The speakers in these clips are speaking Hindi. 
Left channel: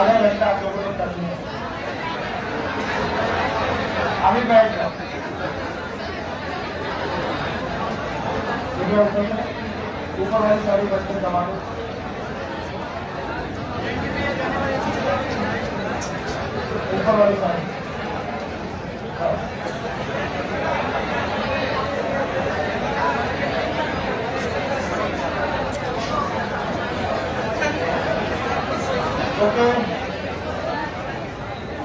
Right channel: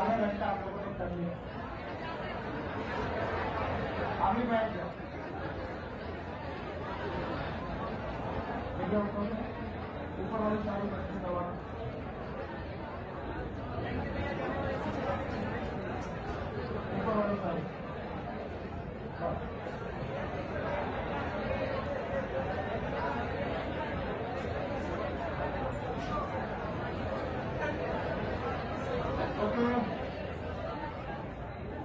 आधा घंटा आप लोगों ने करनी है। अभी बैठ जाओ, ऊपर वाली सारी बच्चे दबा दो। ऊपर वाली सारी ओके,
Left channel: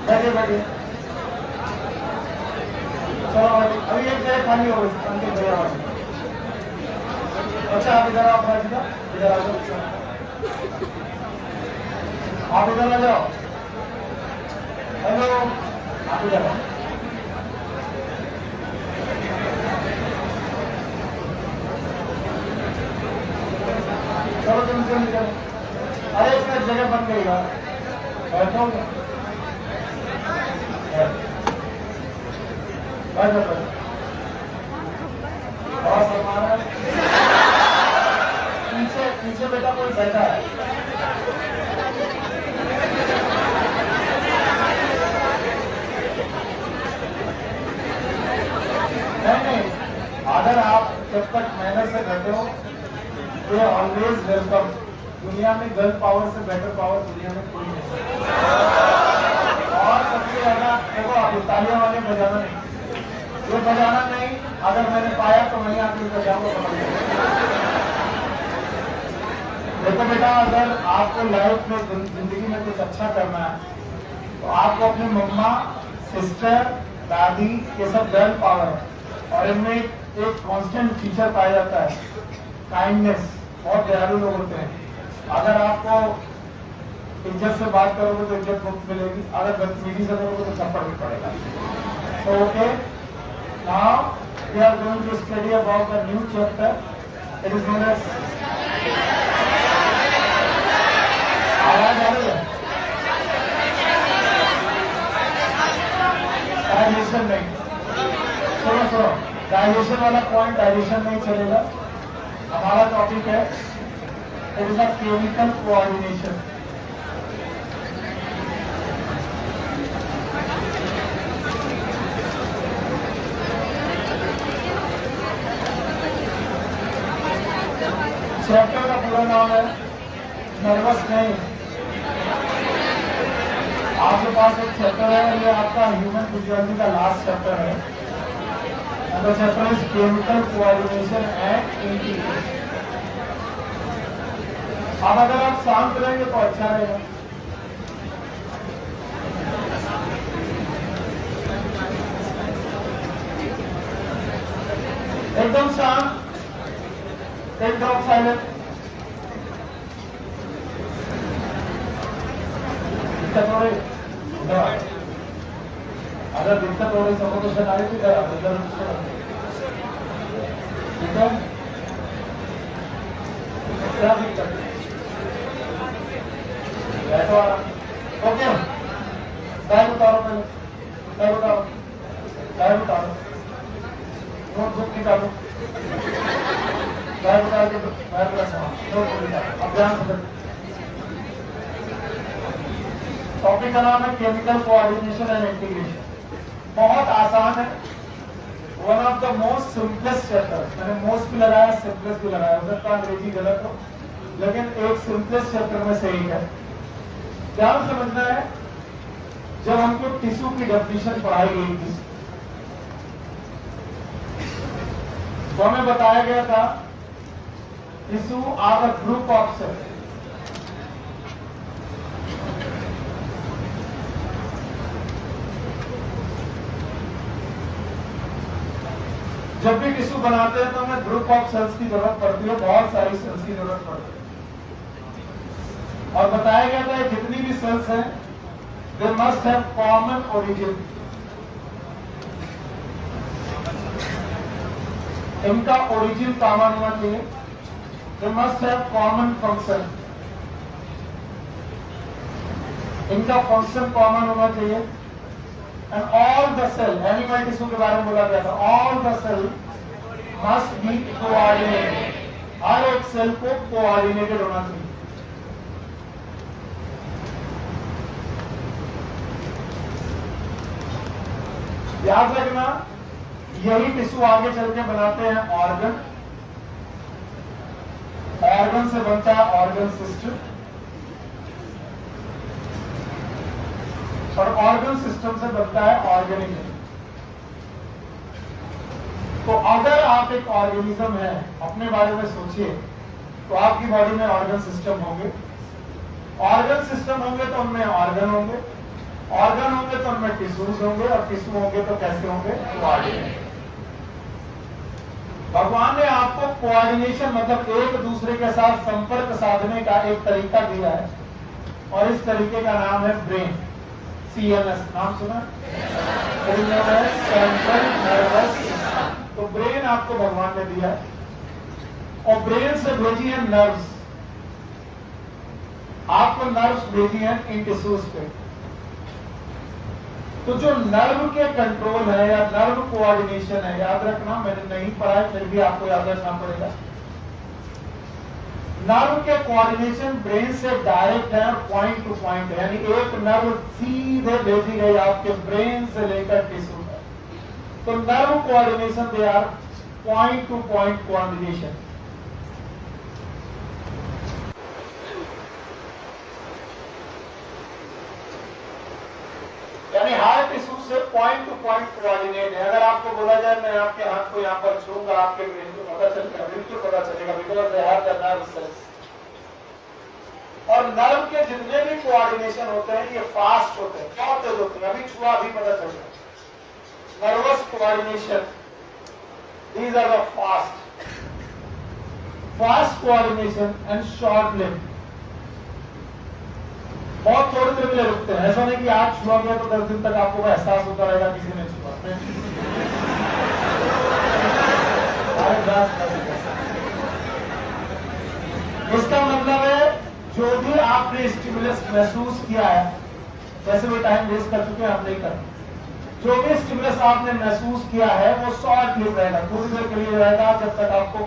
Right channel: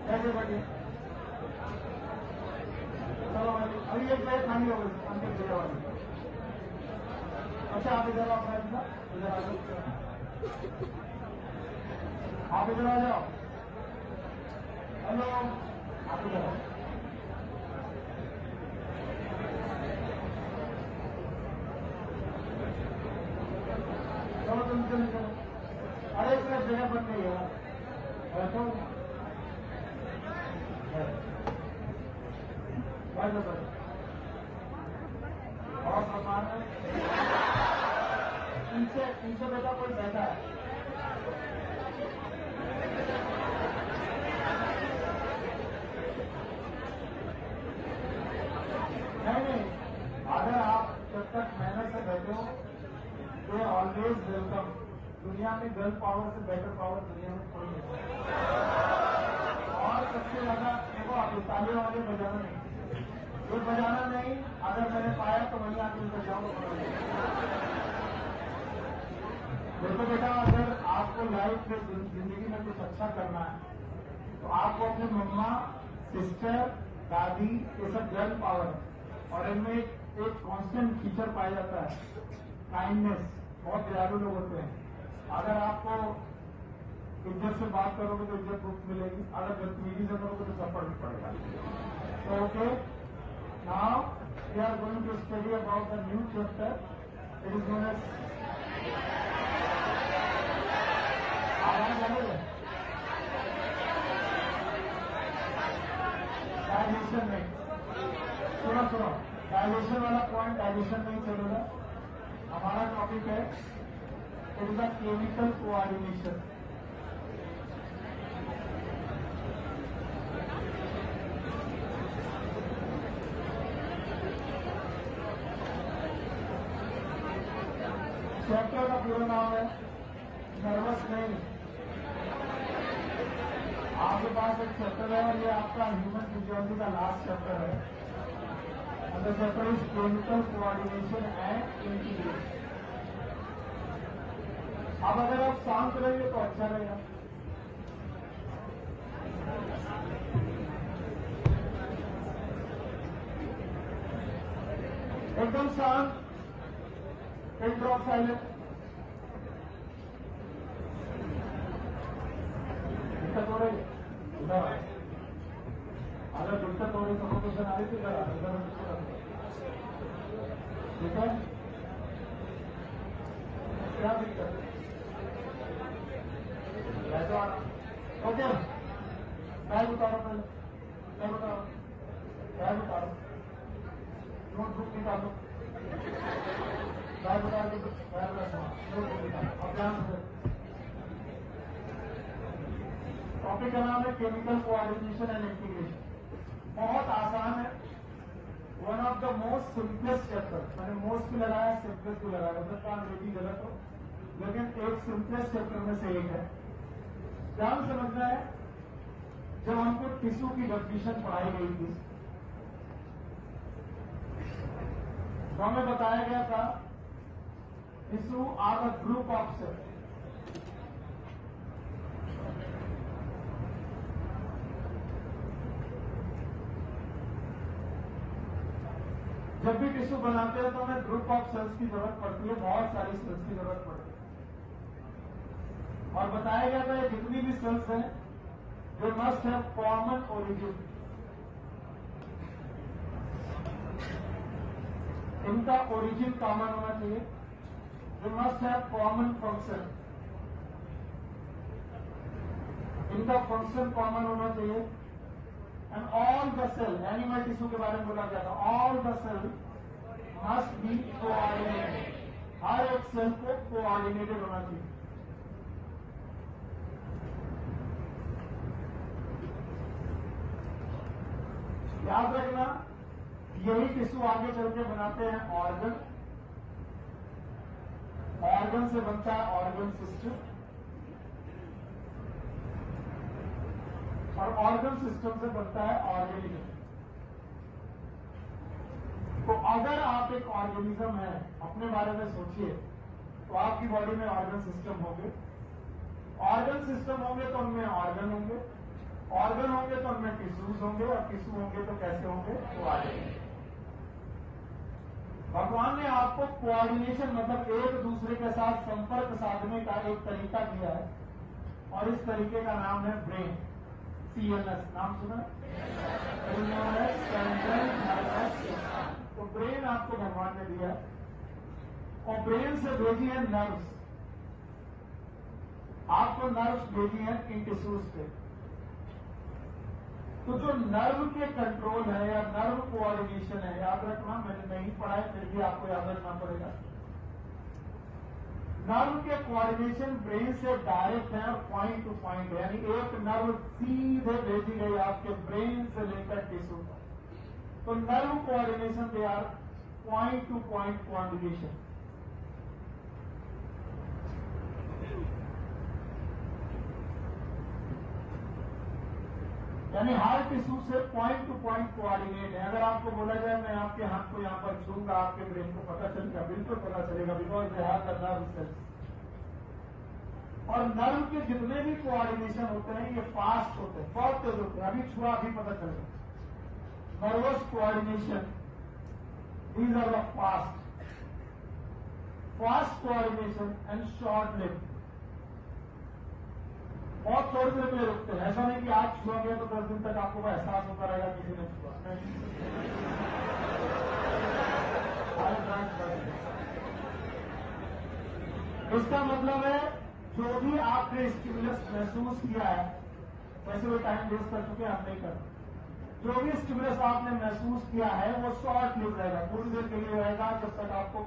बैठे बैठे। चलो अभी एक जगह खाली हो गई अंतिम जगह वाली। अच्छा आप इधर आओ, इधर आ जाओ, आप इधर आ जाओ। हेलो, आप इधर आओ। चलो तुम निकल। अरे इसमें जगह बन गई यार, बैठो बहुत हमारा पीछे पीछे बेटा कोई बैठा है। नहीं, अगर आप जब तक मेहनत से बैठे हो तो ऑलवेज वेलकम। दुनिया में गर्ल पावर से बेटर पावर दुनिया में कोई नहीं। और सबसे ज्यादा देखो, आप तालियां वाले बजाना नहीं, ये बजाना नहीं। अगर मैंने पाया तो वहीं आके बजाऊंगा। देखो बेटा, अगर आपको लाइफ में जिंदगी में कुछ अच्छा करना है तो आपको अपनी मम्मा, सिस्टर, दादी, ये सब गर्ल पावर है और इनमें एक कांस्टेंट फीचर पाया जाता है, काइंडनेस। बहुत दयालु लोग होते हैं। अगर आपको इज्जत से बात करोगे तो इज्जत मुफ्त मिलेगी, अगर बदतमीजी से करोगे तो थप्पड़ भी पड़ेगा। तो okay, now we are going to study about the new chapter. It is known as, आवाज आ रही है? डाइजेशन नहीं, सुनो, डाइजेशन वाला पॉइंट डाइजेशन नहीं चलेगा। हमारा टॉपिक है it is a chemical coordination. Chapter का पूरा नाम है नर्वस नहीं। आपके पास एक चैप्टर है, ये आपका ह्यूमन फिजियोलॉजी का लास्ट चैप्टर है। The chapter is chemical coordination and integration। अब अगर आप शांत रहेंगे तो अच्छा रहेगा। एकदम शांत, एकदम साइलेंट। अगर दिक्कत हो रही सफोकेशन आई तो क्या दिक्कत? बैठो आराम। ओके, बैग उतारो, पहले बैग उतारो, बैग उतारो, नोटबुक निकालो, बैग उतार के बैग रखो, नोटबुक निकालो। अब ध्यान से टॉपिक का नाम है केमिकल कोऑर्डिनेशन एंड इंटीग्रेशन। बहुत आसान है, one of the most simplest chapter. मैंने मोस्ट भी लगाया, सिंपलेस्ट भी लगाया, हो सकता है अंग्रेजी गलत हो, लेकिन एक सिंपलेस्ट चैप्टर में से एक है। ध्यान समझना है, जब हमको टिश्यू की डेफिनेशन पढ़ाई गई थी तो हमें बताया गया था tissue are a group of cells. जब भी टिश्यू बनाते हैं तो हमें ग्रुप ऑफ सेल्स की जरूरत पड़ती है, बहुत सारी सेल्स की जरूरत पड़ती है। और बताया गया था जितनी भी सेल्स हैं they must have common origin. इनका ओरिजिन कॉमन होना चाहिए। They must have common function, इनका फंक्शन कॉमन होना चाहिए। And all the cell, animal tissue के बारे में बोला गया था, all the cell must be coordinated. हर एक सेल को कोऑर्डिनेटेड होना चाहिए। याद रखना, यही टिश्यू आगे चल के बनाते हैं ऑर्गन, ऑर्गन से बनता है ऑर्गन सिस्टम, और ऑर्गन सिस्टम से बनता है ऑर्गेनिज्म। तो अगर आप एक ऑर्गेनिज्म है, अपने बारे में सोचिए, तो आपकी बॉडी में ऑर्गन सिस्टम होंगे, ऑर्गन सिस्टम होंगे तो उनमें ऑर्गन होंगे, ऑर्गन होंगे तो उनमें टिश्यूज होंगे, और टिश्यू होंगे तो कैसे होंगे? कोऑर्डिनेट। भगवान ने आपको कोऑर्डिनेशन मतलब एक दूसरे के साथ संपर्क साधने का एक तरीका दिया है, और इस तरीके का नाम है ब्रेन। CNS नाम सुना? Central nervous system. तो ब्रेन आपको भगवान ने दिया है, और ब्रेन से भेजी है नर्व्स, आपको नर्व्स भेजी है इन टिश्यूज पे। तो जो नर्व के कंट्रोल है या नर्व कोऑर्डिनेशन है, याद रखना, मैंने नहीं पढ़ा है फिर भी आपको याद रखना पड़ेगा। नर्व के कोऑर्डिनेशन ब्रेन से डायरेक्ट है और पॉइंट टू पॉइंट है, यानी एक नर्व सीधे भेजी गई आपके ब्रेन से लेकर टिश्यू तक। तो nerve coordination they are point to point coordination. यानी हार्ट टिश्यू से पॉइंट टू पॉइंट कोऑर्डिनेट है। अगर आपको बोला जाए मैं आपके हाथ को यहाँ पर छूंगा, आपके ब्रेन को पता चलेगा, बिल्कुल पता चलेगा, because they have the nerve cells. और नर्व के जितने भी कोऑर्डिनेशन होते हैं ये फास्ट होते हैं, बहुत तेज होते हैं। अभी छुआ अभी पता चलेगा। Nervous coordination, these are the fast coordination and short lived. बहुत थोड़ी देर के लिए रुकते हैं, ऐसा नहीं कि आज छुआ गया तो 10 दिन तक आपको एहसास होता रहेगा किसी ने छुआ। इसका मतलब है जो भी आपने स्टिमुलस महसूस किया है, वैसे भी टाइम वेस्ट कर चुके हैं, आप नहीं करते। जो भी स्टिमुलस आपने महसूस किया है वो शॉर्ट लिव रहेगा, थोड़ी देर के लिए रहेगा, जब तक आपको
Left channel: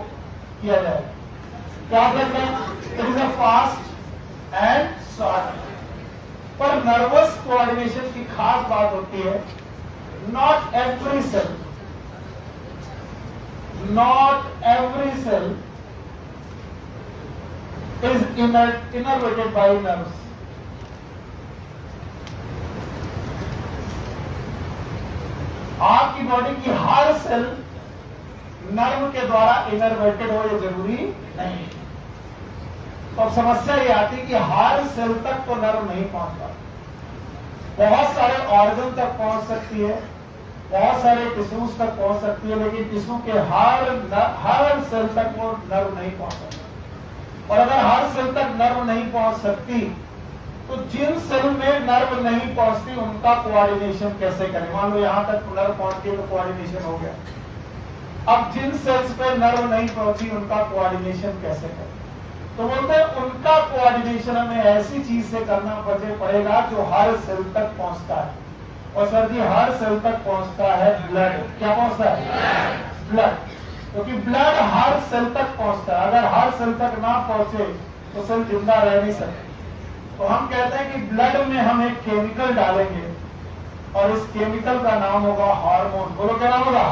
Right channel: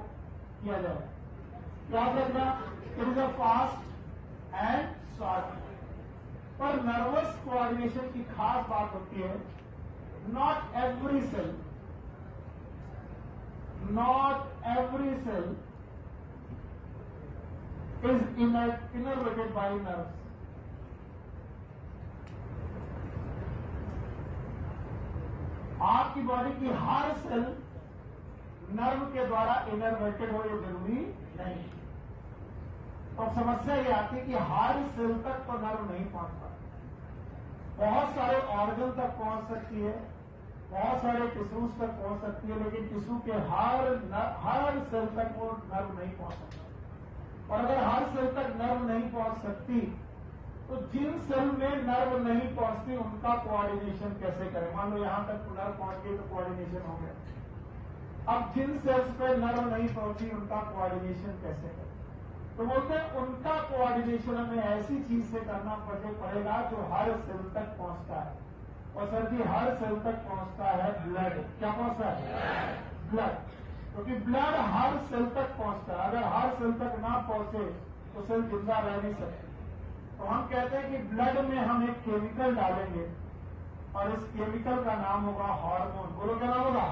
किया जाएगा। याद रखना, it is a fast and short. पर नर्वस कोऑर्डिनेशन की खास बात होती है, not every cell is innervated by nerves. आपकी बॉडी की हर सेल नर्व के द्वारा इनर्वेटेड हो, ये जरूरी नहीं। तो अब समस्या ये आती है कि हर सेल तक तो नर्व नहीं पहुंचता। बहुत सारे ऑर्गन तक पहुंच सकती है, बहुत सारे टिश्यूज तक पहुंच सकती है, लेकिन टिश्यू के हर सेल तक वो नर्व नहीं पहुंच सकता। और अगर हर सेल तक नर्व नहीं पहुंच सकती तो जिन सेल में नर्व नहीं पहुंचती उनका कोऑर्डिनेशन कैसे करें? मान लो यहां तक नर्व पहुंचती तो कोऑर्डिनेशन हो गया। अब जिन सेल्स पे नर्व नहीं पहुंची उनका कोऑर्डिनेशन कैसे करें? तो बोलते हैं उनका कोऑर्डिनेशन हमें ऐसी चीज से करना पड़ेगा जो हर सेल तक पहुंचता है। और सर जी हर सेल तक पहुंचता है ब्लड। क्या पहुंचता है? ब्लड। क्योंकि ब्लड हर सेल तक पहुंचता है। अगर हर सेल तक ना पहुंचे तो सेल जिंदा रह नहीं सकते। तो हम कहते हैं कि ब्लड में हम एक केमिकल डालेंगे और इस केमिकल का नाम होगा हार्मोन। बोलो क्या नाम होगा?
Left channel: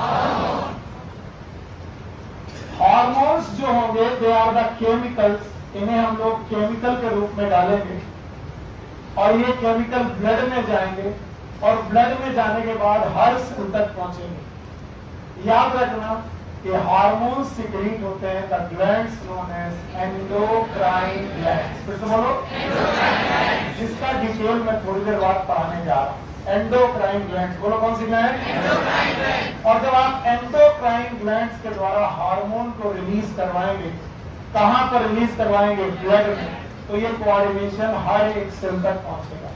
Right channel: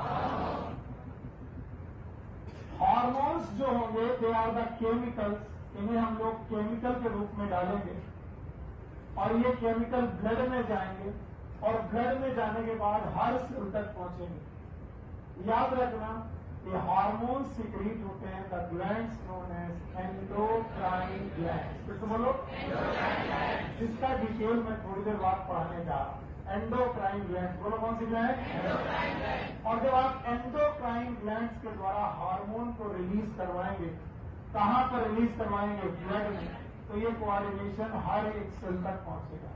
हार्मोन्स जो होंगे दे आर द केमिकल्स, इन्हें हम लोग केमिकल के रूप में डालेंगे और ये केमिकल ब्लड में जाएंगे और ब्लड में जाने के बाद हर सेल तक पहुंचेंगे। याद रखना कि हार्मोन्स सिक्रीट होते हैं the glands known as endocrine glands. फिर से बोलो, जिसका डिटेल मैं थोड़ी देर बाद पढ़ाने जा रहा हूं। एंडोक्राइन ग्लैंड्स, बोलो कौन सी ग्लैंड? और जब आप एंडोक्राइन ग्लैंड्स के द्वारा हार्मोन को रिलीज करवाएंगे, कहां पर रिलीज करवाएंगे? ब्लड में। तो ये कोऑर्डिनेशन हर एक सेल तक पहुंचेगा।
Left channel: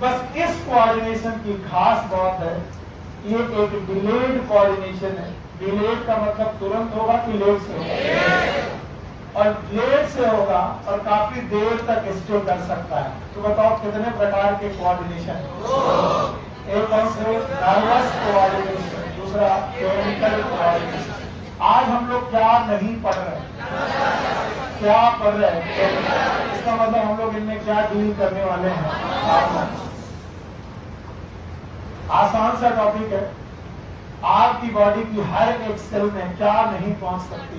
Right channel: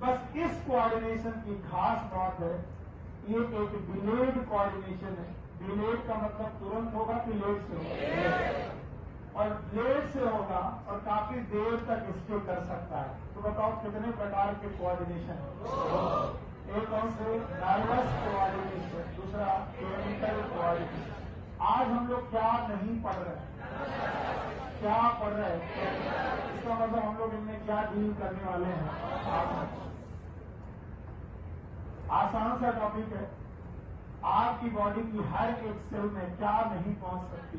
बस इस कोऑर्डिनेशन की खास बात है, ये एक डिलेड कोऑर्डिनेशन है। डिलेड का मतलब तुरंत होगा कि लेट से होगा? और लेट से होगा और काफी देर तक स्टे कर सकता है। तो बताओ कितने प्रकार के कोऑर्डिनेशन? एक कौन से? नर्वस कोऑर्डिनेशन, दूसरा केमिकल कोऑर्डिनेशन। आज हम लोग क्या नहीं पढ़ रहे? क्या पढ़ रहे हैं? इसका मतलब हम लोग इनमें क्या डील करने वाले हैं? आसान सा टॉपिक है। आपकी बॉडी की हर एक सेल में क्या नहीं पहुंच सकती,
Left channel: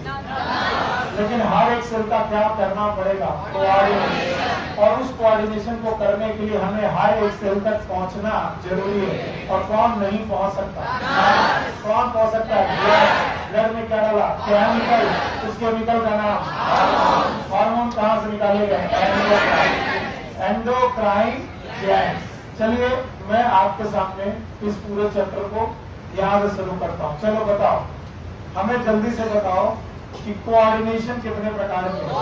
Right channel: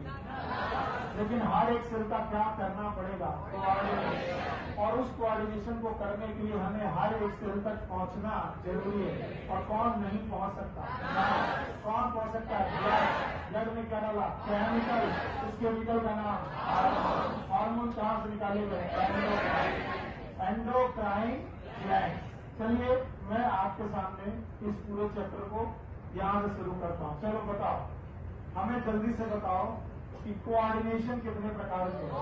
लेकिन हर एक सेल का क्या करना पड़ेगा, कोऑर्डिनेशन। और उस कोऑर्डिनेशन को करने के लिए हमें हर एक सेल तक पहुंचना जरूरी है। और कौन नहीं पहुंच सकता? कौन पहुंच सकता है? ब्लड में क्या डाला? केमिकल। उस केमिकल का नाम हार्मोन। कहां से निकाले गए? Endocrine gland. चलिए मैं आपके सामने इस पूरे चैप्टर को यहाँ से शुरू करता हूँ। चलो बताओ, हमें जल्दी से बताओ कि कोऑर्डिनेशन कितने प्रकार के हैं?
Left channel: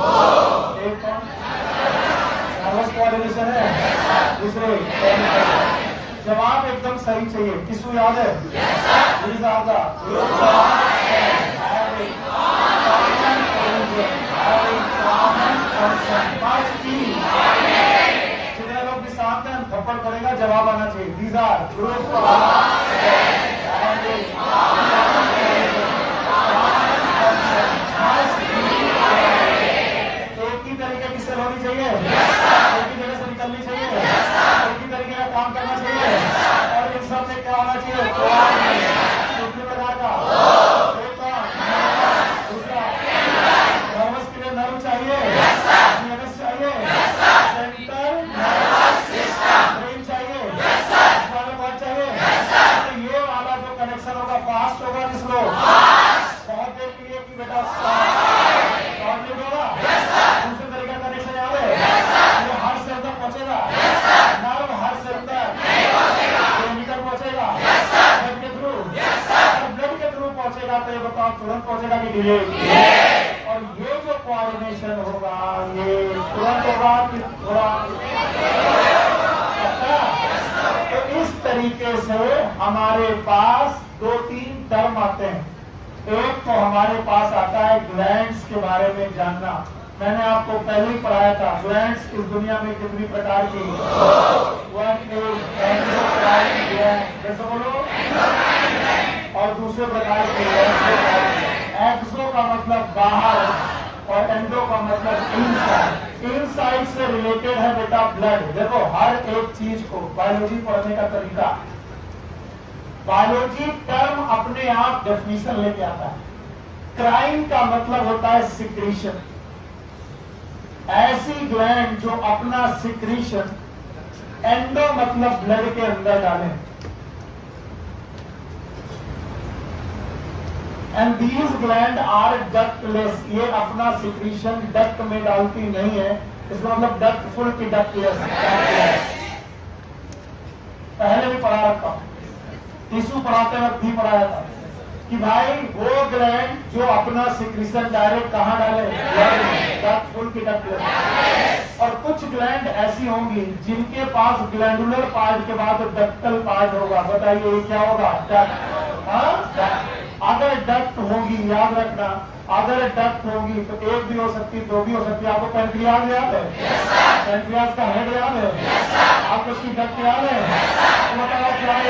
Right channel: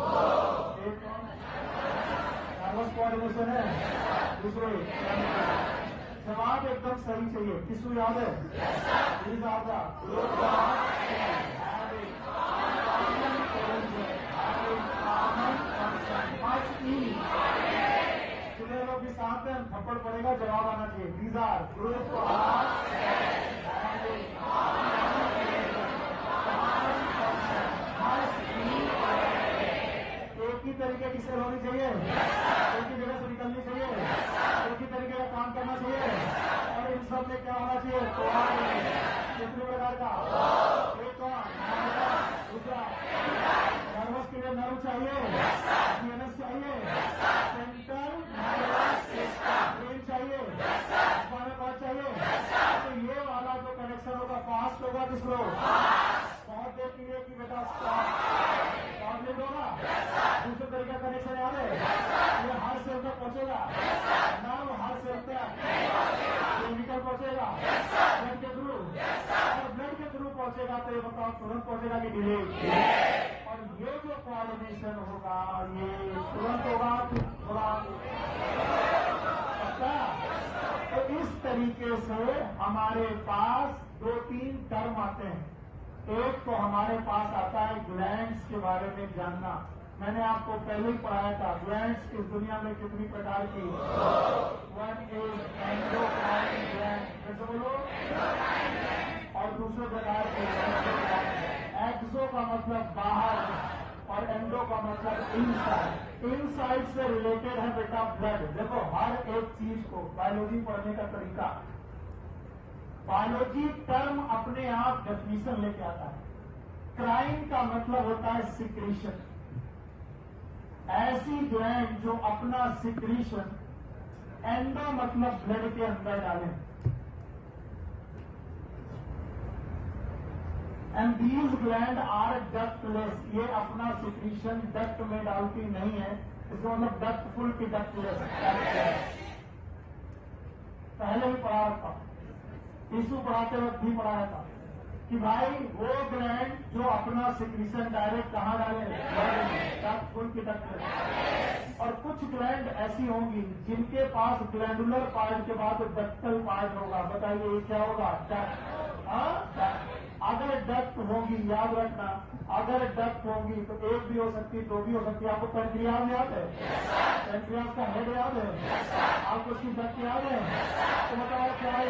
एक कौन? नर्वस कोऑर्डिनेशन है, दूसरे जवाब एकदम सही चाहिए। किसको याद है? जितने लोग भी शांत हैं, थप्पड़ पड़ेगा, जवाब आना चाहिए। These are group एक ही तरीके की सेल होनी चाहिए, एक ही जगह से निकलनी चाहिए, एक ही तरीके का काम करना चाहिए, और इन सब में क्या होना चाहिए? कितने प्रकार का? एक का दूसरा नर्वस के लिए नर्व चाहिए, नर्वस चाहिए, सेंटर नर्वस सिस्टम ब्रेन चाहिए, स्पाइनल कॉर्ड चाहिए। तो ये वाला जो कनेक्शन होगा फास्ट होगा, किस लोग बहुत देर के लिए कि बेटा कॉर्डिनेट होगा। दूसरे तरीके का कनेक्शन याद है? ये हर सेल तक पहुंचेगा, नर्व हर सेल तक केमिकल पहुंचेगा ब्लड के थ्रू। अगर ब्लड के थ्रू पहुंचेगा तो ये बताओ तुरंत पहुंचेगा कि डिले? और ये जो कोऑर्डिनेशन होगा ये तुरंत होगा कि थोड़ा? तो इस तरीके से हमारे पास 2-3 टर्म आते हैं। एक तो हमारे पास आता है ग्लैंड्स के बारे में जानना। मैंने आपको पहले ही पढ़ाया था ग्लैंड्स इस दुनिया में कितनी प्रकार की। वन इज एंडोक्राइन ग्लैंड, जैसे बोलो, और दूसरे प्रकार के एक्सो का मतलब बाहर और एंडो का मतलब इनसाइड। इनसाइड से रिलेटेड है बेटा ब्लड। देखो हर एक चीज को बायोलॉजी पढ़ने का तरीका, बायोलॉजी टर्म अपने आप डेफिनेशन लेके आता है। क्राइन का मतलब होता है सिक्रीशन, ऐसी ग्लैंड जो अपना सिक्रीशन, एंडो मतलब ब्लड के अंदर डाले। And these gland are ductless, ये अपना सिक्रीशन डक्ट में डालती नहीं है। इसका मतलब डक्ट फुल की डक्टलेस। पहले भी पढ़ा रखा हूं, टिश्यू पढ़ाते वक्त भी पढ़ाया था कि भाई वो ग्लैंड जो अपना सिक्रीशन डायरेक्ट कहां डाले? डक्ट फुल की डक्टलेस। और कुछ ग्लैंड ऐसी होंगी जिनके पास ग्लैंडुलर पार्ट के बाद डक्टल पार्ट होगा। बताइए ये क्या होगा? डक्ट। अगर डक्ट होगी, याद रखना, अगर डक्ट होगी तो एक भी हो सकती है, दो भी हो सकती है। आपको पैंक्रियाज याद है? पैंक्रियाज का हेड याद है? आपको उसकी डक्ट याद है? तो बताओ क्या है?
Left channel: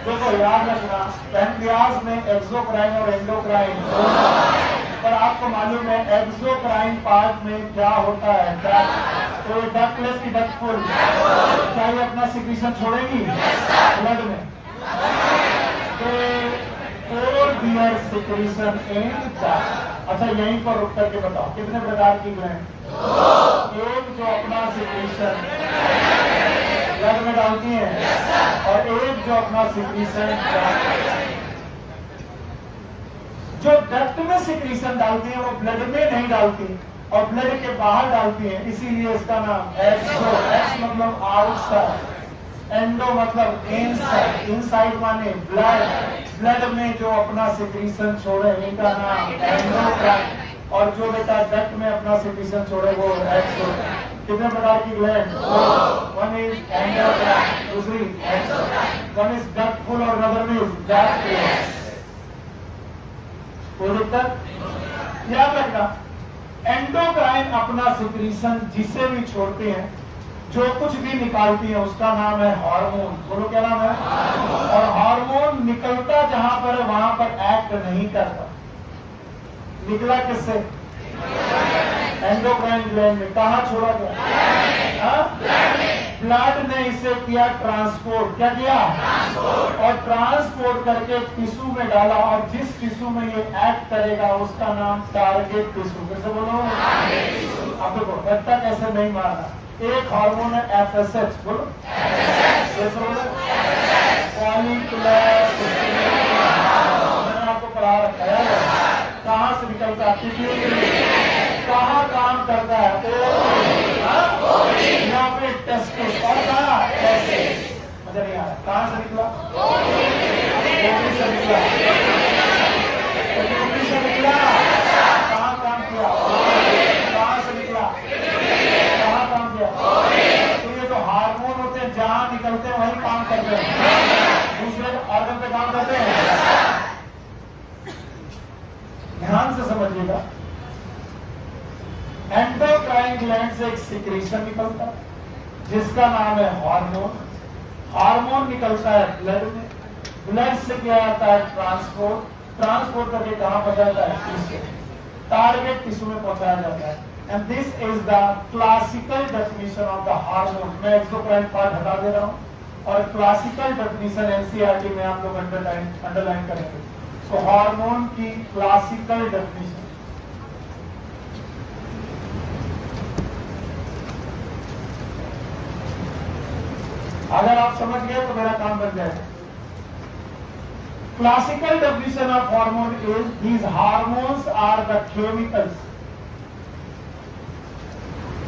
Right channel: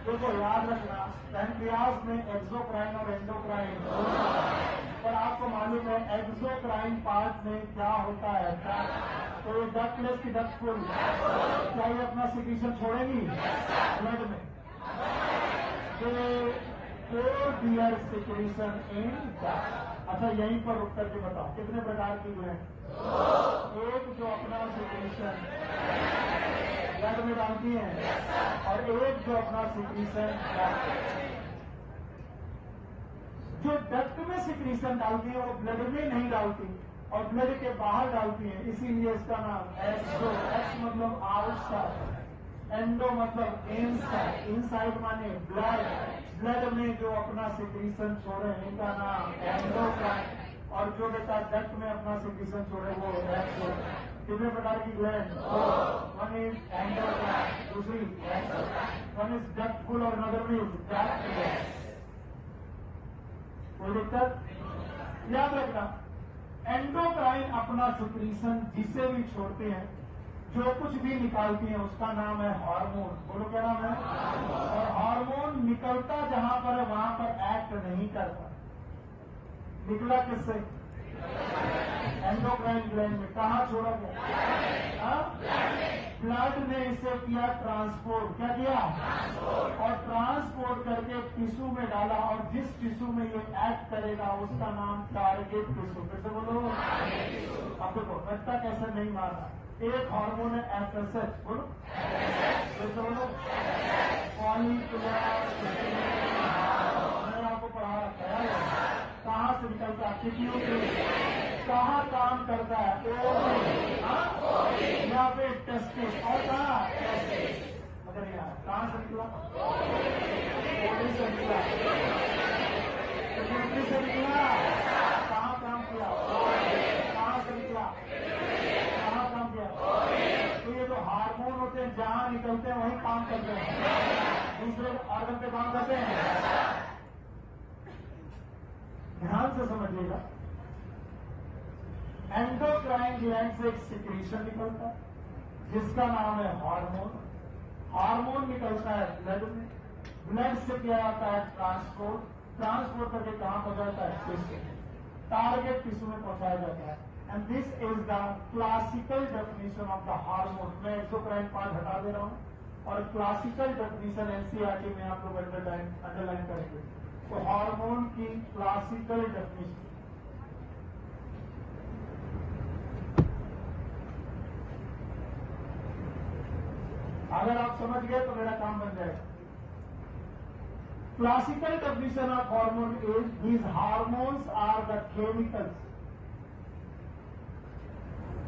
देखो याद रखना, पैंक्रियाज में एक्सोक्राइन और एंडोक्राइन, पर आपको मालूम है एक्सोक्राइन पार्ट में क्या होता है? डक्ट। तो डक्टलेस की डक्ट फुल, क्या ये अपना सिक्रीशन छोड़ेगी ब्लड में? सिक्रीशन इन डक्ट। अच्छा यहीं पर रुक करके बताओ कितने प्रकार की ग्लैंड? एक जो अपना सिक्रीशन ब्लड में डालती है, और एक जो अपना सिक्रीशन जो डक्ट में सिक्रीशन डालती है वो ब्लड में नहीं डालती और ब्लड के बाहर डालती है, इसीलिए इसका नाम एक्सो। एक्स मतलब आउटसाइड, एंडो मतलब इनसाइड, इनसाइड माने ब्लड। ब्लड में जो अपना सिक्रीशन छोड़े इनका नाम एंडोक्राइन, और जो बेटा डक्ट में अपना सिक्रीशन छोड़े वो एक्सो। कितने प्रकार की ग्लैंड? वन इज एंडोक्राइन, दूसरी exocrine. One is duct full और अदर इज डक्टलेस। कोई दिक्कत? याद रखना, एंडोक्राइन अपना सिक्रीशन जिसे भी छोड़ते हैं, जो कुछ भी निकालती है उसका नाम है हार्मोन। बोलो क्या नाम है? और हार्मोन निकलता जहां पर है वहां पर एक्ट नहीं करता। निकला किससे? एंडोक्राइन ग्लैंड में। कहा छोड़ा गया? ब्लड ने इसे किया ट्रांसपोर्ट, क्या किया? ट्रांसपोर्ट। और ट्रांसपोर्ट करके टिश्यू में डाला, और जिस टिश्यू में ये एक्ट करेगा उसका नाम टारगेट टिश्यू। कैसे बोलो? अब देखो रट्टा कैसे नहीं मारना। एक हार्मोन है FSH, बोलो फॉलिकुलर, मैंने आपको पढ़ा रखा है। कहाँ से निकलता है? कहाँ काम करता है? यहाँ पे टेस्टिस, और कहाँ? मजा नहीं आ रहा। कहाँ से निकला? ओवरी से निकला। ओवरी से निकला। कहाँ काम किया? कहाँ से निकला? कहाँ काम किया? तो ये जो हार्मोन होते हैं जहाँ निकलते हैं वहीं काम करते हैं, दूसरे ऑर्गन पे काम करते हैं। ध्यान से समझिएगा। एंडोक्राइन ग्लैंड से एक सिक्रीशन निकलता है जिसका नाम है हार्मोन। हार्मोन निकलता है ब्लड में, ब्लड से क्या आता है? ट्रांसपोर्ट। ट्रांसपोर्ट करके कहां पहुंचाता है? टिश्यू, टारगेट टिश्यू में पहुंचाया जाता है। And this is the classical definition of the hormone. मैं एक्सोक्राइन पार्ट हटा दे रहा हूं और क्लासिकल डेफिनेशन एनसीईआरटी में आप लोग अंडरलाइन करेंगे। तो हार्मोन की क्लासिकल डेफिनेशन, अगर आप समझ गए तो मेरा काम बन जाएगा। Classical definition of hormone is these hormones are the chemicals,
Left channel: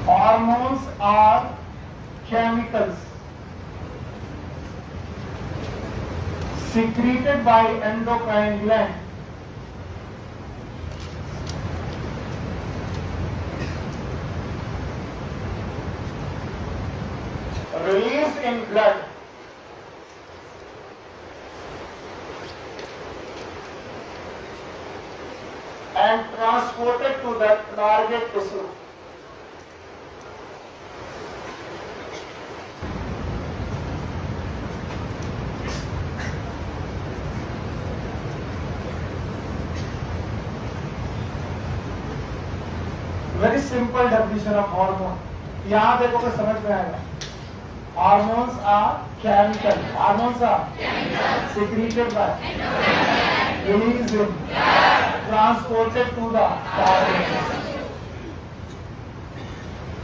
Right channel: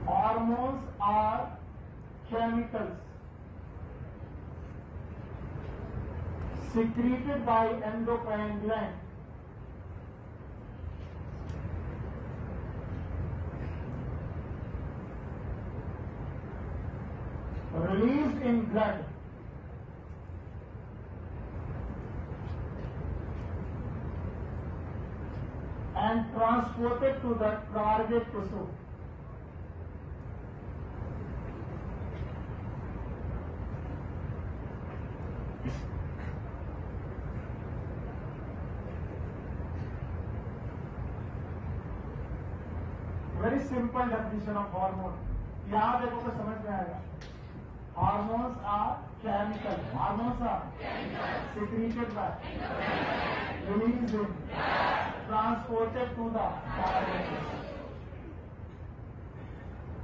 hormones are chemicals secreted by endocrine gland released in blood and transported to the target tissue. Very simple definition of hormone. यहां देखो तो समझ में आएगा। Hormones are chemical, hormones are secreted by, released in, transported to the target.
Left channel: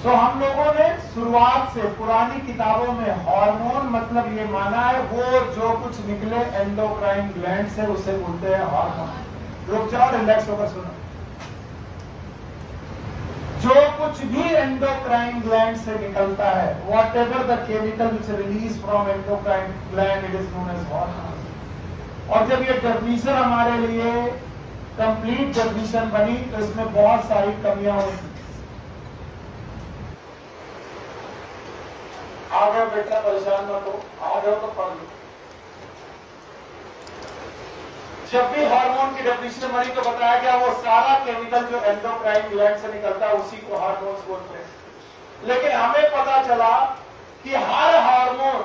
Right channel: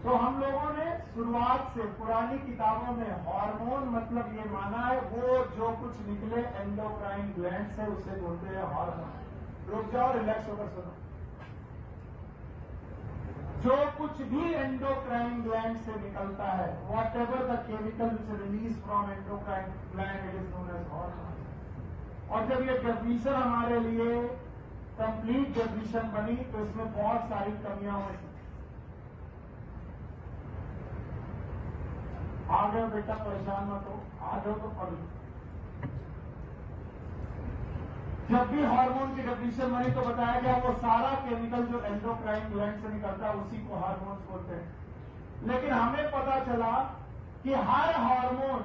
तो हम लोगों ने शुरुआत से पुरानी किताबों में हार्मोन मतलब ये माना है वो जो कुछ निकले एंडोक्राइन ग्लैंड से उसे बोलते हैं हार्मोन। रुक जाओ, रिलैक्स होकर सुनो। जो कुछ भी एंडोक्राइन ग्लैंड से निकलता है, whatever the chemical which release from endocrine gland, it is known as hormone. और जब ये डेफिनेशन हमारे लिए कंप्लीट डेफिनेशन बनी तो इसमें बहुत सारी कमियां हुई। आ गए बेटा, परेशान मत हो, आ गए तो पढ़ लो। जब भी हार्मोन की डेफिनेशन बनी तो बताया गया वो सारा केमिकल जो एंडोक्राइन ग्लैंड से निकलता है उसी को हार्मोन्स बोलते हैं। लेकिन हमें पता चला कि हर हार्मोन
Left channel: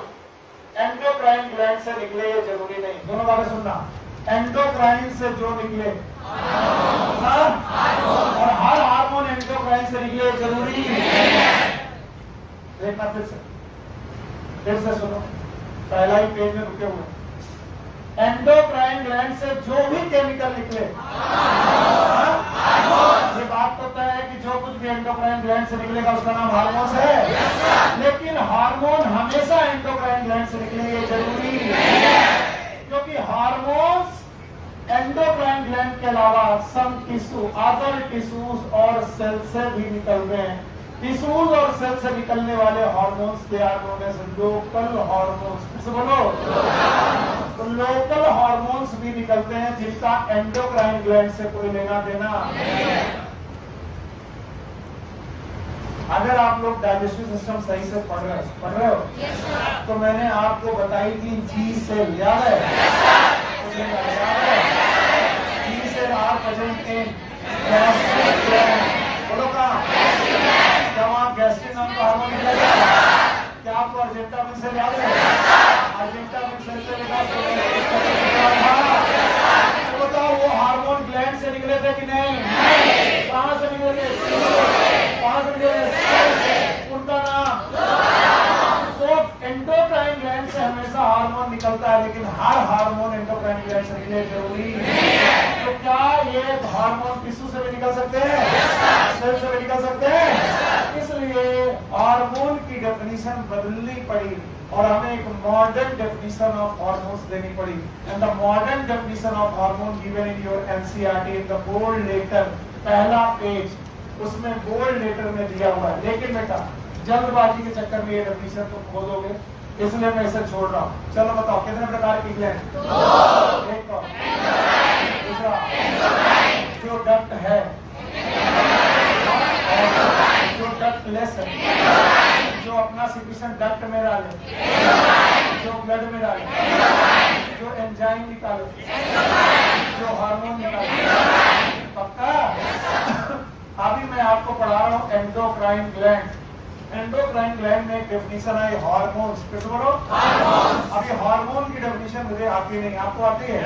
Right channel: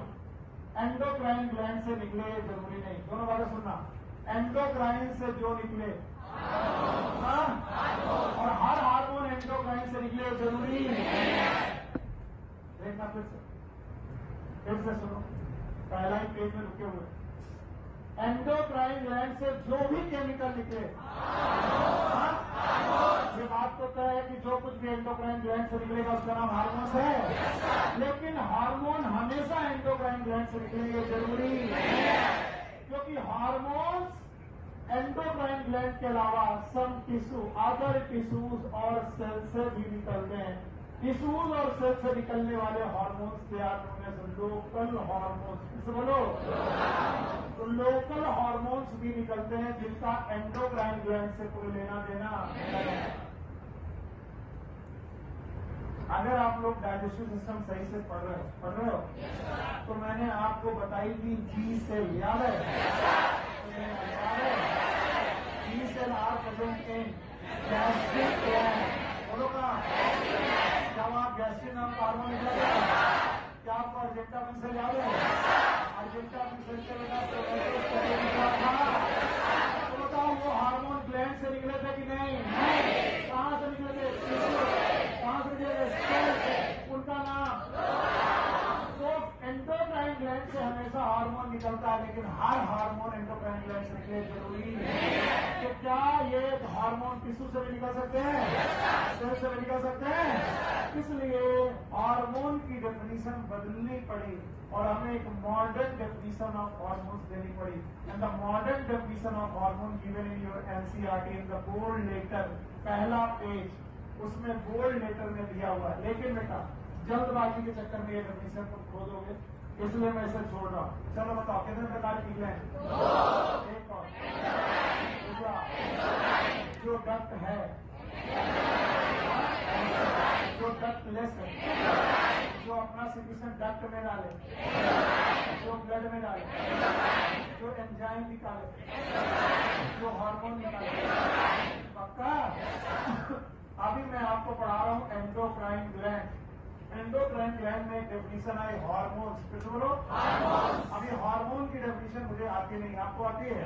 एंडोक्राइन ग्लैंड से निकले ये जरूरी नहीं। दोनों बातें सुनना, एंडोक्राइन से जो निकले और हर हार्मोन एंडोक्राइन से निकले जरूरी देखना। फिर से सुनो, पहला ही पेज में रुके हुए। एंडोक्राइन ग्लैंड से जो भी केमिकल निकले, ये बात तो तय है कि जो कुछ भी एंडोक्राइन ग्लैंड से निकलेगा उसका नाम हार्मोन्स है। लेकिन हार्मोन हमेशा एंडोक्राइन ग्लैंड से निकले ये जरूरी है, क्योंकि हार्मोन्स एंडोक्राइन ग्लैंड के अलावा सम टिश्यू, अदर टिश्यूज और सेल से भी निकलते हैं। टिश्यूज और सेल से निकलने वाले हार्मोन्स के are known as local hormones. बोलो, तो लोकल हार्मोन्स भी निकलते हैं जिनका एंडोक्राइन ग्लैंड से कोई लेना देना। अगर आप लोग डाइजेस्टिव सिस्टम सही से पढ़ रहे हो तो मैंने आपको बताई थी जी सेल, याद है? G cell are present in gastric gland. बोलो कहाँ? जब आप गैस्ट्रिक नाम का हार्मोन निकलेगा, क्या आपको अर्जेंटामिन सेल याद है? अर्जेंटामिन सेल से निकाल तो बताओ वो हार्मोन ग्लैंड से निकले थे कि नहीं? कहाँ से निकले थे? कहाँ से निकले? उनका नाम निकलता है, लेकिन हर हार्मोन एंडोक्राइन ग्लैंड से निकले जरूरी है। तो क्या ये हार्मोन टिश्यू से भी निकल सकते हैं, सेल से भी निकल सकते हैं? इसलिए हार्मोन की डेफिनेशन बदलनी पड़ी और हमें एक मॉडर्न डेफिनेशन ऑफ हार्मोन्स देनी पड़ी। And the modern definition of hormone given in your NCERT in the bold letter, पहला पेज उसमें बोल्ड लेटर में दिया हुआ है। लेकिन बेटा जल्दबाजी के चक्कर में ये डेफिनेशन तो खो दोगे, इसलिए मैं इसे छोड़ रहा हूँ। चलो बताओ कितने प्रकार की ग्लैंड? एक तो दूसरा जो डक्ट है, जो डक्ट लेस है, जो अपना सिक्रीशन डक्ट में डाले, जो ब्लड में डाले, जो एंजाइम निकाले, जो हार्मोन निकाले। पक्का? अभी मैं आपको पढ़ा रहा हूँ एंडोक्राइन ग्लैंड। एंडोक्राइन ग्लैंड में एक डेफिनेशन है हार्मोन्स। किस बोलो? हार्मोन। अब ये हार्मोन की डेफिनेशन मुझे आती नहीं, आपको आती है?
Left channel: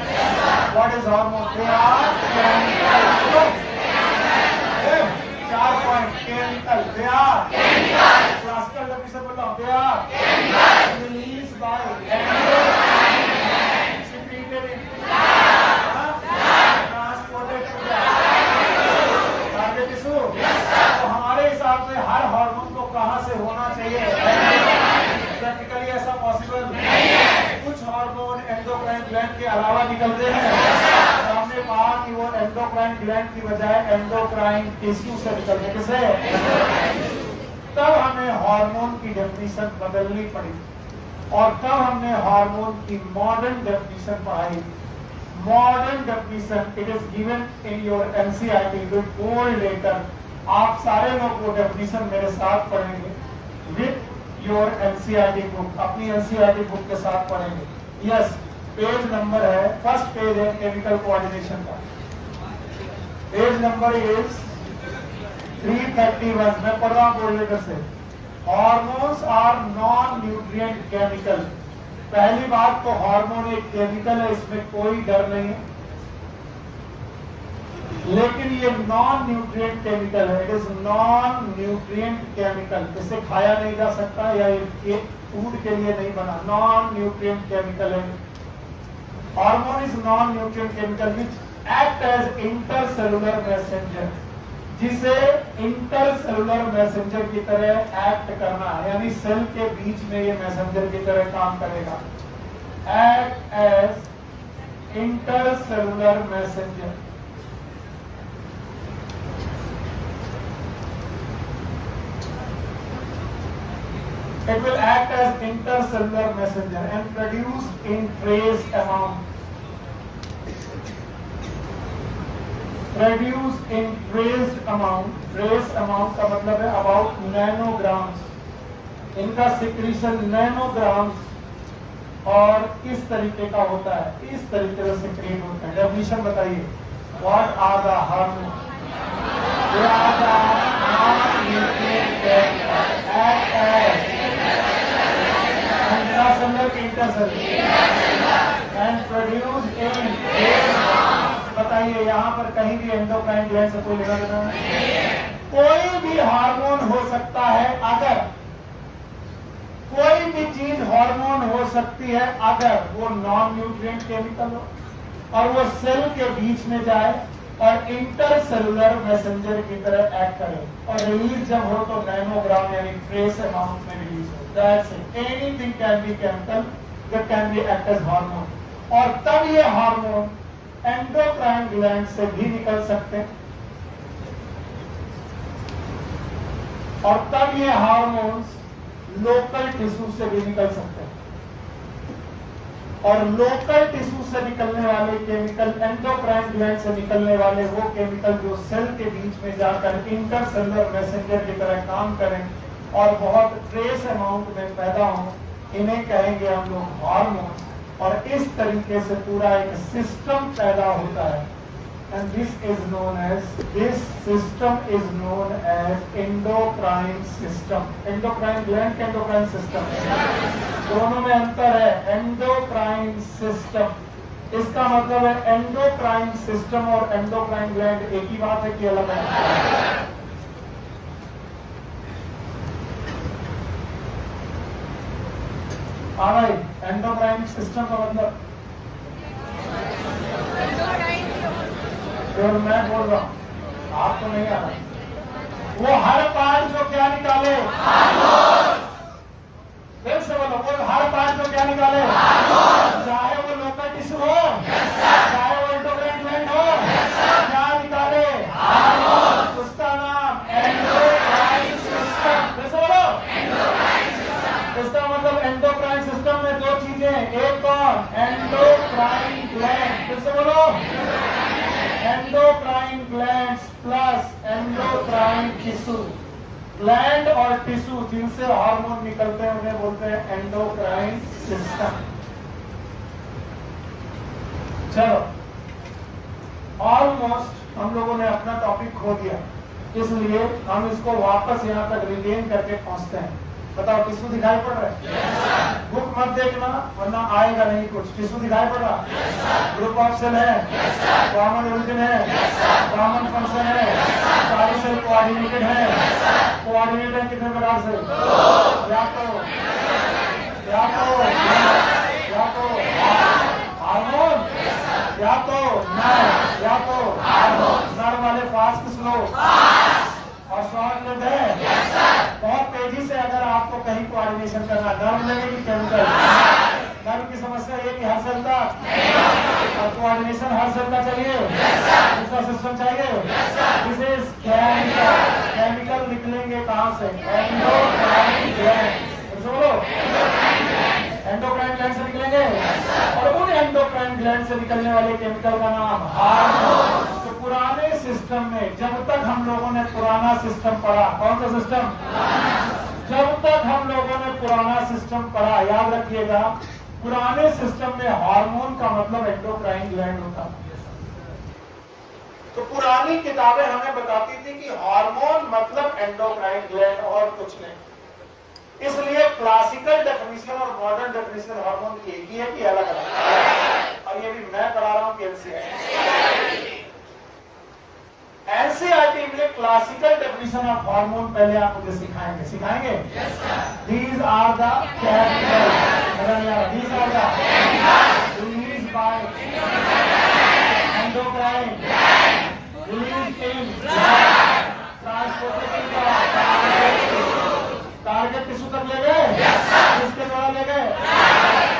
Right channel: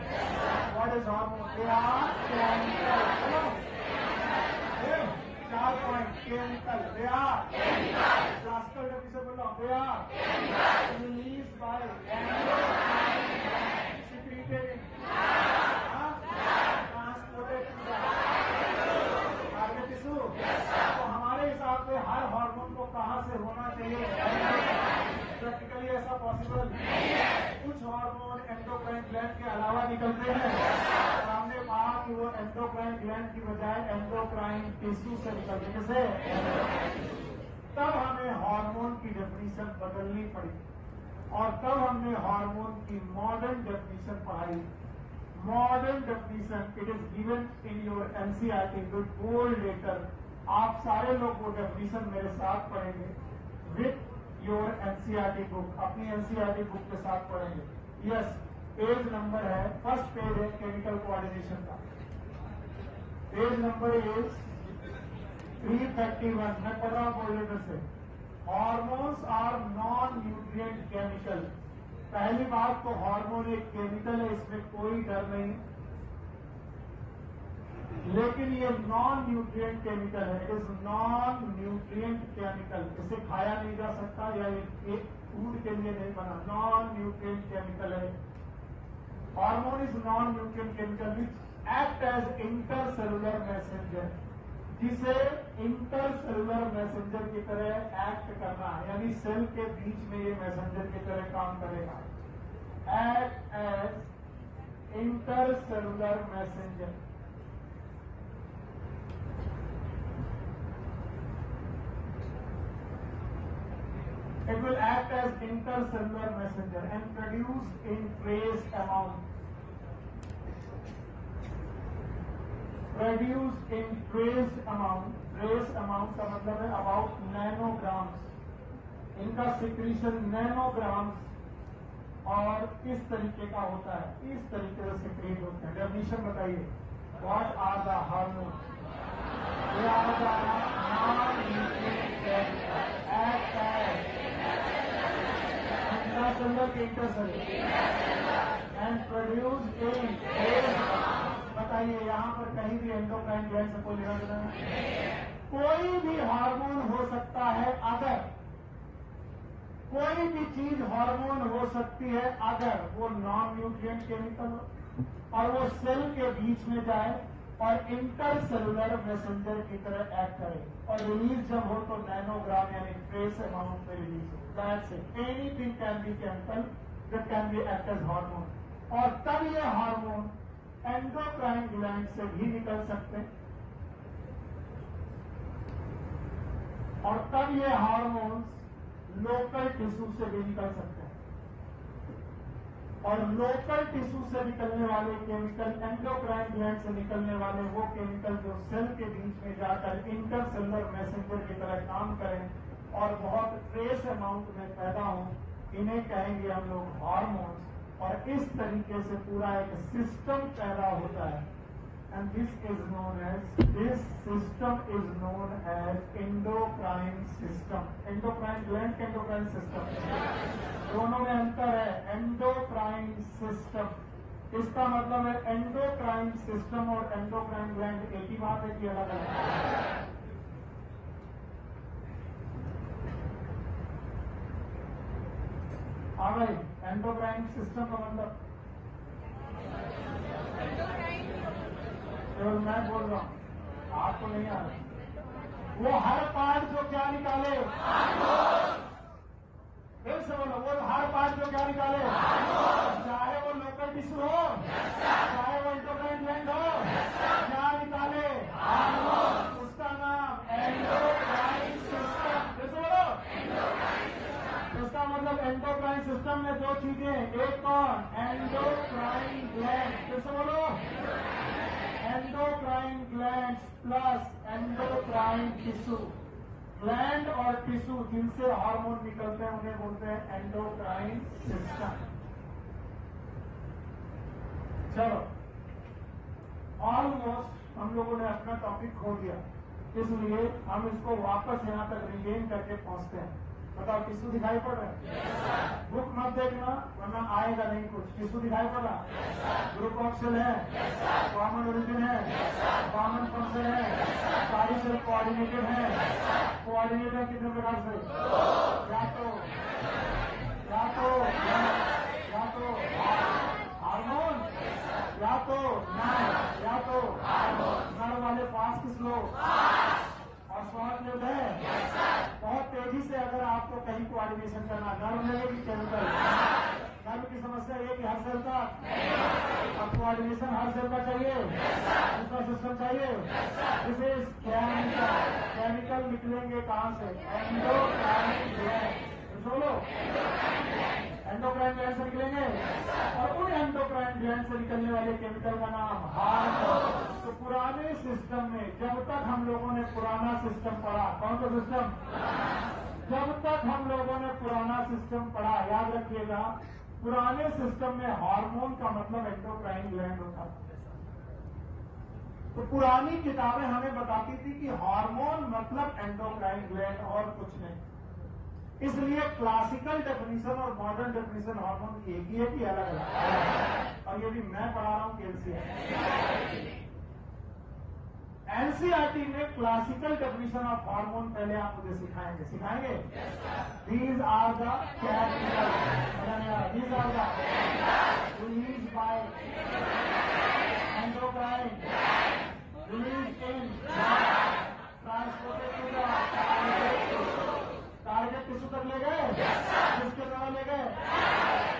What is hormone? They are chemical. 4 point chemical, they are classical definition बोल रहा हूं, they are release by endocrine secreted transported to target tissue. तो हमारे हिसाब से हर हार्मोन को कहां से होना चाहिए? प्रैक्टिकली ऐसा पॉसिबल नहीं है। कुछ हार्मोन एंडोक्राइन ग्लैंड के अलावा निकलते हैं। हमने कहा कि वो एंडोक्राइन ग्लैंड की बजाय एंडोक्राइन टिश्यू से निकलते। किसे? तब हमें हार्मोन की डेफिनेशन बदलनी पड़ी और तब हमने हार्मोन की मॉडर्न डेफिनेशन पढ़ाई। Modern definition it is given in your NCERT with bold letter. आप सारे लोग वो डेफिनेशन मेरे साथ पढ़ेंगे विद योर एनसीईआरटी बुक, अपनी एनसीईआरटी बुक के साथ पढ़ेंगे। यस, पेज नंबर है, फर्स्ट पेज है केमिकल कोऑर्डिनेशन का। Page number is 331। मैं पढ़ रहा हूँ बोल्ड लेटर से। Hormones are non nutrient chemical. पहली बात तो हार्मोन एक केमिकल है, इसमें कोई डर नहीं है, लेकिन ये नॉन न्यूट्रिएंट केमिकल है। It is non nutrient chemical. इसे खाया नहीं जा सकता या ये फूड के लिए नहीं बना, नॉन न्यूट्रिएंट केमिकल है। Hormone is non nutrient chemical which act as intercellular messenger, जिसे इंटरसेलुलर मैसेंजर की तरह एक्ट करना है, यानी सेल के बीच में ये मैसेंजर की तरह काम करेगा। Act as intercellular messenger. It will act as intercellular messenger and produce in trace amount. Produce in trace amount. Trace amount का मतलब है about nanograms. इनका secretion nanograms और किस तरीके का होता है? इस तरीके से secrete होता है। Definition बताइए। What are the hormones? They are the non-nutrient chemicals. Act as and produce in बताइए यहाँ पर कहीं भी एंडोक्राइन ग्लैंड से कोई लेना देना नहीं। कोई भी हार्मोन हो सकता है अगर, कोई भी चीज हार्मोन हो सकती है अगर वो नॉन न्यूट्रिएंट केमिकल हो और वो सेल के बीच में जाए और इंटरसेलुलर मैसेंजर की तरह एक्ट करे और रिलीज जब हो तो नैनोग्राम यानी ट्रेस अमाउंट में रिलीज हो। That's it. Anything can be chemical that can be act as hormone. और तब ये हार्मोन एंडोक्राइन ग्लैंड से भी निकल सकते हैं और तब ये हार्मोन्स लोकल टिश्यू से भी निकल सकते हैं और लोकल टिश्यू से निकलने वाले केमिकल, एंडोक्राइन ग्लैंड से निकलने वाले वो केमिकल जो सेल के बीच में जाकर इंटरसेलुलर मैसेंजर की तरह काम करें और बहुत ट्रेस अमाउंट में पैदा हो, इन्हें कहेंगे हम लोग हार्मोन। और इस तरीके से पूरा एक सिस्टम पैदा होता है and this system is known as endocrine system. Endocrine gland का एंडोक्राइन सिस्टम दोनों में अंतर है। एंडोक्राइन सिस्टम इसका मतलब है एंडोक्राइन सिस्टम और एंडोक्राइन ग्लैंड एक ही बात है कि अलग है? एंडोक्राइन सिस्टम का मतलब तो मैं बोल रहा हूँ, आपको नहीं आ रहा। वो हर पार्ट जो क्या निकाले, फिर से बोलो, वो हर पार्ट जो क्या निकाले, चाहे वो लोकल टिश्यू हो, चाहे वो एंडोक्राइन ग्लैंड हो, क्या निकाले, उसका नाम एंडोक्राइन सिस्टम। फिर से बोलो, इसका मतलब एंडोक्राइन सिस्टम में दो चीजें, एक कौन, एंडोक्राइन ग्लैंड। फिर से बोलो, endocrine gland plus endocrine tissue. Gland और टिश्यू जिनसे हार्मोन निकलते हैं उन्हें बोलते हैं एंडोक्राइन सिस्टम। चलो, ऑलमोस्ट हम लोगों ने अपना टॉपिक खो दिया, इसलिए हम इसको वापस यहाँ तक रिगेन करके पहुंचते हैं। बताओ, टिश्यू दिखाई पड़ रहा है? बुक मत देखना वरना आएगा नहीं कुछ। टिश्यू दिखाई पड़ रहा? ग्रुप ऑफ सेल है, कॉमन ओरिजिन है, कॉमन फंक्शन है, सारी सेल कोऑर्डिनेटेड है। कोऑर्डिनेटेड कितने प्रकार से? या तो हार्मोन, या तो नर, या तो नर वाले फास्ट की स्लो और शॉर्ट लिव्ड है। बहुत तेजी से अगर आपको कहीं कोऑर्डिनेशन करना, नर्व लगेगी केमिकल, नर्व की समस्या ये कि हर सेल का और कोऑर्डिनेशन हर सेल का चाहिए, दूसरा सिस्टम चाहिए। इसे केमिकल निकलेंगे कहां से? Endocrine gland. बोलो, एंडोक्राइन ग्लैंड से निकलेंगे और उन एंडोक्राइन ग्लैंड से निकलने वाले केमिकल का नाम हार्मोन। तो पुराने सिस्टम में जब तक हम लोगों ने पुराना सिस्टम पढ़ा, कौन सा सिस्टम? जब तक हम लोगों ने पुराना सिस्टम पढ़ा, याद रखिएगा, पुराने सिस्टम में हार्मोन का मतलब एंडोक्राइन ग्लैंड होता। तो पुरानी किताबें हमें बताती थी कि हार्मोन मतलब एंडोक्राइन ग्लैंड और कुछ नहीं। इसलिए क्लासिकल डेफिनेशन और मॉडर्न डेफिनेशन हार्मोन की एक ही है कि अलग अलग? और ये भी मैं करा रहा हूं एनसीईआरटी में क्लासिकल डेफिनेशन ऑफ हार्मोन पहले आप मुझे सिखाएंगे? These are the chemical, these are the release by endocrine, release in transported target tissue तक ले गए, किसके द्वारा ले गए,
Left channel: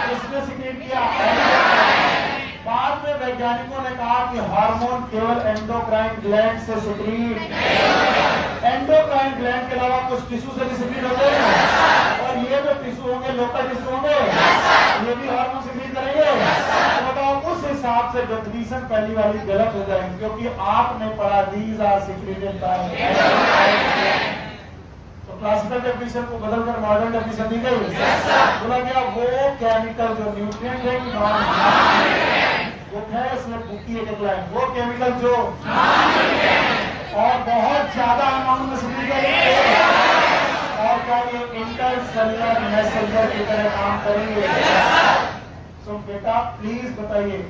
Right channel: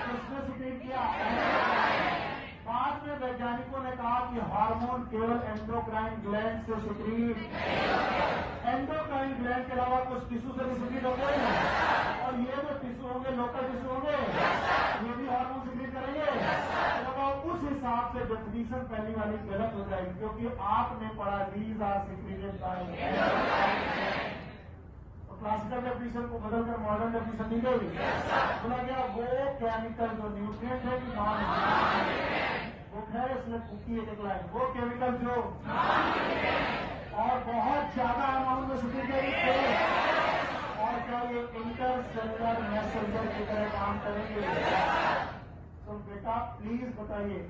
किसने सिक्रीट किया? बाद में वैज्ञानिकों ने कहा कि हार्मोन केवल एंडोक्राइन ग्लैंड से सिक्रीट, एंडोक्राइन ग्लैंड के अलावा कुछ टिश्यू से भी सिक्रीट होते हैं, और ये जो टिश्यू होंगे लोकल टिश्यू होंगे, ये भी हार्मोन सिक्रीट करेंगे। तो बताओ, उस हिसाब से डेफिनेशन पहली वाली गलत हो जाएगी, क्योंकि आपने पढ़ा these are secreted by. Classical definition को बदलकर मॉडर्न डेफिनेशन दी गई। बोला गया वो केमिकल जो न्यूट्रिएंट है, वो है इसमें बुकी एक वो केमिकल जो और बहुत ज्यादा अमाउंट में सिक्रीट करेंगे, और क्या ये इंटरसेलुलर मैसेंजर की तरह काम करेंगे। तो बेटा प्लीज बताइए,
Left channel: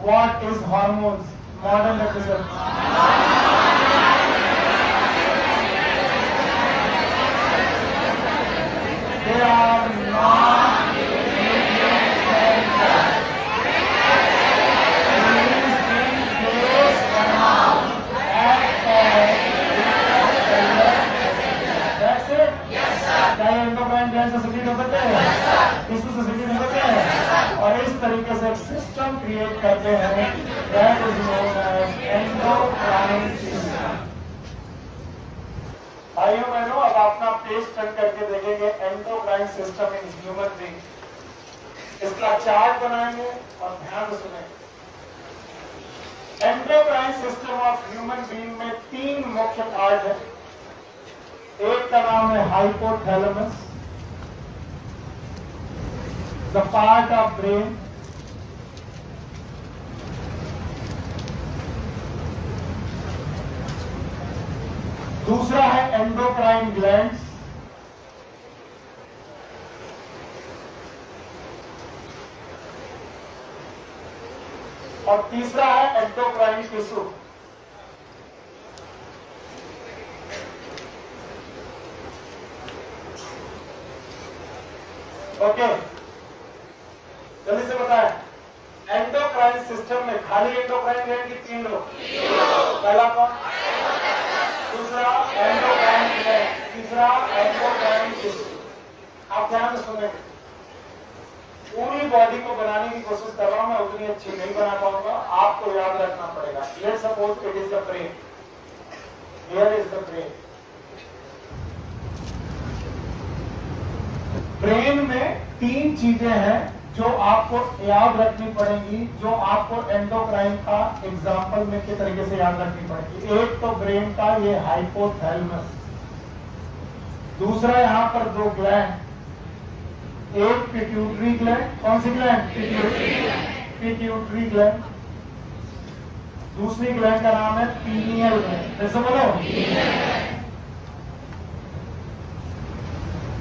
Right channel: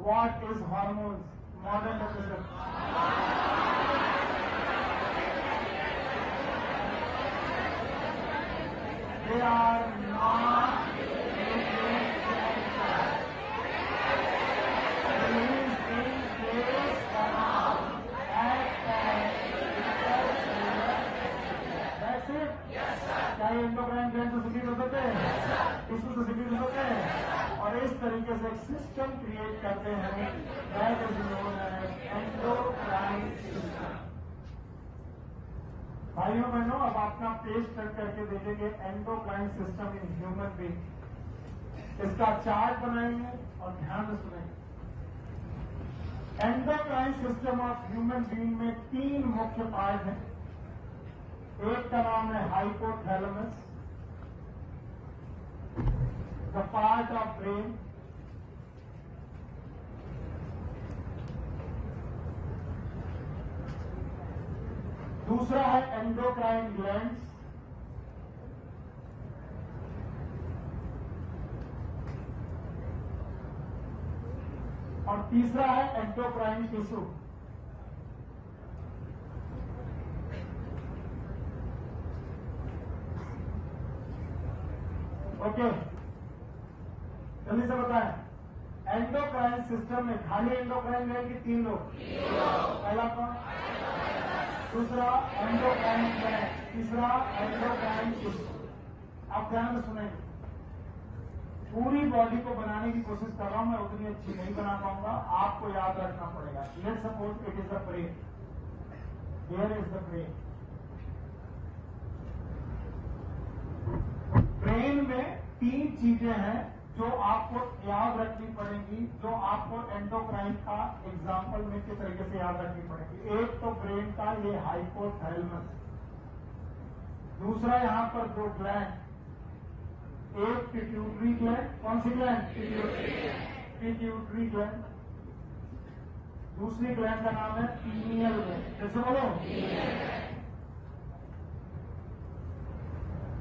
what is hormones? Modern definition they are not nutrient chemicals. These in place amount act as intracellular. That's it? Yes, sir. क्या ये एंडोक्राइन ग्लैंड से सिक्रीट हो सकते हैं? Yes, sir. टिश्यू से सिक्रीट हो सकते हैं? Yes, sir. और इस तरीके से एक सिस्टम क्रिएट करते हैं, that is known as endocrine system. भाइयों बहनों, अब अपना पेज टर्न करके देखेंगे endocrine system in human being. इसका चार्ट बनाएंगे और ध्यान से सुनेंगे। Endocrine system of human being में 3 मुख्य पार्ट है। एक का नाम है hypothalamus, the part of brain. दूसरा है एंडोक्राइन ग्लैंड्स, और तीसरा है एंडोक्राइन टिश्यू। ओके, जल्दी से बताएं। एंडोक्राइन सिस्टम में खाली एंडोक्राइन ग्लैंड की 3 रो। पहला कौन? दूसरा एंडोक्राइन ग्लैंड, तीसरा एंडोक्राइन टिश्यू। आप ध्यान से सुनेंगे। पूरी बॉडी को बनाने की कोशिश कर रहा हूं मैं, उतनी अच्छी नहीं बना पाऊंगा, आपको याद रखना पड़ेगा। Let's suppose it is the brain, here is the brain. Brain में 3 चीजें हैं जो आपको याद रखनी पड़ेंगी, जो आपको एंडोक्राइन का एग्जाम्पल में के तरीके से याद रखनी पड़ेगी। एक तो ब्रेन का ये हाइपोथैलेमस, दूसरा यहां पर 2 ग्लैंड, एक पिट्यूटरी ग्लैंड। कौन सी ग्लैंड? Pituitary gland. दूसरी ग्लैंड का नाम है पीनियल ग्लैंड। कैसे बोलो?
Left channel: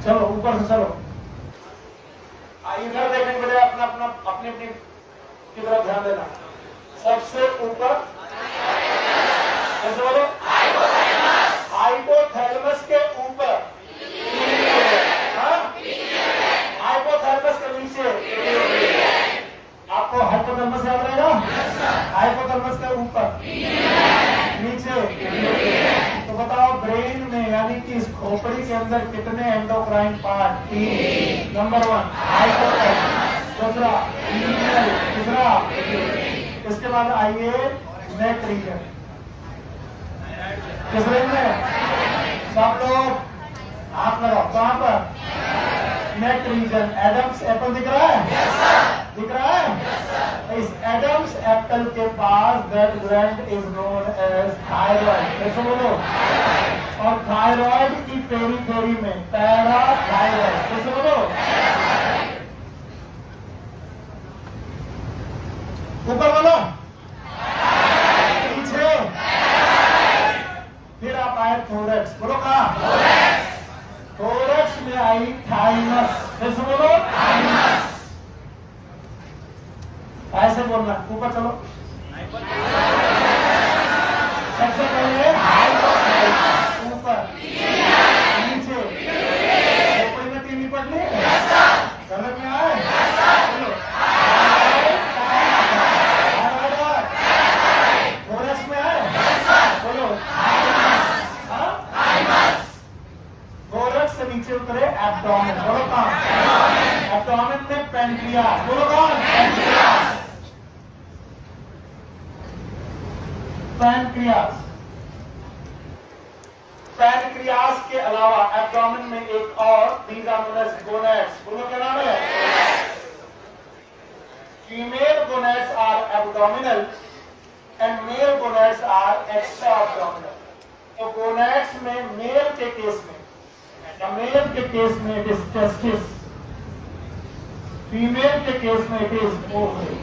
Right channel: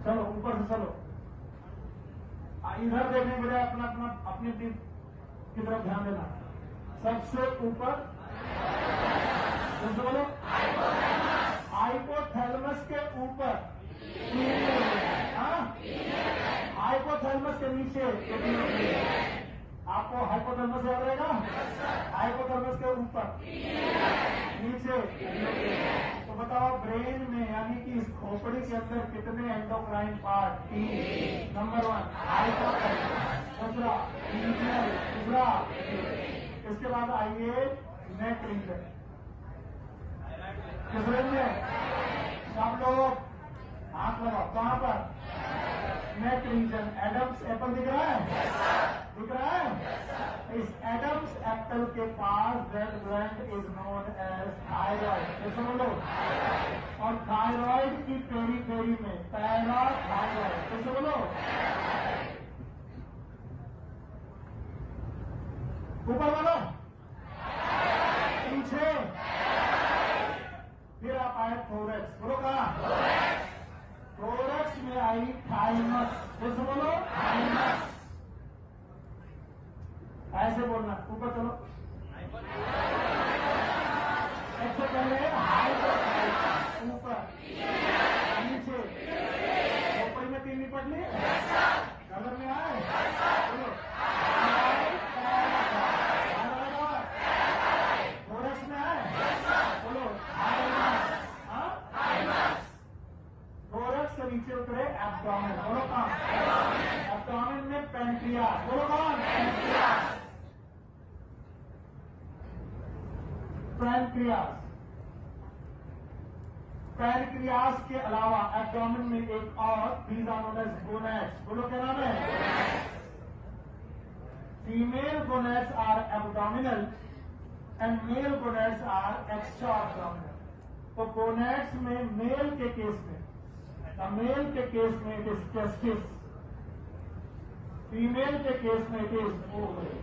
चलो ऊपर से चलो, इधर देखने के लिए अपनी की तरफ ध्यान देना। सबसे ऊपर कैसे बोलो? हाइपोथैलेमस के ऊपर, हाइपोथैलेमस के नीचे। आपको हाइपोथैलेमस याद रहेगा? हाइपोथैलेमस के ऊपर, नीचे। तो बताओ ब्रेन में यानी कि इस खोपड़ी के अंदर कितने एंडोक्राइन पार्ट? 3। नंबर 1 हाइपोथैलेमस, दूसरा पीनियल, तीसरा। इसके बाद आइए नेक रीजन। किस रेंज में? सब लोग हाथ लगाओ। कहां पर? Neck region. एडम्स एप्पल दिख रहा है? दिख रहा है? इस एडम्स एप्पल के पास that gland is known as thyroid. कैसे बोलो? और थायराइड की पेरीफेरी में पैराथायराइड। कैसे बोलो? ऊपर बोलो, पीछे। फिर आप आए थोरैक्स। बोलो कहां? थोरैक्स में आई थाइमस। कैसे बोलो? थाइमस। ऐसे बोलना। ऊपर चलो। सबसे पहले हाइपोथैलेमस, ऊपर, नीचे। खोपड़ी में 3 निपट ली? समझ में आए? थोरैक्स में आए? बोलो थोरैक्स से नीचे उतरे एब्डोमेन। बोलो कहां? एब्डोमेन में पैनक्रियास। बोलो कौन? पैनक्रियास। पैनक्रियास के अलावा एब्डोमेन में एक और, these are known as gonads. बोलो क्या नाम है? Female gonads are abdominal and male gonads are extra abdominal. तो गोनैड्स में मेल के केस में इट इज टेस्टिस, फीमेल के केस में इट इज ओवरी।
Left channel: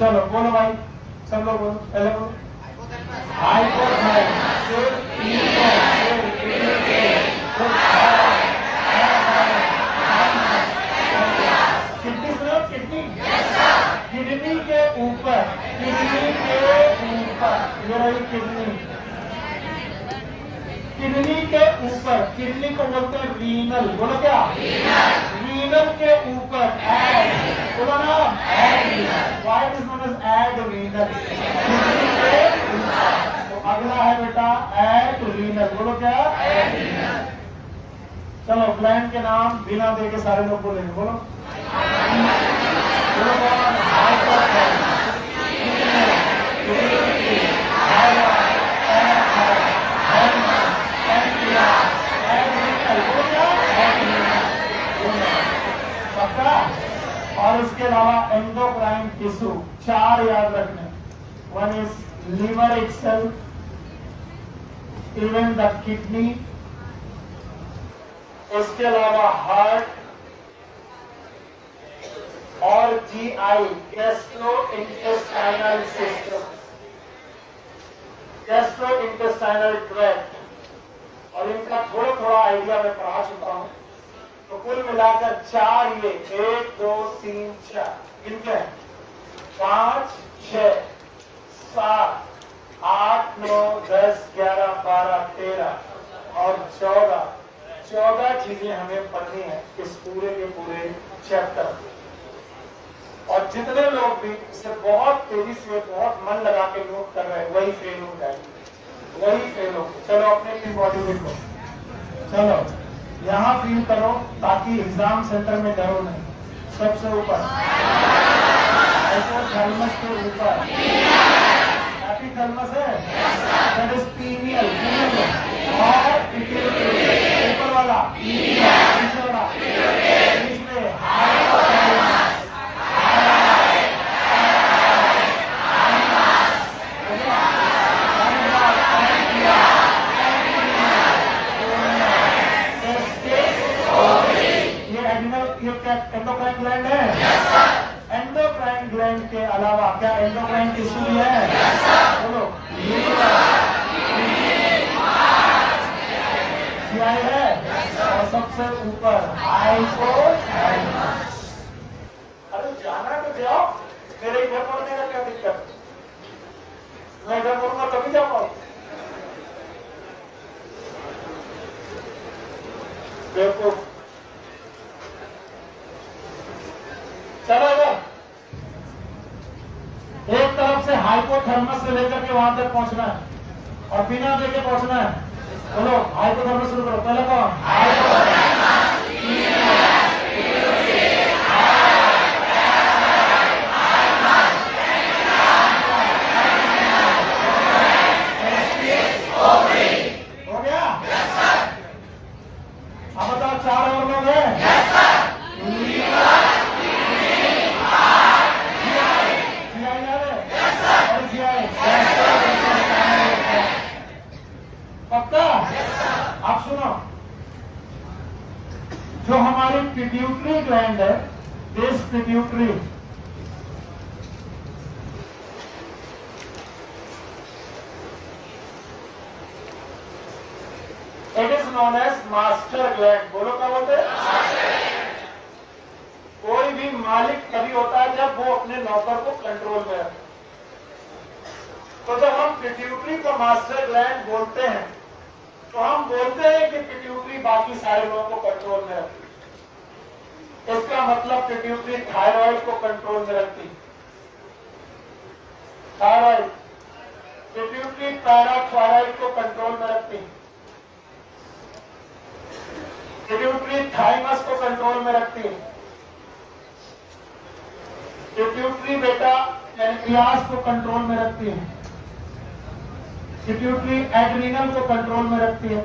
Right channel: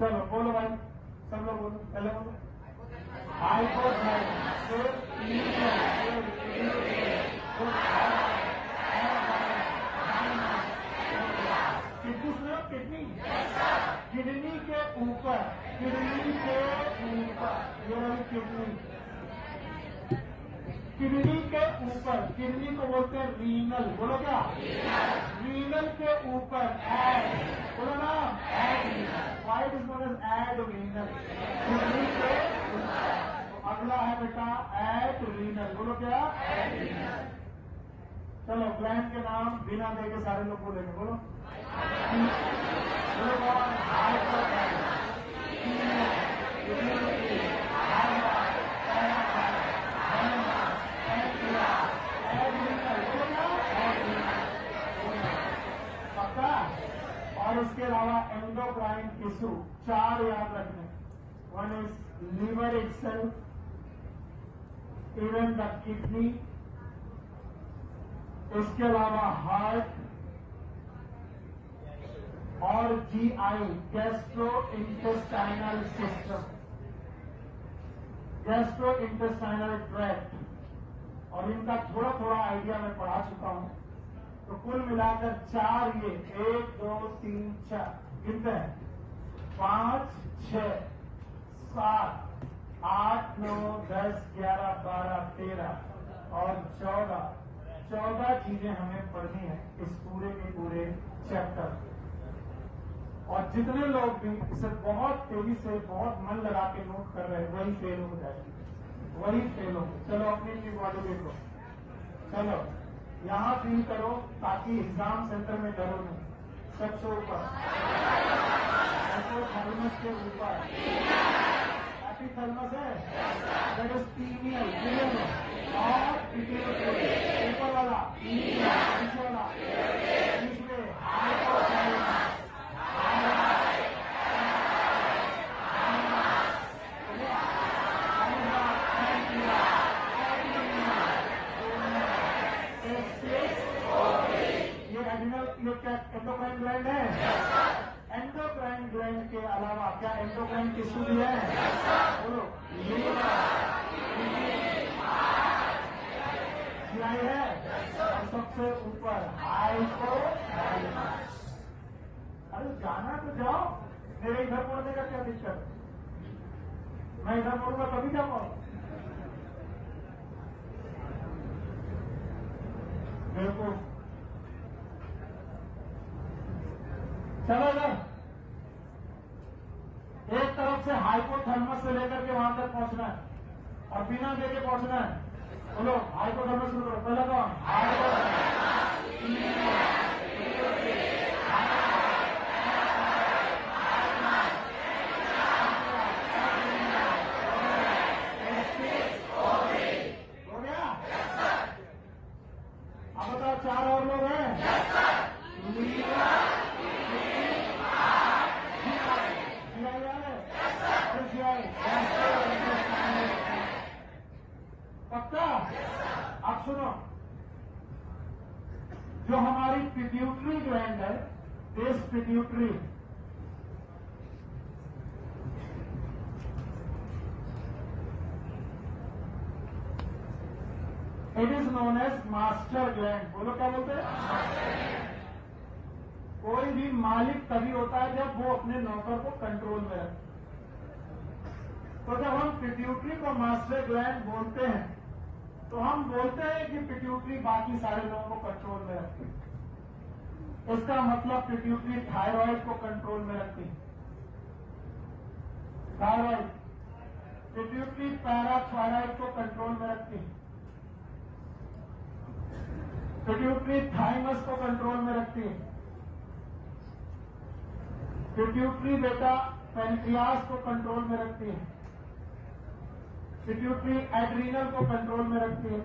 चलो बोलो भाई, सब लोग बोलो। पहले बोलो हाइपोथैलेमस, किडनी सुनो, किडनी के ऊपर, ये रही किडनी। किडनी के ऊपर, किडनी को बोलते हैं रीनल। बोलो क्या? रीनल के ऊपर एड। बोलो ना why is known as adrenal. Kidney के ऊपर। तो अगला है बेटा एडरीनल। बोलो क्या? एडरीनल। चलो ग्लैंड के नाम बिना दे के सारे लोग बोलेंगे। बोलो और इसके अलावा एंडोक्राइन टिश्यू 4 याद रखने। 1 is liver itself, even the kidney, इसके अलावा हार्ट और GI, gastro intestinal system, gastro intestinal tract. और इनका थोड़ा थोड़ा आइडिया मैं पढ़ा चुका हूं। तो कुल मिलाकर 4 ये 1 2 3 4 गिनते हैं। 5 6 7 8 9 10 11 12 13 और 14 चीजें हमें पढ़नी है इस पूरे के पूरे चैप्टर, और जितने लोग भी इसे बहुत तेजी से बहुत मन लगा के नोट कर रहे हैं वही फेल हो जाएंगे, वही फेल हो। चलो अपने अपनी बॉडी देखो, चलो यहाँ फील करो ताकि एग्जाम सेंटर में डरो नहीं। सबसे ऊपर थर्मस के ऊपर थर्मस है, दैट इज पीनियल, और ऊपर वाला पीछे वाला बीच में एंडोक्राइन ग्लैंड है। एंडोक्राइन ग्लैंड के अलावा क्या एंडोक्राइन टिश्यू भी है? बोलो, GI है, और सबसे ऊपर हाइपोथैलेमस। अरे जाना तो जाओ, मेरे इधर पढ़ने का क्या दिक्कत? मैं इधर पढ़ूंगा तभी जा पाऊँ। देखो चलो इधर, एक तरफ से हाइपोथर्मस से लेकर के वहां तक पहुंचना है और बिना देखे पहुंचना है। बोलो हाइपोथर्मस शुरू करो। पहले कौन? हो गया? अब बताओ 4 और लोग हैं? पक्का? आप सुनो, जो हमारी पिट्यूटरी ग्लैंड है, this pituitary it is known as master gland. बोलो क्या बोलते हैं? कोई भी मालिक तभी होता है जब वो अपने नौकर को कंट्रोल में रखे। तो जब हम पिट्यूटरी को मास्टर ग्लैंड बोलते हैं तो हम बोलते हैं कि पिट्यूटरी बाकी सारे लोगों को कंट्रोल में रखती है। इसका मतलब पिट्यूटरी थायराइड को कंट्रोल में रखती है। थायराइड, पिट्यूटरी पैराथायराइड को कंट्रोल में रखती है। पिट्यूटरी थाइमस को कंट्रोल में रखती है। पिट्यूटरी बेटा पैनक्रियास को कंट्रोल में रखती है। पिट्यूटरी एड्रीनल को कंट्रोल में रखती है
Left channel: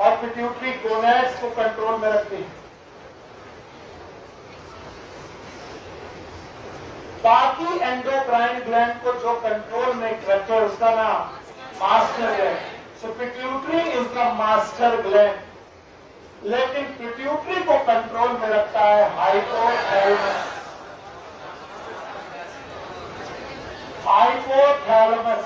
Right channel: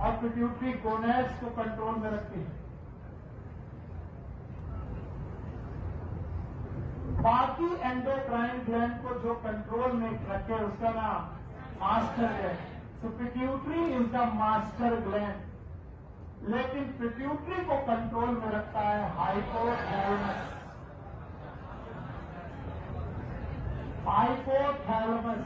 और पिट्यूटरी गोनैड्स को कंट्रोल में रखती है। बाकी एंडोक्राइन ग्लैंड को जो कंट्रोल में रखे उसका नाम master gland. So pituitary is the master gland, लेकिन पिट्यूटरी को कंट्रोल में रखता है hypothalamus. Hypothalamus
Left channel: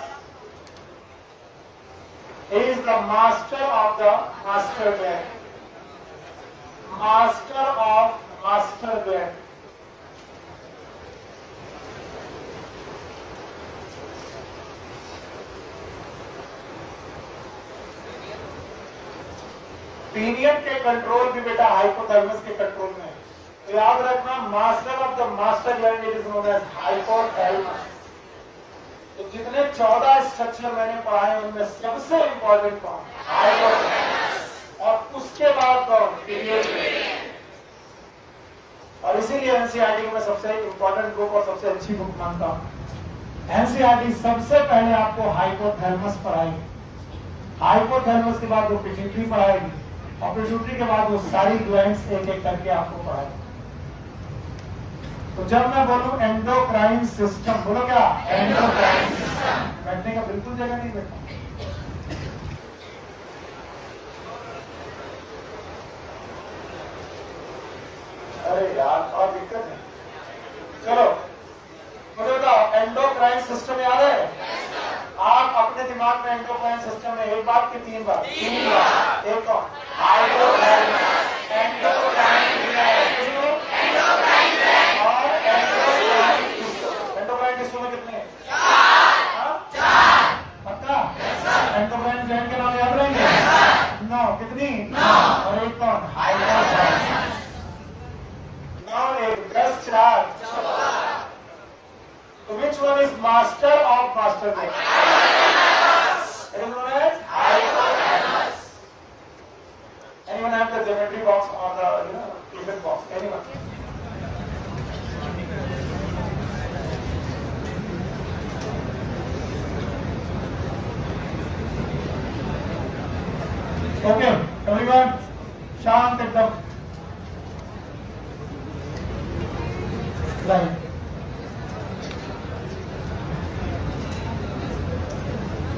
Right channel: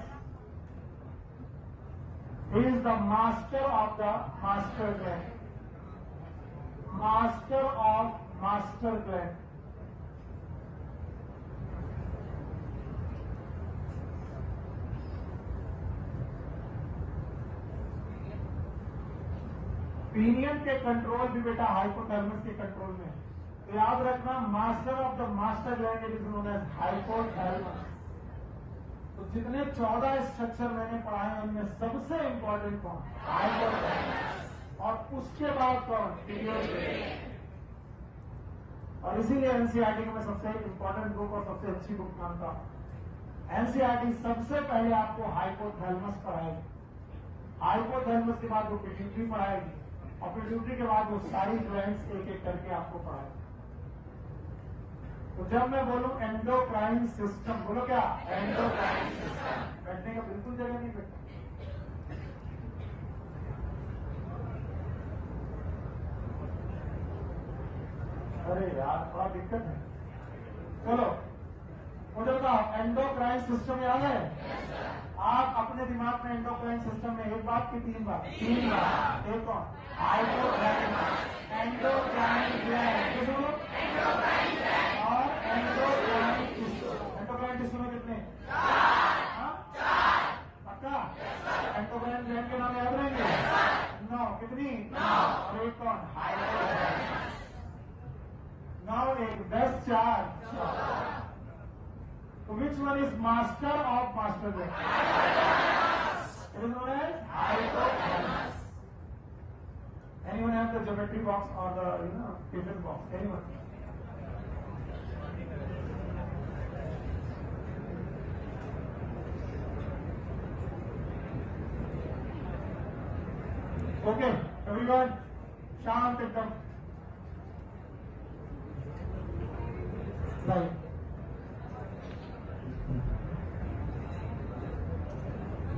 is the master of the master gland. Master of master gland. पीनियन के कंट्रोल भी बेटा हाइपोथैलेमस के कंट्रोल में है। तो याद रखना, master of the master gland is known as hypothalamus. तो जितने 14 स्ट्रक्चर मैंने पढ़ाए उनमें सबसे इंपॉर्टेंट कौन? हाइपोथैलेमस। और उसके बाद कौन? पिट्यूटरी। और इसीलिए एनसीईआरटी में सबसे इंपॉर्टेंट बुक और सबसे अच्छी बुक मानता हूं। एनसीईआरटी सबसे पहले आपको हाइपोथैलेमस पढ़ाएगी, हाइपोथैलेमस के बाद वो पिट्यूटरी पढ़ाएगी, और पिट्यूटरी के बाद वो सारी ग्लैंड्स एक एक करके आपको पढ़ाएगी। तो जब मैं बोलूं एंडोक्राइन सिस्टम, बोलो क्या? Endocrine system. बैठने का बिल्कुल जगह नहीं बैठा। अरे यार और दिक्कत है। चलो मुझे बताओ, एंडोक्राइन सिस्टम याद है? आप अपने दिमाग में एंडोक्राइन सिस्टम में एक बात की 3 बार? 3 बार। एक कौन? हाइपोथैलेमस, एंडोक्राइन ग्लैंड और एंडोक्राइन टिश्यू में कितने हैं? 4। पक्का? एंडोक्राइन ग्लैंड के नाम याद रहेंगे? 9। कितनी? 9। और एक कौन? Hypothalamus. which one is master of master brain? It is known as hypothalamus. Anyone have the geometry box or the Tiffin box? Anyone? Okay, everyone, शांत एकदम. Right.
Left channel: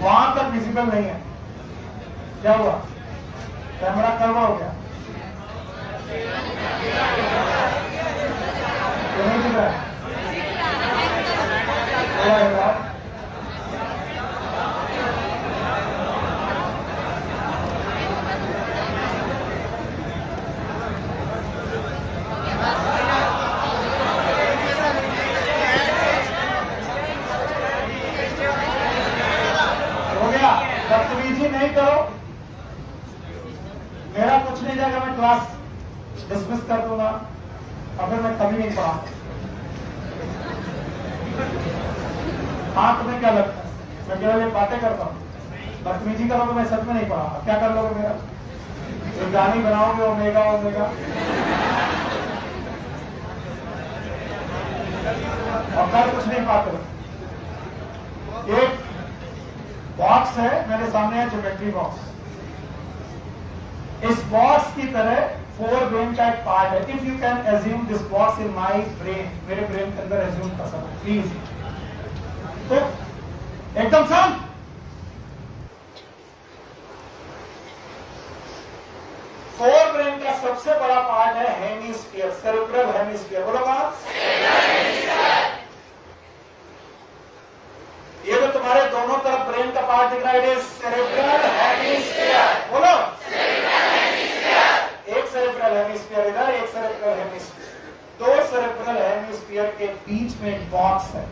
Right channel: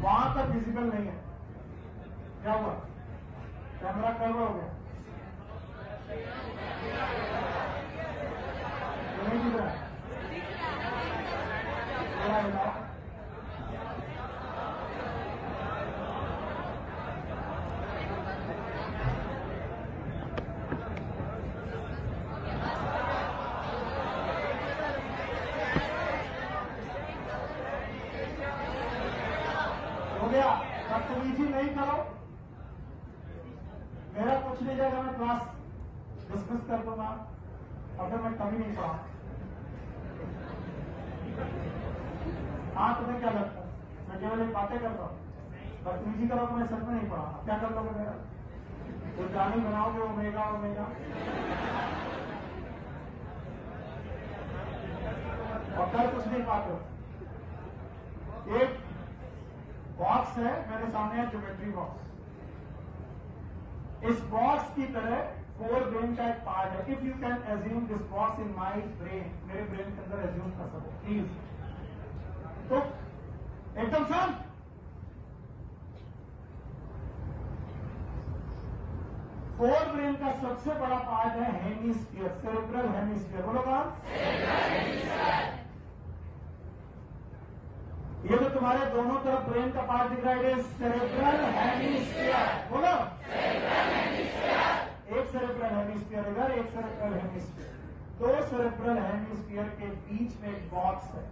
वहां तक विजिबल नहीं है. क्या हुआ? कैमरा करवा हो गया? नहीं दिख रहा है? क्या है बात? बदतमीजी नहीं करो. मेरा कुछ नहीं जाएगा, मैं क्लास डिसमिस कर दूंगा और फिर मैं कभी नहीं पढ़ा. हाँ, तुम्हें क्या लगता है मैं केवल ये बातें करता हूँ? बदतमीजी करो तो मैं सच में नहीं पढ़ा. क्या कर लोगे मेरा? एक गानी बनाओगे ओमेगा ओमेगा और कर कुछ नहीं पाते. एक बॉक्स है मेरे सामने है, ज्योमेट्री बॉक्स. इस बॉक्स की तरह 4 ब्रेन का एक पार्ट है. If you can assume this box in my brain, मेरे ब्रेन के अंदर एज्यूम कर सकते प्लीज. तो एकदम शांत. फोर ब्रेन का सबसे बड़ा पार्ट है हेमिस्फीयर, सेरेब्रल हेमिस्फीयर. बोलो बात. ये तो तुम्हारे दोनों तरफ ब्रेन का पार्ट दिख रहा है, सेरेब्रल हेमिस्फीयर. बोलो. एक सेरेब्रल हेमिस्फीयर इधर, एक सेरेब्रल हेमिस्फीयर. 2 सेरेब्रल हेमिस्फीयर के बीच में एक बॉक्स है.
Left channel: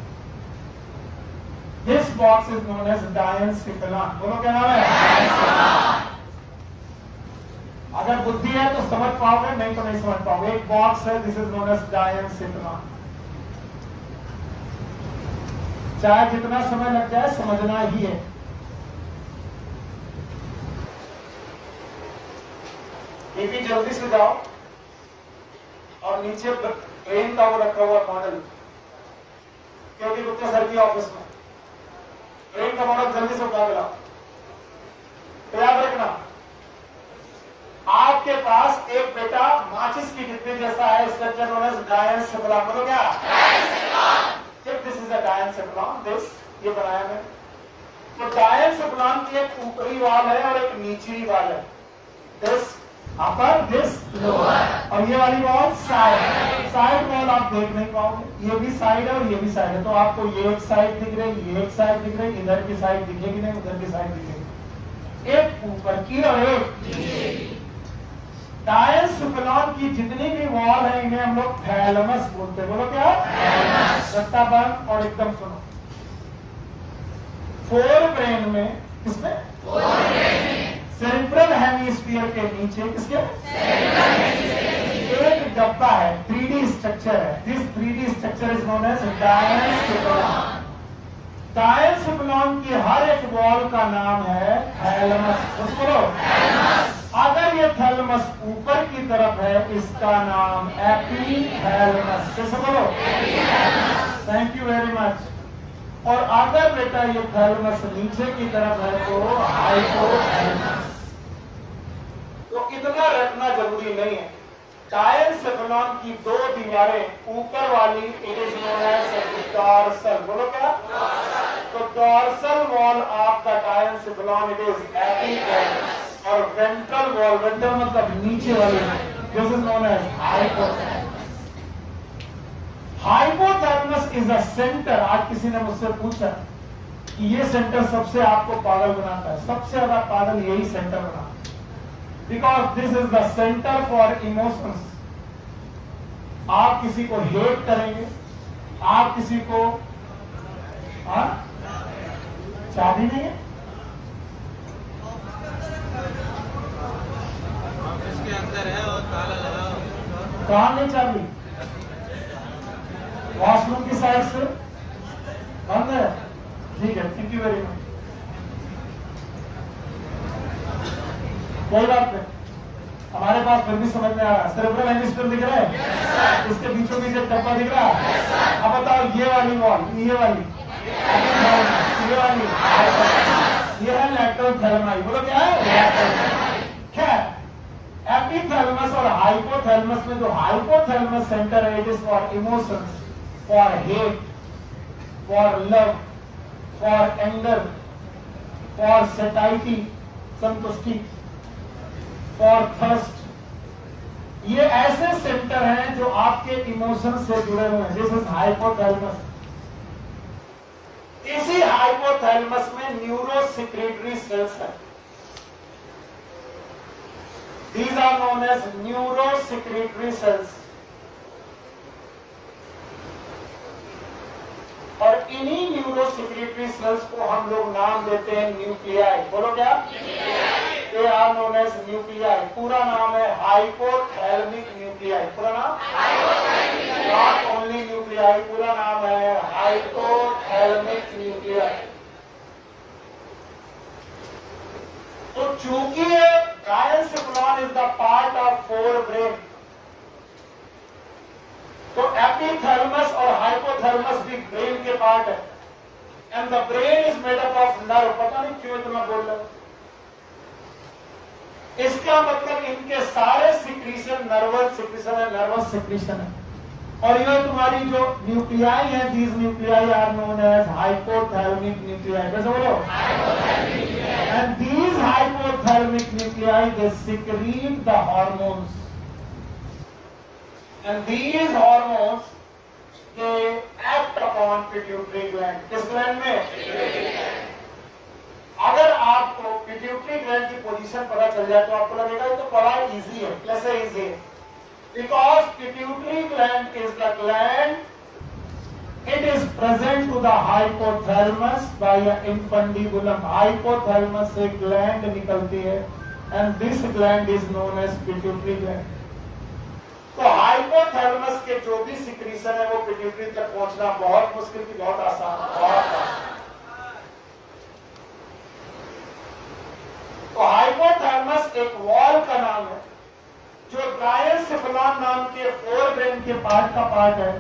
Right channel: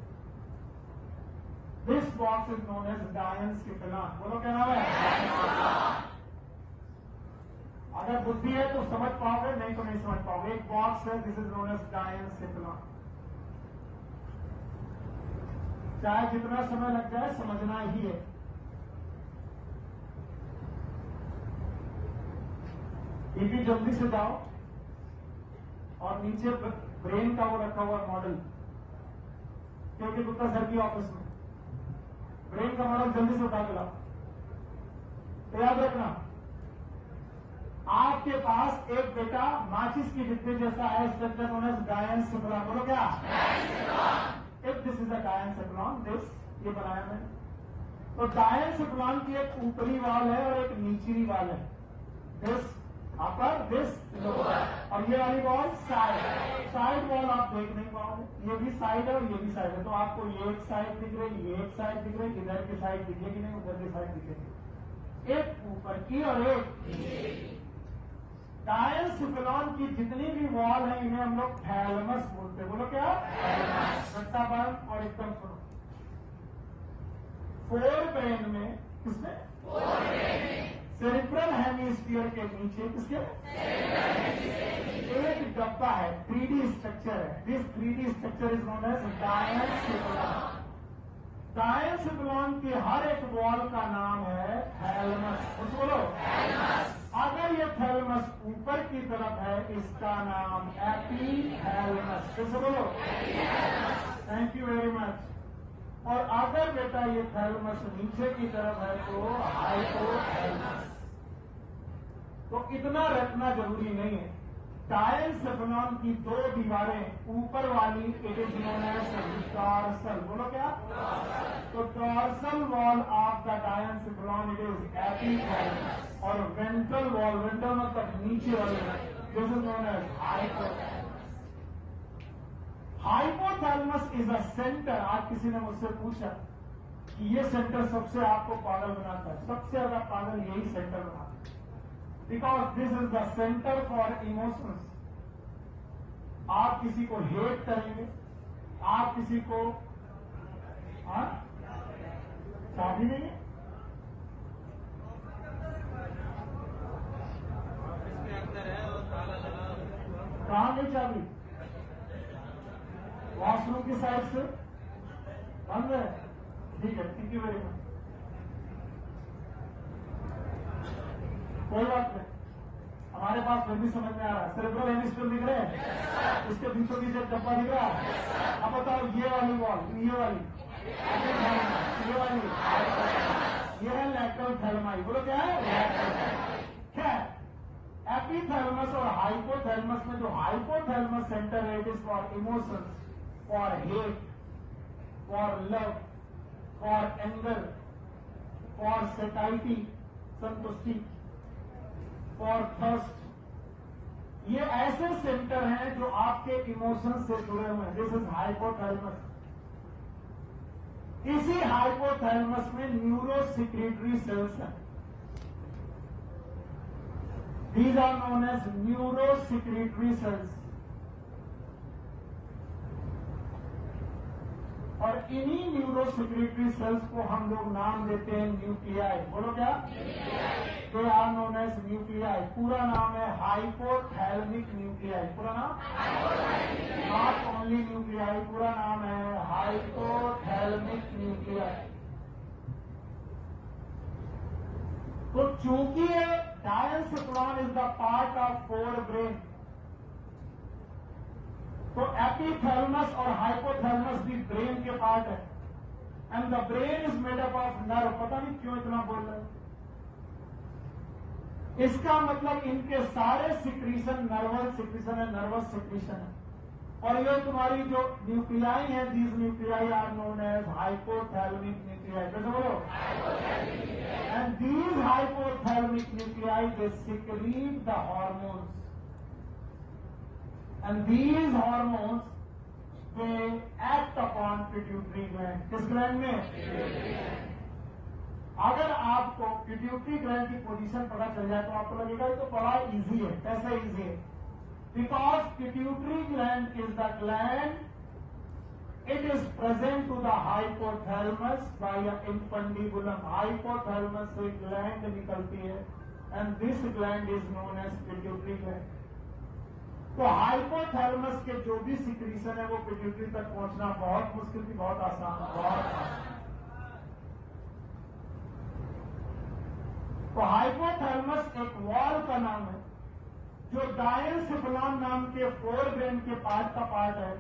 This box is known as diencephalon. बोलो क्या नाम है? अगर बुद्धि है तो समझ पाओगे, नहीं तो नहीं समझ पाओगे. एक बॉक्स है, दिस इज नोन एज डायनसिफेलॉन. चाहे जितना समय लग जाए समझना ही है. ये भी जल्दी से जाओ और नीचे ब्रेन का वो रखा हुआ मॉडल, क्योंकि गुप्ता सर की ऑफिस में ब्रेन का मॉडल जल्दी से उठा के लाओ. तो याद रखना, आपके पास एक बेटा माचिस की डिब्बी जैसा है, स्ट्रक्चर नोन एज डायनसिफेलॉन. बोलो क्या? If this is a डायनसिफेलॉन, this ये बनाया है. तो डायनसिफेलॉन की एक ऊपरी वाल है और एक निचली वाल है. This upper, this lower. और ये वाली वॉल साइड. साइड वॉल आप देख नहीं पाओगे. ये भी साइड है और ये भी साइड है. तो आपको ये एक साइड दिख रही, ये एक साइड दिख रही, इधर की साइड दिखेगी नहीं, उधर की साइड दिखेगी. एक ऊपर की और एक. डायनसिफेलॉन की जितनी भी वॉल है इन्हें हम लोग थैलेमस बोलते हैं. बोलो क्या? रट्टा बंद और एकदम सुनो. 4 ब्रेन में, किसमें? सेरेब्रल हेमिस्फीयर के नीचे किसके? एक डब्बा है, 3D स्ट्रक्चर है. This 3D structure is known as diencephalon. Diencephalon की हर एक वॉल का नाम है थैलेमस. बोलो. अगर ये थैलेमस ऊपर की तरफ है, इसका नाम एपिथैलेमस. कैसे बोलो? Thank you very much. और अगर बेटा ये थैलेमस नीचे की तरफ है तो हाइपोथैलेमस. तो इतना रखना जरूरी नहीं है. डायनसिफेलॉन की 2 दीवारें, ऊपर वाली it is known as dorsal. बोलो क्या? तो dorsal wall of the diencephalon it is epithalamus. और वेंट्रल वॉल, वेंट्रल मतलब नीचे वाली, this is known as hypothalamus. Hypothalamus is a centre. आज किसी ने मुझसे पूछा कि ये सेंटर सबसे आपको पागल बनाता है. सबसे ज्यादा पागल यही सेंटर बनाता है. Because this is the centre for emotions. आप किसी को हेट करेंगे, आप किसी को चाबी नहीं है कहां नहीं चाबी? वॉशरूम की साइड से समझ आया? ठीक है, थैंक यू वेरी मच। कोई बात नहीं, हमारे पास फिर भी समझ में आ रहा है। सेरेब्रल हेमिस्फीयर दिख रहा है? इसके बीचों बीच एक डब्बा दिख रहा है। अब बताओ ये वाली वॉल, ये वाली, ये है लैटरल थैलेमाई। बोलो क्या है? क्या है? एपिथैलेमस और हाइपोथैलेमस में जो हाइपोथैलेमस सेंटर है, it is for emotions, for hate, for love, for anger, for सेटाइटी, संतुष्टि, फॉर थर्स्ट। ये ऐसे सेंटर हैं जो आपके इमोशन से जुड़े हुए हैं। This is hypothalamus. इसी हाइपोथैलेमस में न्यूरोसेक्रेटरी सेल्स है। These are known as neurosecretory cells. और इन्हीं न्यूरोसेक्रेटरी सेल्स को हम लोग नाम देते हैं न्यूक्लियाई। बोलो क्या? They are known as nuclei. पूरा नाम है हाइपोथैलेमिक न्यूक्लियाई। पूरा नाम? नॉट ओनली न्यूक्लियाई, पूरा नाम है हाइपोथैलेमिक न्यूक्लियाई। तो चूंकि diencephalon is the part of forebrain, तो एपिथैलेमस और हाइपोथैलेमस भी ब्रेन के पार्ट है। And the brain is made up of nerve. पता नहीं क्यों इतना बोल रहे हो। इसका मतलब इनके सारे सिक्रीशन नर्वस सिक्रीशन है, नर्वस सिक्रीशन है। और ये तुम्हारी जो न्यूक्लियाई है, these nuclei are known as hypothalamic nuclei. कैसे बोलो? And these hypothalamic nuclei they secrete the hormones, and these hormones they act upon pituitary gland. किस ग्लैंड में? अगर आपको पिट्यूटरी ग्लैंड की पोजीशन पता चल जाए तो आपको लगेगा ये तो बड़ा इजी है। कैसे इजी है? Because pituitary gland is the gland, it is present to the hypothalamus by a infundibulum. Hypothalamus से gland निकलती है and this gland is known as pituitary gland. तो हाइपोथैलेमस के जो भी सिक्रीशन है वो पिट्यूटरी तक पहुंचना बहुत मुश्किल की बहुत आसान है। तो हाइपोथैलेमस एक वॉल का नाम है जो गायन-सिक्लोन नाम के फोरब्रेन के पार्ट का पार्ट है,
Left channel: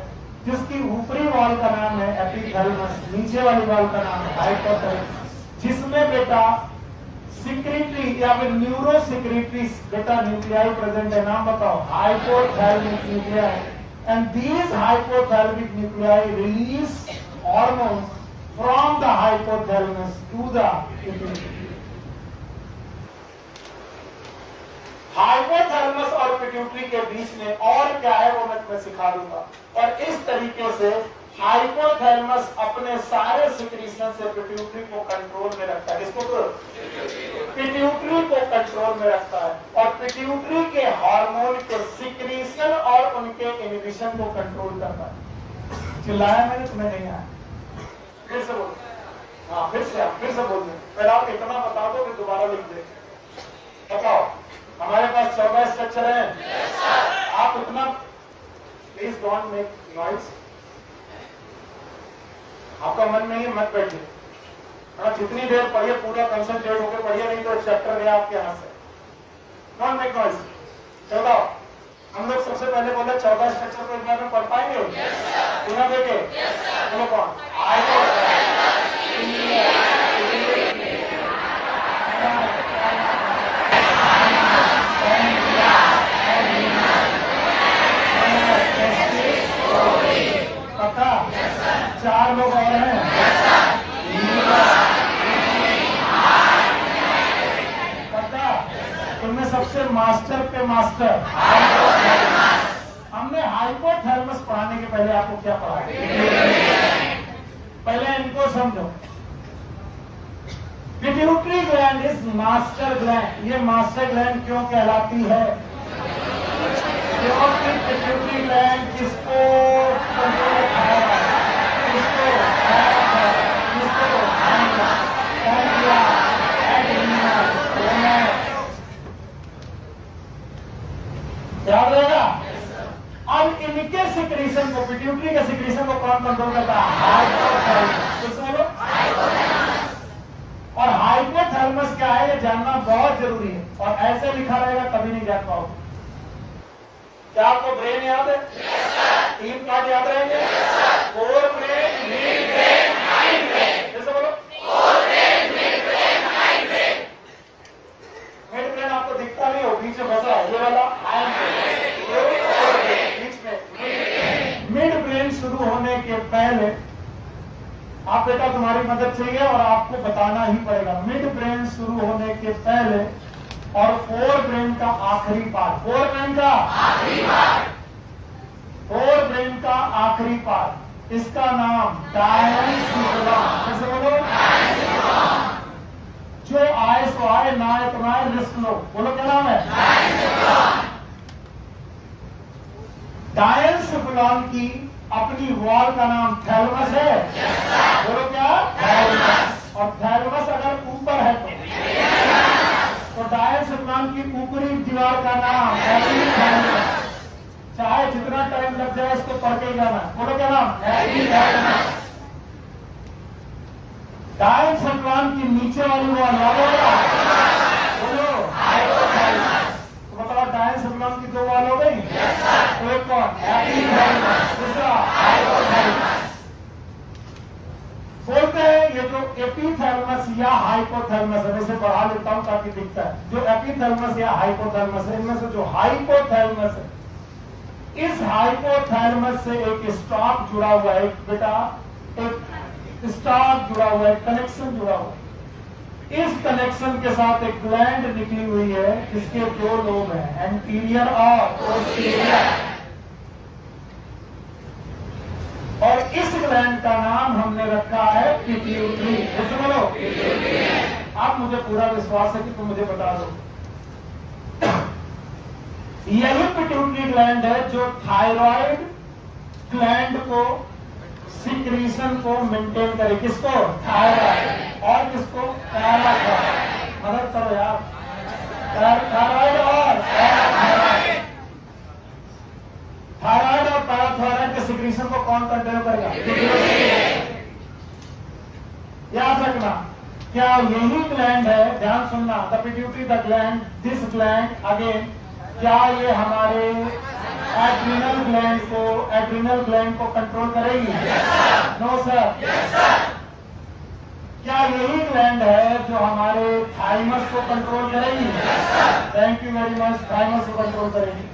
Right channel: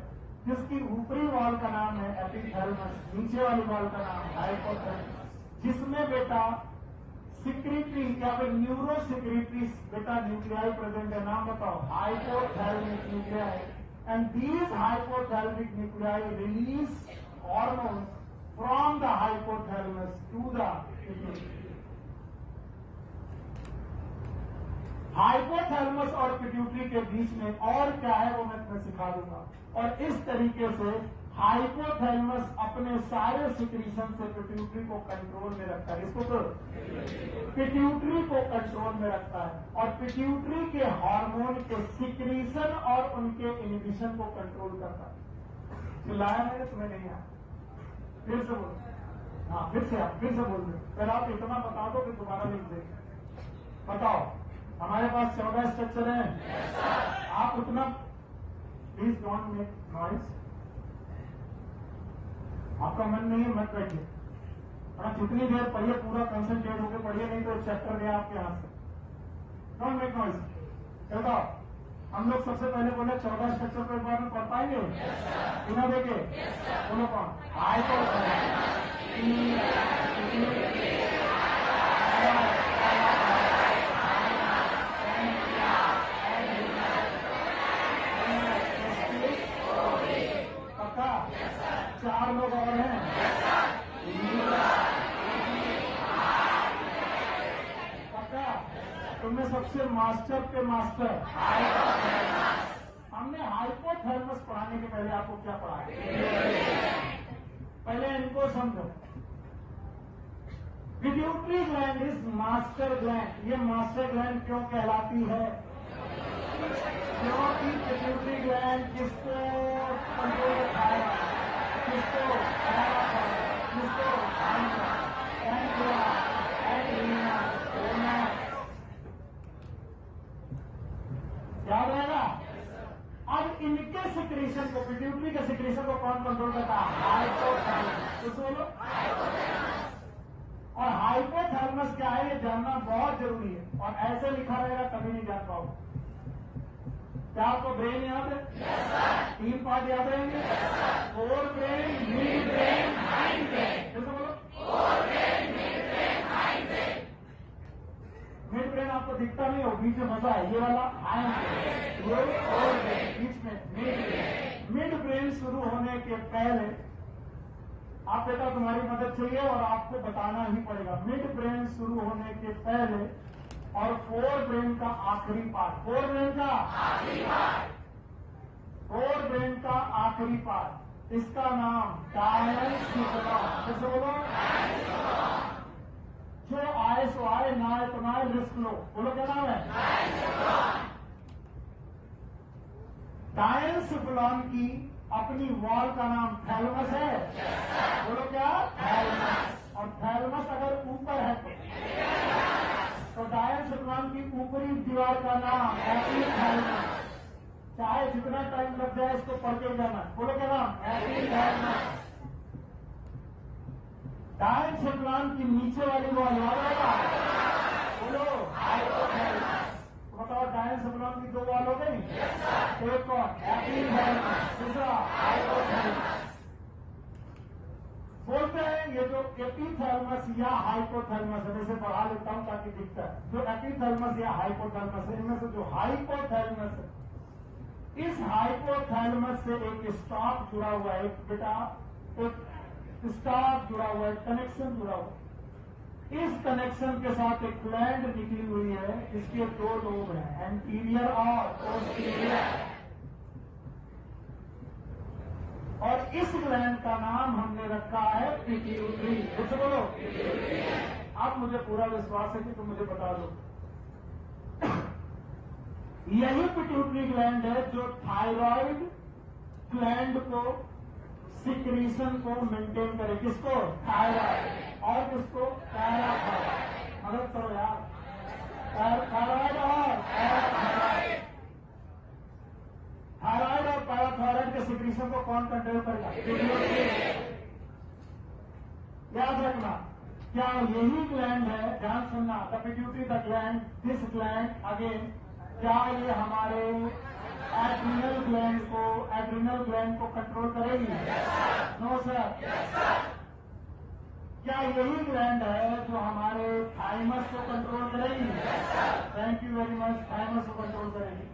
जिसकी ऊपरी वॉल का नाम है एपिथैलेमस, नीचे वाली वॉल का नाम है हाइपोथैलेमस, जिसमें बेटा सिक्रेटरी या फिर न्यूरोसेक्रेटरी बेटा न्यूक्लियाई प्रेजेंट है। नाम बताओ? Hypothalamic nuclei. And these hypothalamic nuclei release hormones from the hypothalamus to the pituitary. Hypothalamus और पिट्यूटरी के बीच में और क्या है वो मैं तुम्हें सिखा दूंगा। और इस तरीके से हाइपोथैलेमस अपने सारे सिक्रीशन से पिट्यूटरी को कंट्रोल में रखता है। इसको पिट्यूटरी को कंट्रोल में रखता है और पिट्यूटरी के हार्मोन के सिक्रीशन और उनके इनहिबिशन को कंट्रोल करता है। चिल्लाया मैंने? तुम्हें नहीं आया? फिर से बोल। हाँ फिर से बोल दे। पहले आप इतना बता दो फिर दोबारा लिख दे। बताओ, हमारे पास 14 स्ट्रक्चर है। आप उतना प्लीज डोंट मेक नॉइज। आपका मन नहीं है मत बैठिए। जितनी देर पढ़िए पूरा कंसंट्रेट होकर पढ़िए, नहीं तो चैप्टर गया आपके हाथ से। Don't make noise. चलो हम लोग सबसे पहले बोले 14 स्ट्रक्चर को एक बार में पढ़ पाएंगे बिना देखे? बोलो कौन? पक्का? 4 लोग और हैं। पक्का? इनमें सबसे मास्टर पे मास्टर हमने हाइपोथैलेमस पढ़ाने के पहले आपको क्या पढ़ाया? पहले इनको समझो। Pituitary gland is master gland. ये मास्टर ग्लैंड क्यों कहलाती है? क्योंकि पिट्यूटरी ग्लैंड किसको कंट्रोल करेगा? किसको? याद रहेगा? अब इनके सिक्रीशन को, पिट्यूटरी के सिक्रीशन को कौन कंट्रोल करता है? हाइपोथैलेमस। इसमें है ये जानना बहुत जरूरी है, और ऐसे लिखा रहेगा कभी नहीं जान पाओगे। क्या आपको ब्रेन याद है? तीन पार्ट याद रहेंगे, fore brain, mid brain, hind brain. जैसे बोलो, fore brain, mid brain, hind brain. Mid brain आपको दिखता नहीं हो, बीच में बसा है ये वाला हाइंड ब्रेन, ये फोर ब्रेन, बीच में मिड ब्रेन। शुरू होने के पहले आप बेटा तुम्हारी मदद चाहिए और आपको बताना ही पड़ेगा। मिड ब्रेन शुरू होने के पहले और फोर ब्रेन का आखिरी पार्ट, फोर ब्रेन का आखिरी पार्ट, फोर ब्रेन का आखिरी पार्ट, इसका नाम डायंसिफिलॉन। कैसे बोलो? जो आए सो आए, ना आए तो ना आए, रिस्क लो। बोलो क्या नाम है? डायंसिफिलॉन की अपनी वॉल का नाम थैलेमस है। बोलो क्या? थैलेमस। और थैलेमस अगर ऊपर है तो डायंसिफिलॉन की ऊपरी दीवार का नाम एपिथैलेमस। चाहे जितना टाइम लग जाए इसको पढ़ के जाना। बोलो क्या नाम? एपिथैलेमस। डायंसिफिलॉन की नीचे वाली वॉल याद होगा? बोलो हाइपोथैलेमस। तो बताओ डायंसिफिलॉन की दो वॉल हो गई, एक कौन? एपिथैलेमस, दूसरा हाइपोथैलेमस। बोलते हैं ये जो एपिथैलेमस या हाइपोथैलेमस है, वैसे बढ़ा लेता हूं ताकि दिखता है, जो एपिथैलेमस या हाइपोथैलेमस है, इनमें से जो हाइपोथैलेमस है, इस हाइपोथैलेमस से एक स्टॉक जुड़ा हुआ है, एक बेटा एक स्टॉक जुड़ा हुआ है, कनेक्शन जुड़ा हुआ है। इस कनेक्शन के साथ एक ग्लैंड निकली हुई है, इसके दो लोब हैं, एंटीरियर और पोस्टीरियर। और इस ग्लैंड का नाम हमने रखा है पिट्यूटरी। जैसे बोलो, आप मुझे पूरा विश्वास है कि तुम मुझे बता दो। यही पिट्यूटरी ग्लैंड है जो थायराइड ग्लैंड को, सिक्रीशन को मेंटेन करे। किसको? थायराइड। और किसको? पैराथायराइड। मदद करो यार। थायराइड और पैराथायराइड। थायराइड और पैराथायराइड के सिक्रीशन को कौन कंट्रोल करेगा? याद रखना, क्या यही ग्लैंड है? ध्यान सुनना, the pituitary, the gland, this gland again, क्या ये हमारे एड्रिनल ग्लैंड को कंट्रोल करेगी? No sir. क्या यही ग्लैंड है जो हमारे थाइमस को कंट्रोल करेगी? Thank you very much. Thymus को कंट्रोल करेगी।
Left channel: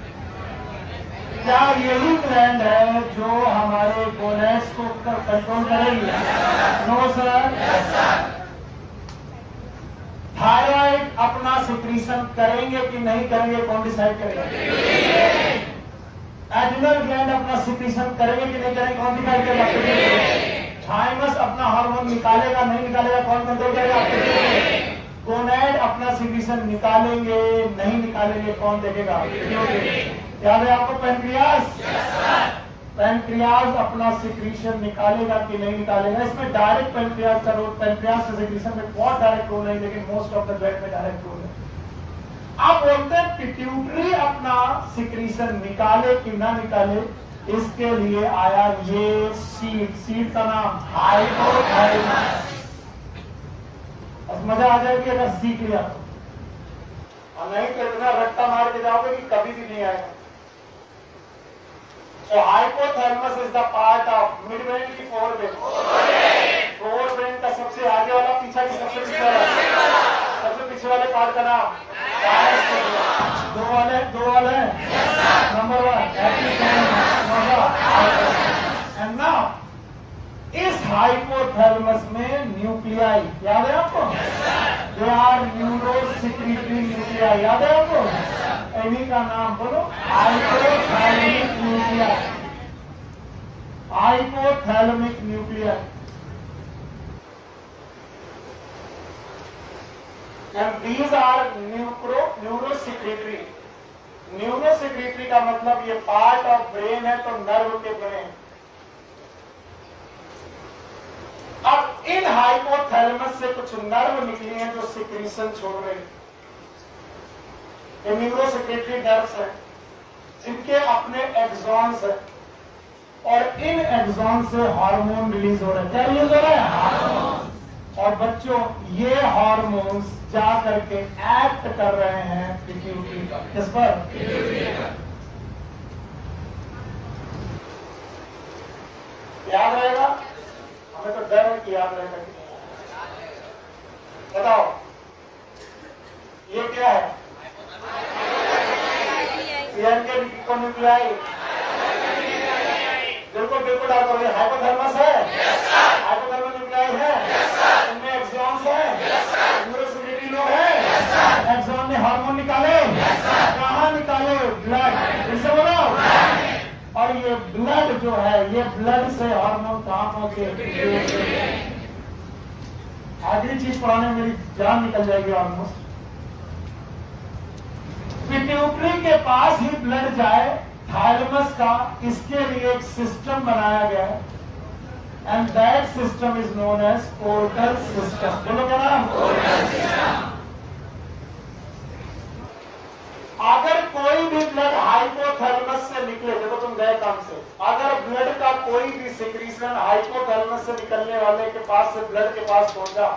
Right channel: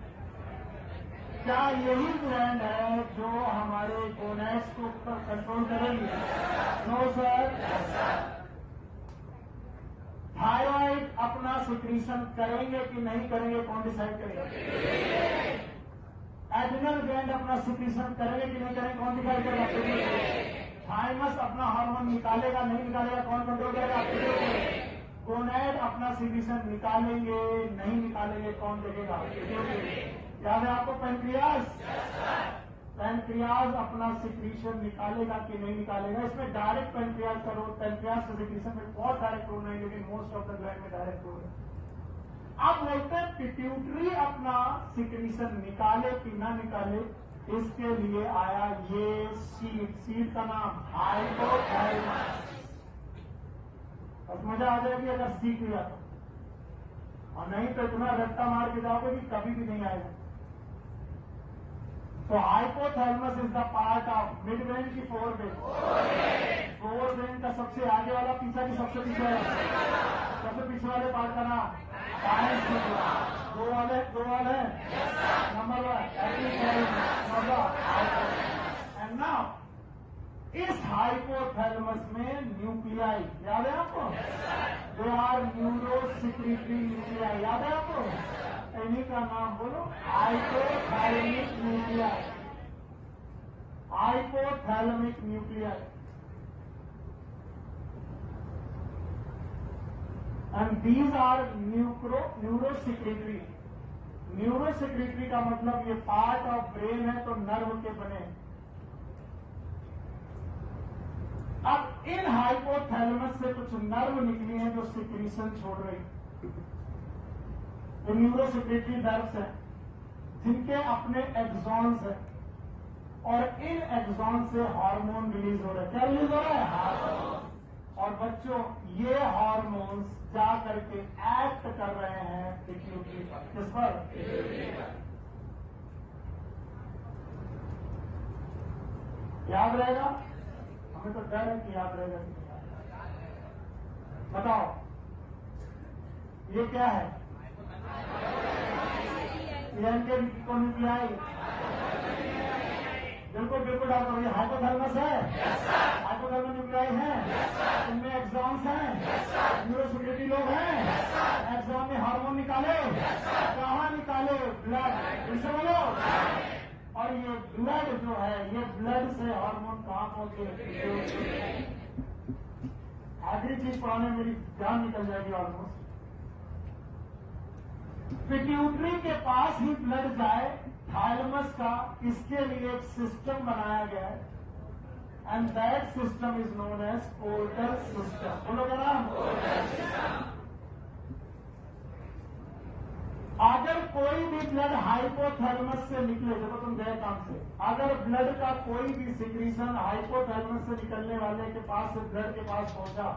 क्या यही ग्लैंड है जो हमारे गोनेड्स को कंट्रोल करेगी? No sir. थायराइड अपना सिक्रीशन करेंगे कि नहीं करेंगे, कौन डिसाइड करेगा? एड्रिनल ग्लैंड अपना सिक्रीशन करेंगे कि नहीं करेंगे, कौन डिसाइड करेगा? थाइमस अपना हार्मोन निकालेगा नहीं निकालेगा, कौन कंट्रोल करेगा? गोनेड अपना सिक्रीशन निकालेंगे नहीं निकालेंगे, कौन देखेगा? याद है आपको पैनक्रियास? पैनक्रियास अपना सिक्रीशन निकालेगा कि नहीं निकालेगा। इसमें डायरेक्ट पैनक्रियास का रोल, पैनक्रियास के सिक्रीशन में बहुत डायरेक्ट रोल नहीं, लेकिन मोस्ट ऑफ द ब्लड में डायरेक्ट रोल है। आप बोलते हैं पिट्यूटरी अपना सिक्रीशन निकाले कि ना निकाले, इसके लिए आया ये सीड का नाम हाइपोथैलेमस। अब मजा आ जाएगी अगर सीख लिया तो, और नहीं तो इतना रट्टा मार के जाओगे कि कभी भी नहीं आएगा। So hypothalamus is the part of midbrain की फोर ब्रेन का सबसे आगे वाला, पीछा की सबसे पीछे वाला, सबसे पीछे वाले पार्ट का नाम दो वाले नंबर 1 एंड नाउ इस हाइपोथैलेमस में न्यूक्लियाई याद है आपको? दे आर न्यूरोसेक्रेटरी न्यूक्लियाई याद है आपको? इन्हीं का नाम बोलो hypothalamic nuclei. Hypothalamic nuclei and these are neurosecretory. Neurosecretory का मतलब ये पार्ट ऑफ ब्रेन है तो नर्व के बने। अब इन हाइपोथैलेमस से कुछ नर्व निकली हैं जो सिक्रीशन छोड़ रहे। न्यूरोसेक्रेटरी नर्व्स हैं जिनके अपने एक्सॉन्स हैं, और इन एक्सॉन से हार्मोन रिलीज हो रहा है। क्या रिलीज हो रहा है? हार्मोन। और बच्चों ये हार्मोन्स जा करके एक्ट कर रहे हैं पिट्यूटरी पर। किस पर? याद रहेगा? हमें तो डर है कि याद रहेगा। बताओ ये क्या है? बिल्कुल बिल्कुल डाल करो। ये हाइपोथैलेमस है, हाइपोथैलेमस न्यूक्लियाई है, इनमें एक्सॉन्स हैं, इनमें सिग्नलिटी लोब है। एक्सॉन ने हार्मोन निकाले, कहाँ निकाले? ब्लड। इसे बोलो। और ये ब्लड जो है, ये ब्लड से हार्मोन कहाँ पहुंचे? आखिरी चीज पढ़ाने में मेरी जान निकल जाएगी ऑलमोस्ट। पिट्यूटरी के पास ही ब्लड जाए थैलेमस का, इसके लिए एक सिस्टम बनाया गया है and that system is known as portal system. बोलो क्या नाम? अगर कोई भी ब्लड हाइपोथैलेमस से निकले, देखो तुम गए काम से, अगर ब्लड का कोई भी सिक्रीशन हाइपोथैलेमस से निकलने वाले के पास से ब्लड के पास पहुंचा,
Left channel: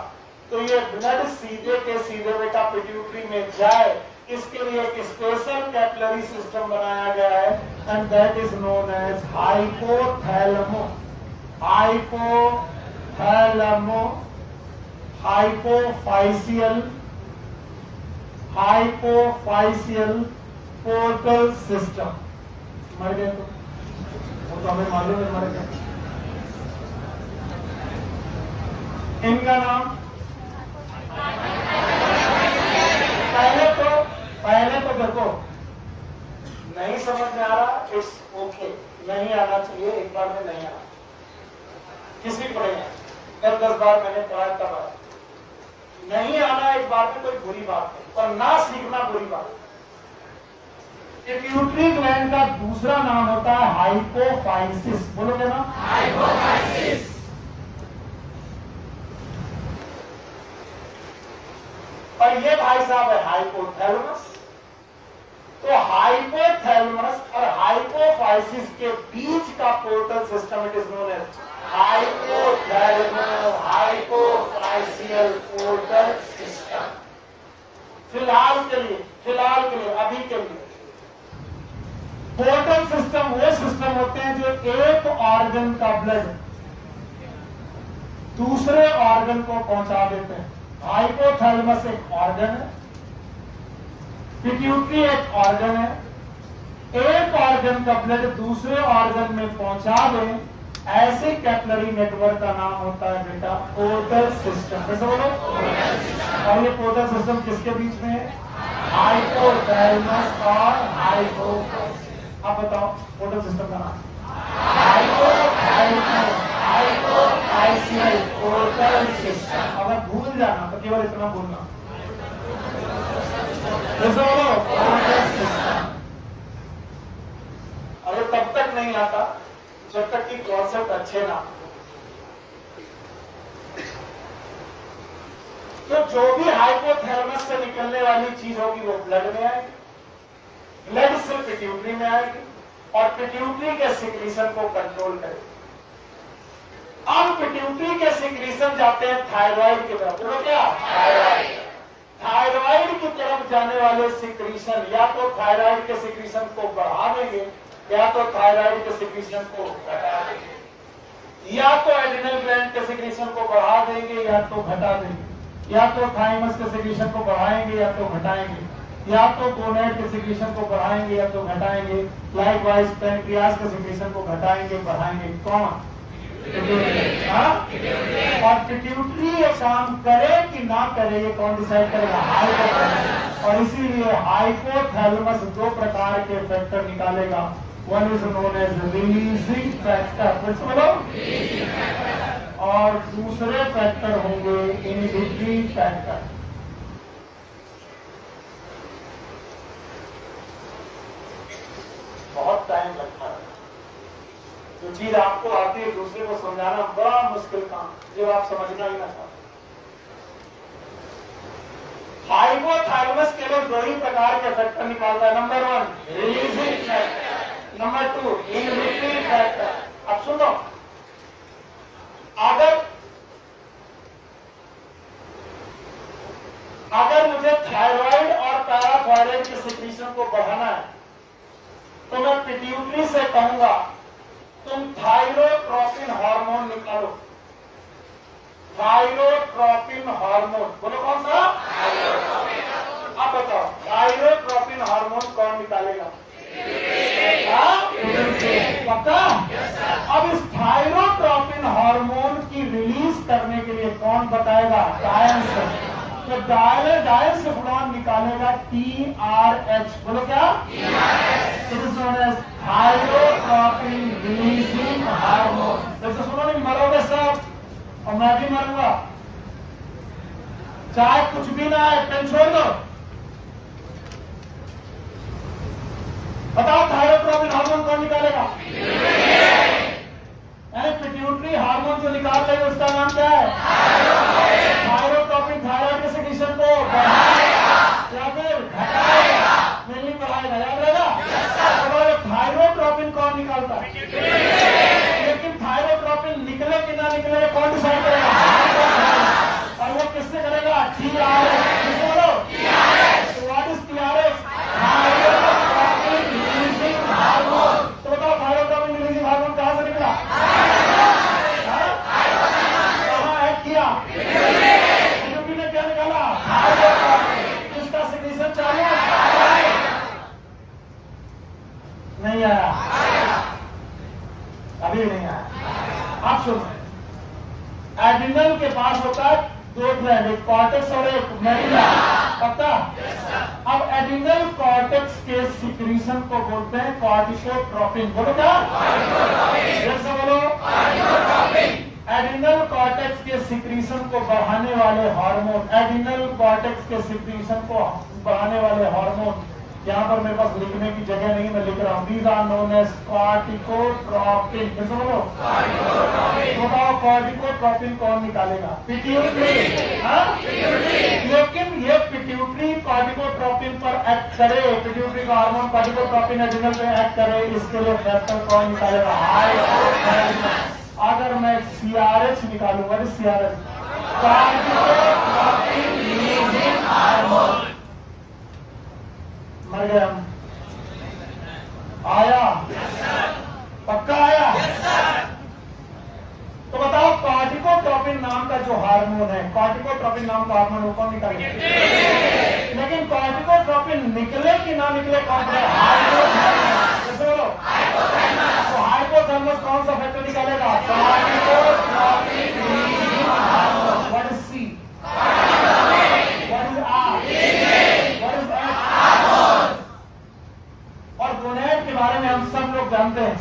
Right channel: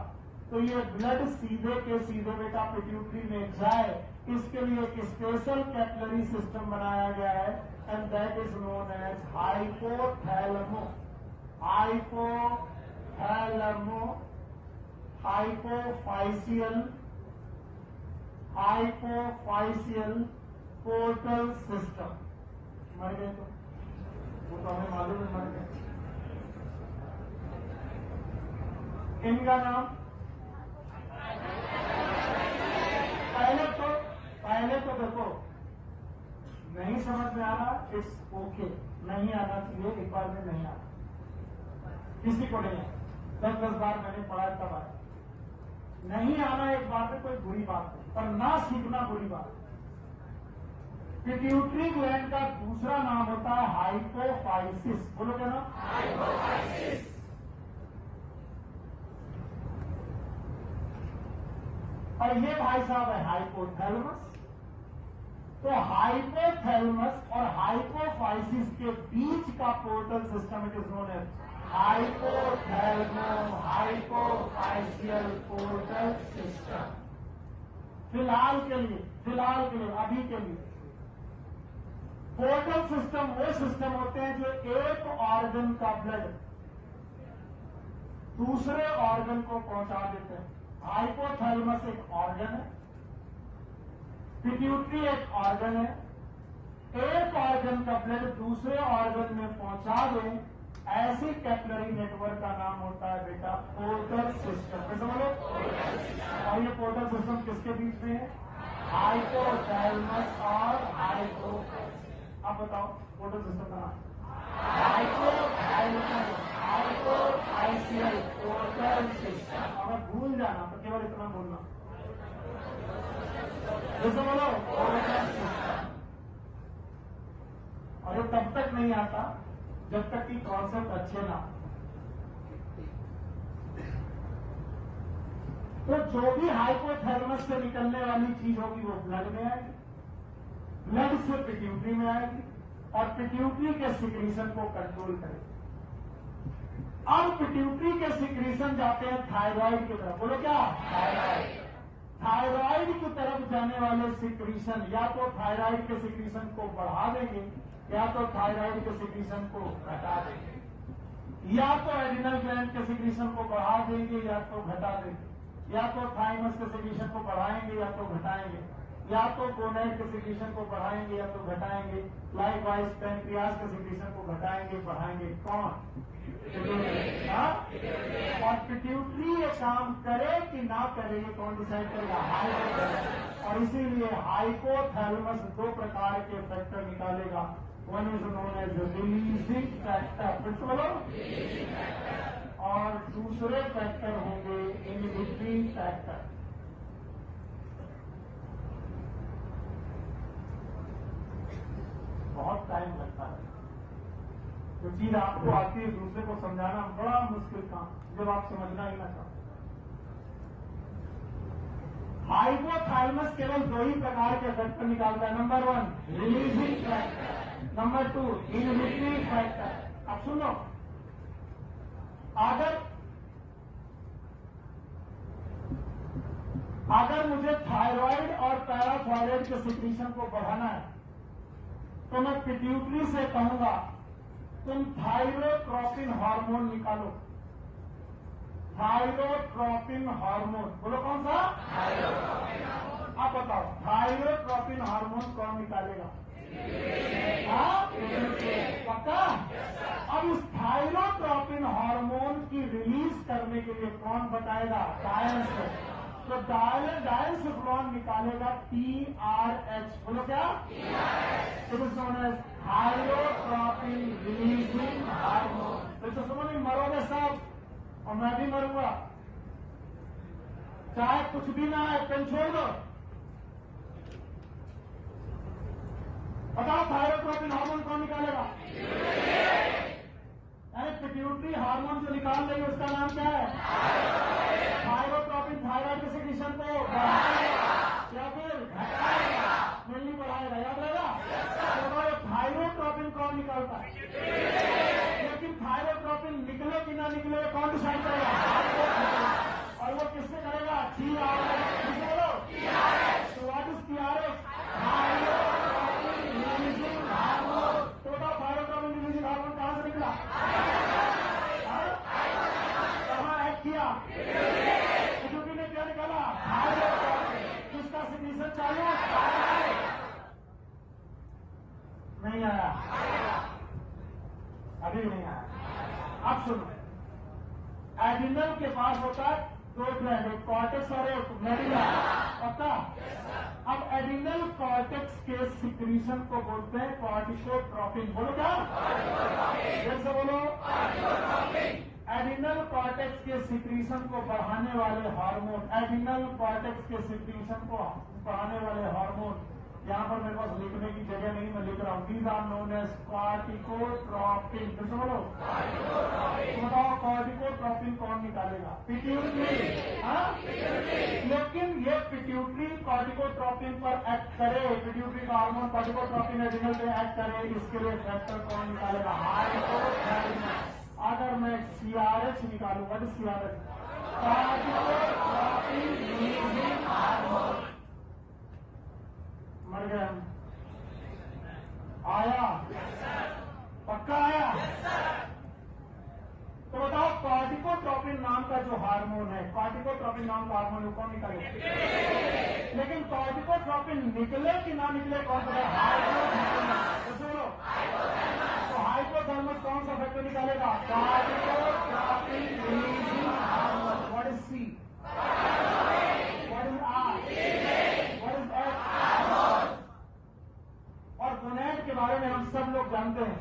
तो ये ब्लड सीधे के सीधे बेटा पिट्यूटरी में जाए। इसके लिए एक स्पेशल कैपिलरी सिस्टम बनाया गया है and that is known as hypothalamo. Hypothalamo hypophyseal portal system. मर गए तो वो तो हमें मालूम है मर गए। इनका नाम पहले तो देखो नहीं समझ में आ रहा, इट्स ओके, नहीं आना चाहिए, एक बार में नहीं आना, किसी को नहीं आना। 10 बार मैंने पढ़ा तब नहीं आना एक बार में कोई बुरी बात नहीं, पर ना सीखना बुरी बात। पिट्यूटरी ग्लैंड का दूसरा नाम होता है हाइपोफाइसिस। बोलोगे ना? हाइपोफाइसिस। और ये भाई साहब है हाइपोथैलेमस। तो हाइपोथैलेमस और हाइपोफाइसिस के बीच का portal system it is known as hypothalamus hypophyseal portal system. फिलहाल के लिए अभी के लिए पोर्टल सिस्टम वो सिस्टम होते हैं जो एक ऑर्गन का ब्लड दूसरे ऑर्गन को पहुंचा देते हैं। हाइपोथैलेमस एक ऑर्गन है, पिट्यूटरी एक ऑर्गन है। एक ऑर्गन का ब्लड दूसरे ऑर्गन में पहुंचा दे, ऐसे कैपिलरी नेटवर्क का नाम होता है बेटा पोर्टल सिस्टम। कैसे बोलो? और ये पोर्टल सिस्टम किसके बीच में है? हाइपोथैलेमस और हाइपोफाइसिस। आप बताओ पोर्टल सिस्टम का नाम? Hypothalamus hypophyseal portal system. अगर भूल जाना तो केवल इतना भूलना, अरे तब तक नहीं आता जब तक कि कॉन्सेप्ट अच्छे ना। तो जो भी हाइपोथैलेमस से निकलने वाली चीज होगी वो ब्लड में आएगी, ब्लड से पिट्यूटरी में आएगी और पिट्यूटरी के सिक्रीशन को कंट्रोल करेगी। अब पिट्यूटरी के सिक्रीशन जाते हैं थायराइड की तरफ। बोलो क्या? थायराइड की तरफ जाने वाले सिक्रीशन या तो थायराइड के सिक्रीशन को बढ़ा देंगे या तो थायराइड के सिक्रीशन को घटा देंगे, या तो एड्रिनल ग्लैंड के सिक्रीशन को बढ़ा देंगे या तो घटा देंगे, या तो थाइमस के सिक्रीशन को बढ़ाएंगे या तो घटाएंगे, या तो गोनैड के सिक्रीशन को बढ़ाएंगे या तो घटाएंगे। लाइकवाइज पैंक्रियास के सिक्रीशन को घटाएंगे बढ़ाएंगे। कौन? और पिट्यूटरी ये काम करे कि ना करे ये कौन डिसाइड करेगा? हाइपोथैलेमस। और इसीलिए हाइपोथैलेमस दो प्रकार के फैक्टर निकालेगा। One is known as releasing factor और दूसरे फैक्टर होंगे इनहिबिटरी फैक्टर। बहुत टाइम लगता है, जो चीज आपको आती है दूसरे को समझाना बड़ा मुश्किल काम, जब आप समझना ही ना चाहते। हाइपोथैलेमस केवल दो ही प्रकार के फैक्टर निकालता है। Number 1 releasing factor, number 2 inhibitory factor. अब सुनो, अगर अगर मुझे थायराइड और पैराथायराइड के सिक्रीशन को बढ़ाना है तो मैं पिट्यूटरी से कहूंगा तुम थायरोट्रोपिन हार्मोन निकालो। थायरोट्रोपिन हार्मोन, बोलो कौन सा? अब बताओ थायरोट्रोपिन हार्मोन कौन निकालेगा? पक्का? अब इस थायरोट्रोपिन हार्मोन की रिलीज करने के लिए कौन बताएगा? डायंसेफ्लोन। तो डायंसेफ्लोन निकालेगा TRH। बोलो क्या? It is known as thyrotropin releasing hormone. जैसे सुनो नहीं, मरोगे सब और मैं भी मरूंगा, चाहे कुछ भी ना है, पेन छोड़ दो। बताओ थायरोट्रोपिन हार्मोन कौन निकालेगा? पिट्यूटरी हार्मोन जो निकाल लेगा उसका नाम क्या है? थायरोट्रोपिन थायराइड के सिक्रीशन को बढ़ाएगा या फिर घटाएगा? नहीं बढ़ाएगा, याद रहेगा? तो थायरोट्रोपिन कौन निकालता है? लेकिन थायरोट्रोपिन निकले कि ना निकले कौन डिसाइड करेगा? और वो किससे करेगा? TRH। बोलो what is TRH? Thyrotropin releasing hormone. तो बताओ थायरोट्रोपिन रिलीजिंग हार्मोन कहां से निकला? कहां है किया? पिट्यूटरी ने क्या निकाला? थायरोट्रोपिन। इसका सिक्रीशन चालू नहीं आया, अभी नहीं आया। आप सुनो, एड्रिनल के पास होता है दो ग्लैंड, एक कॉर्टेक्स और एक मेडुला। पता? अब एड्रिनल कॉर्टेक्स के सिक्रीशन को बोलते हैं कॉर्टिकोट्रोपिन। बोलो क्या? फिर से बोलो। एड्रिनल कॉर्टेक्स के सिक्रीशन को बढ़ाने वाले हार्मोन, एड्रिनल कॉर्टेक्स के सिक्रीशन को बढ़ाने वाले हार्मोन, यहाँ पर मेरे पास लिखने की जगह नहीं, मैं लिख रहा हूँ। These are known as corticotropin. कैसे बोलो? बताओ कॉर्टिकोट्रोपिन कौन निकालेगा? पिट्यूटरी। लेकिन ये पिट्यूटरी कॉर्टिकोट्रोपिन पर एक्ट करे, पिट्यूटरी का हार्मोन कॉर्टिकोट्रोपिन एड्रिनल पे एक्ट करे, इसके लिए फैक्टर कौन निकालेगा? हाइपोथैलेमस। अगर मैं CRH निकालूंगा, CRH कॉर्टिकोट्रोपिन रिलीजिंग हार्मोन। मर गए हम। आया? पक्का आया? तो बताओ कॉर्टिकोट्रोपिन नाम का जो हार्मोन है, कॉर्टिकोट्रोपिन नाम का हार्मोन वो कौन निकालेगा? लेकिन कॉर्टिकोट्रोपिन निकले कि ना निकले कौन है? हाइपोथैलेमस। बोलो तो हाइपोथैलेमस कौन सा फैक्टर निकालेगा? Corticotropin releasing hormone. What is C? What is R? What is H? और गोनेड के बारे में हम सब लोग जानते हैं।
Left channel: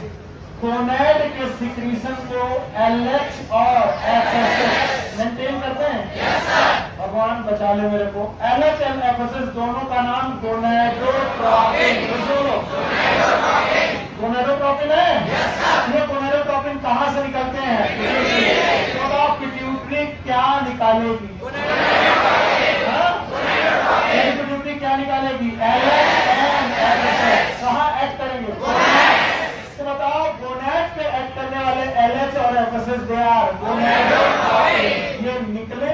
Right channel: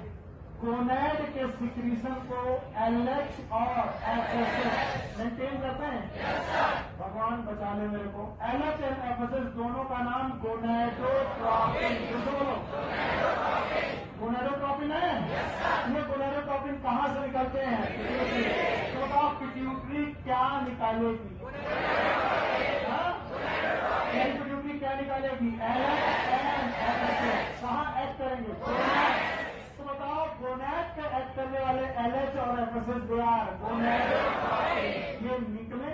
गोनेड के सिक्रीशन को LH और FSH मेंटेन करते हैं। भगवान बचा ले मेरे को। LH और FSH दोनों का नाम गोनेडोट्रोपिन। गोनेडोट्रोपिन है। ये गोनेडोट्रोपिन कहाँ से निकलते हैं? तो आप पिट्यूटरी क्या निकालेगी? पिट्यूटरी क्या निकालेगी? LH और FSH कहाँ एक्ट करेंगे? तो बताओ गोनेड पे एक्ट करने वाले LH और FSH दे आर गोनेडोट्रोपिन। ये निकले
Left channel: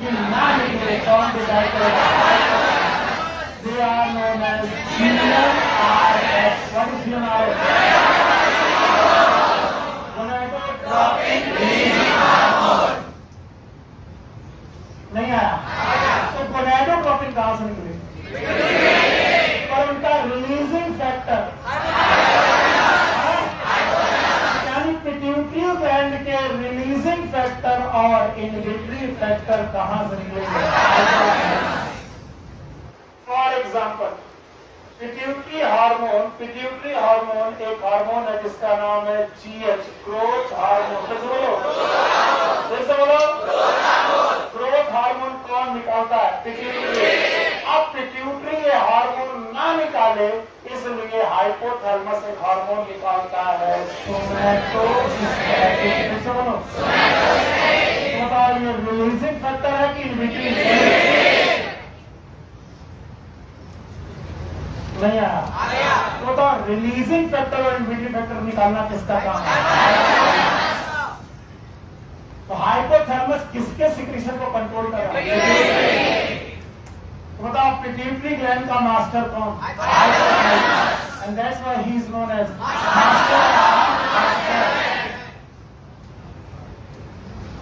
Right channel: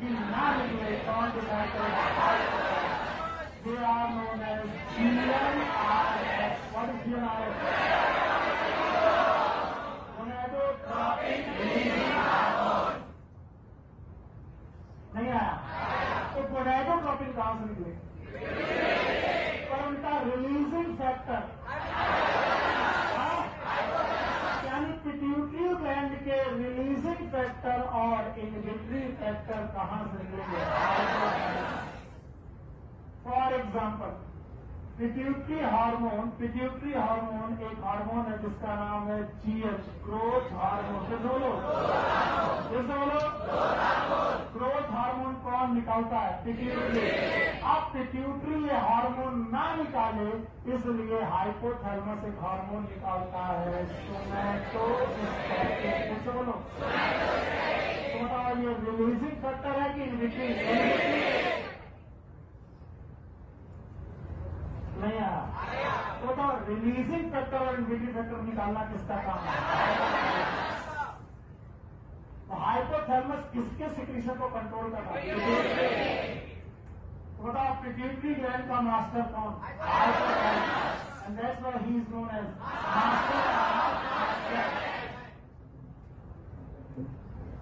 कि ना निकले कौन डिसाइड करेगा? They are known as GnRH। What is GnRH? Gonadotropin releasing hormone. नहीं आया? तो गोनेडोट्रोपिन कहां से निकले? और उनका रिलीजिंग फैक्टर यानी पिट्यूटरी ग्लैंड के रिलीजिंग फैक्टर और इनहिबिटरी फैक्टर कहां से निकलेंगे? फॉर एग्जाम्पल पिट्यूटरी हार्मोन एक हार्मोन है जिसका नाम है GH, ग्रोथ हार्मोन। जैसे बोलो ग्रोथ हार्मोन कौन निकालता है? पिट्यूटरी। अब पिट्यूटरी ये हार्मोन ना निकाले इसलिए हाइपोथैलेमस एक हार्मोन निकालता है सोमैटोस्टैटिन। जैसे बोलो ये रिलीजिंग फैक्टर है कि इनहिबिटरी? नहीं आया? तो रिलीजिंग फैक्टर और इनहिबिटरी फैक्टर निकालना किसका काम है? तो हाइपोथैलेमस किसके सिक्रीशन को कंट्रोल कर रहा है? पिट्यूटरी ग्लैंड का मास्टर कौन? And that's why he is known as master.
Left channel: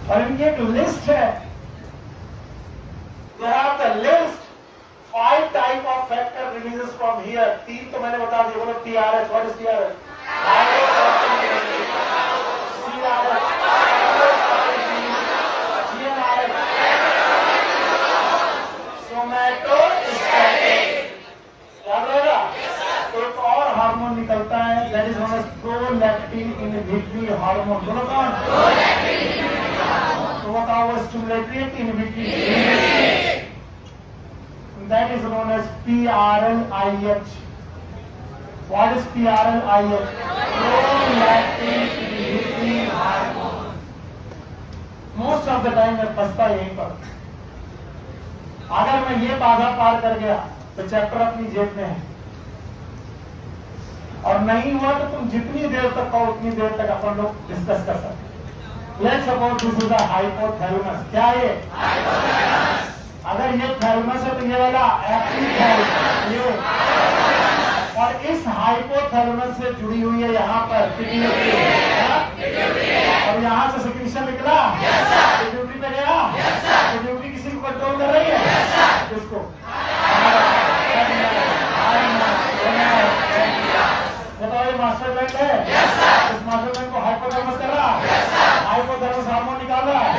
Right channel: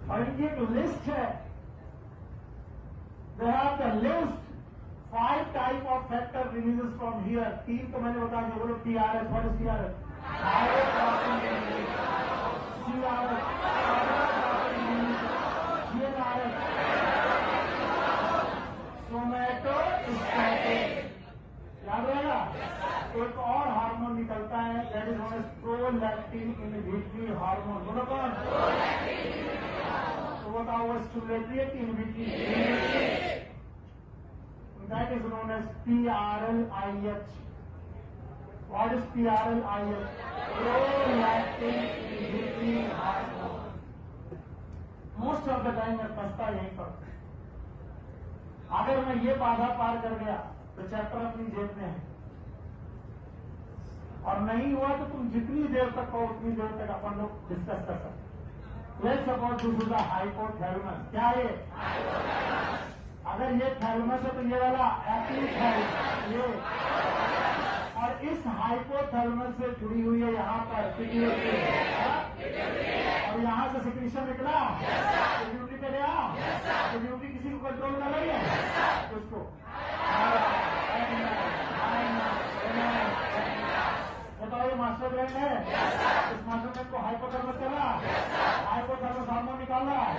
और इनकी एक लिस्ट है, they have the list 5 type of factor releases from here. 3 तो मैंने बता दिया, बोलो TRH। What is TRH? याद रहेगा? एक और हार्मोन निकलता है, that is known as prolactin inhibitory hormone. दोनों कौन? तो बताओ वो stimulatory inhibitory, that is known as PRLIH। What is PRLIH? Prolactin inhibitory hormone. Most of the time मैं फंसता यहीं पर। अगर मैं ये बाधा पार कर गया तो चैप्टर अपनी जेब में है, और नहीं हुआ तो तुम जितनी देर तक कहो उतनी देर तक अपन लोग डिस्कस कर सकते। Let's suppose this is a hypothalamus. क्या ये? अगर ये थैलेमस है तो ये वाला एपिथैलेमस, ये। और इस हाइपोथैलेमस से जुड़ी हुई है यहाँ पर पिट्यूटरी, और यहाँ से सिक्रीशन निकला, पिट्यूटरी पे गया, पिट्यूटरी किसी को कंट्रोल कर रही है, किसको? बताओ ये मास्टर ग्लैंड है। इस मास्टर ग्लैंड को हाइपोथैलेमस कर रहा, हाइपोथैलेमस हार्मोन निकाल रहा है,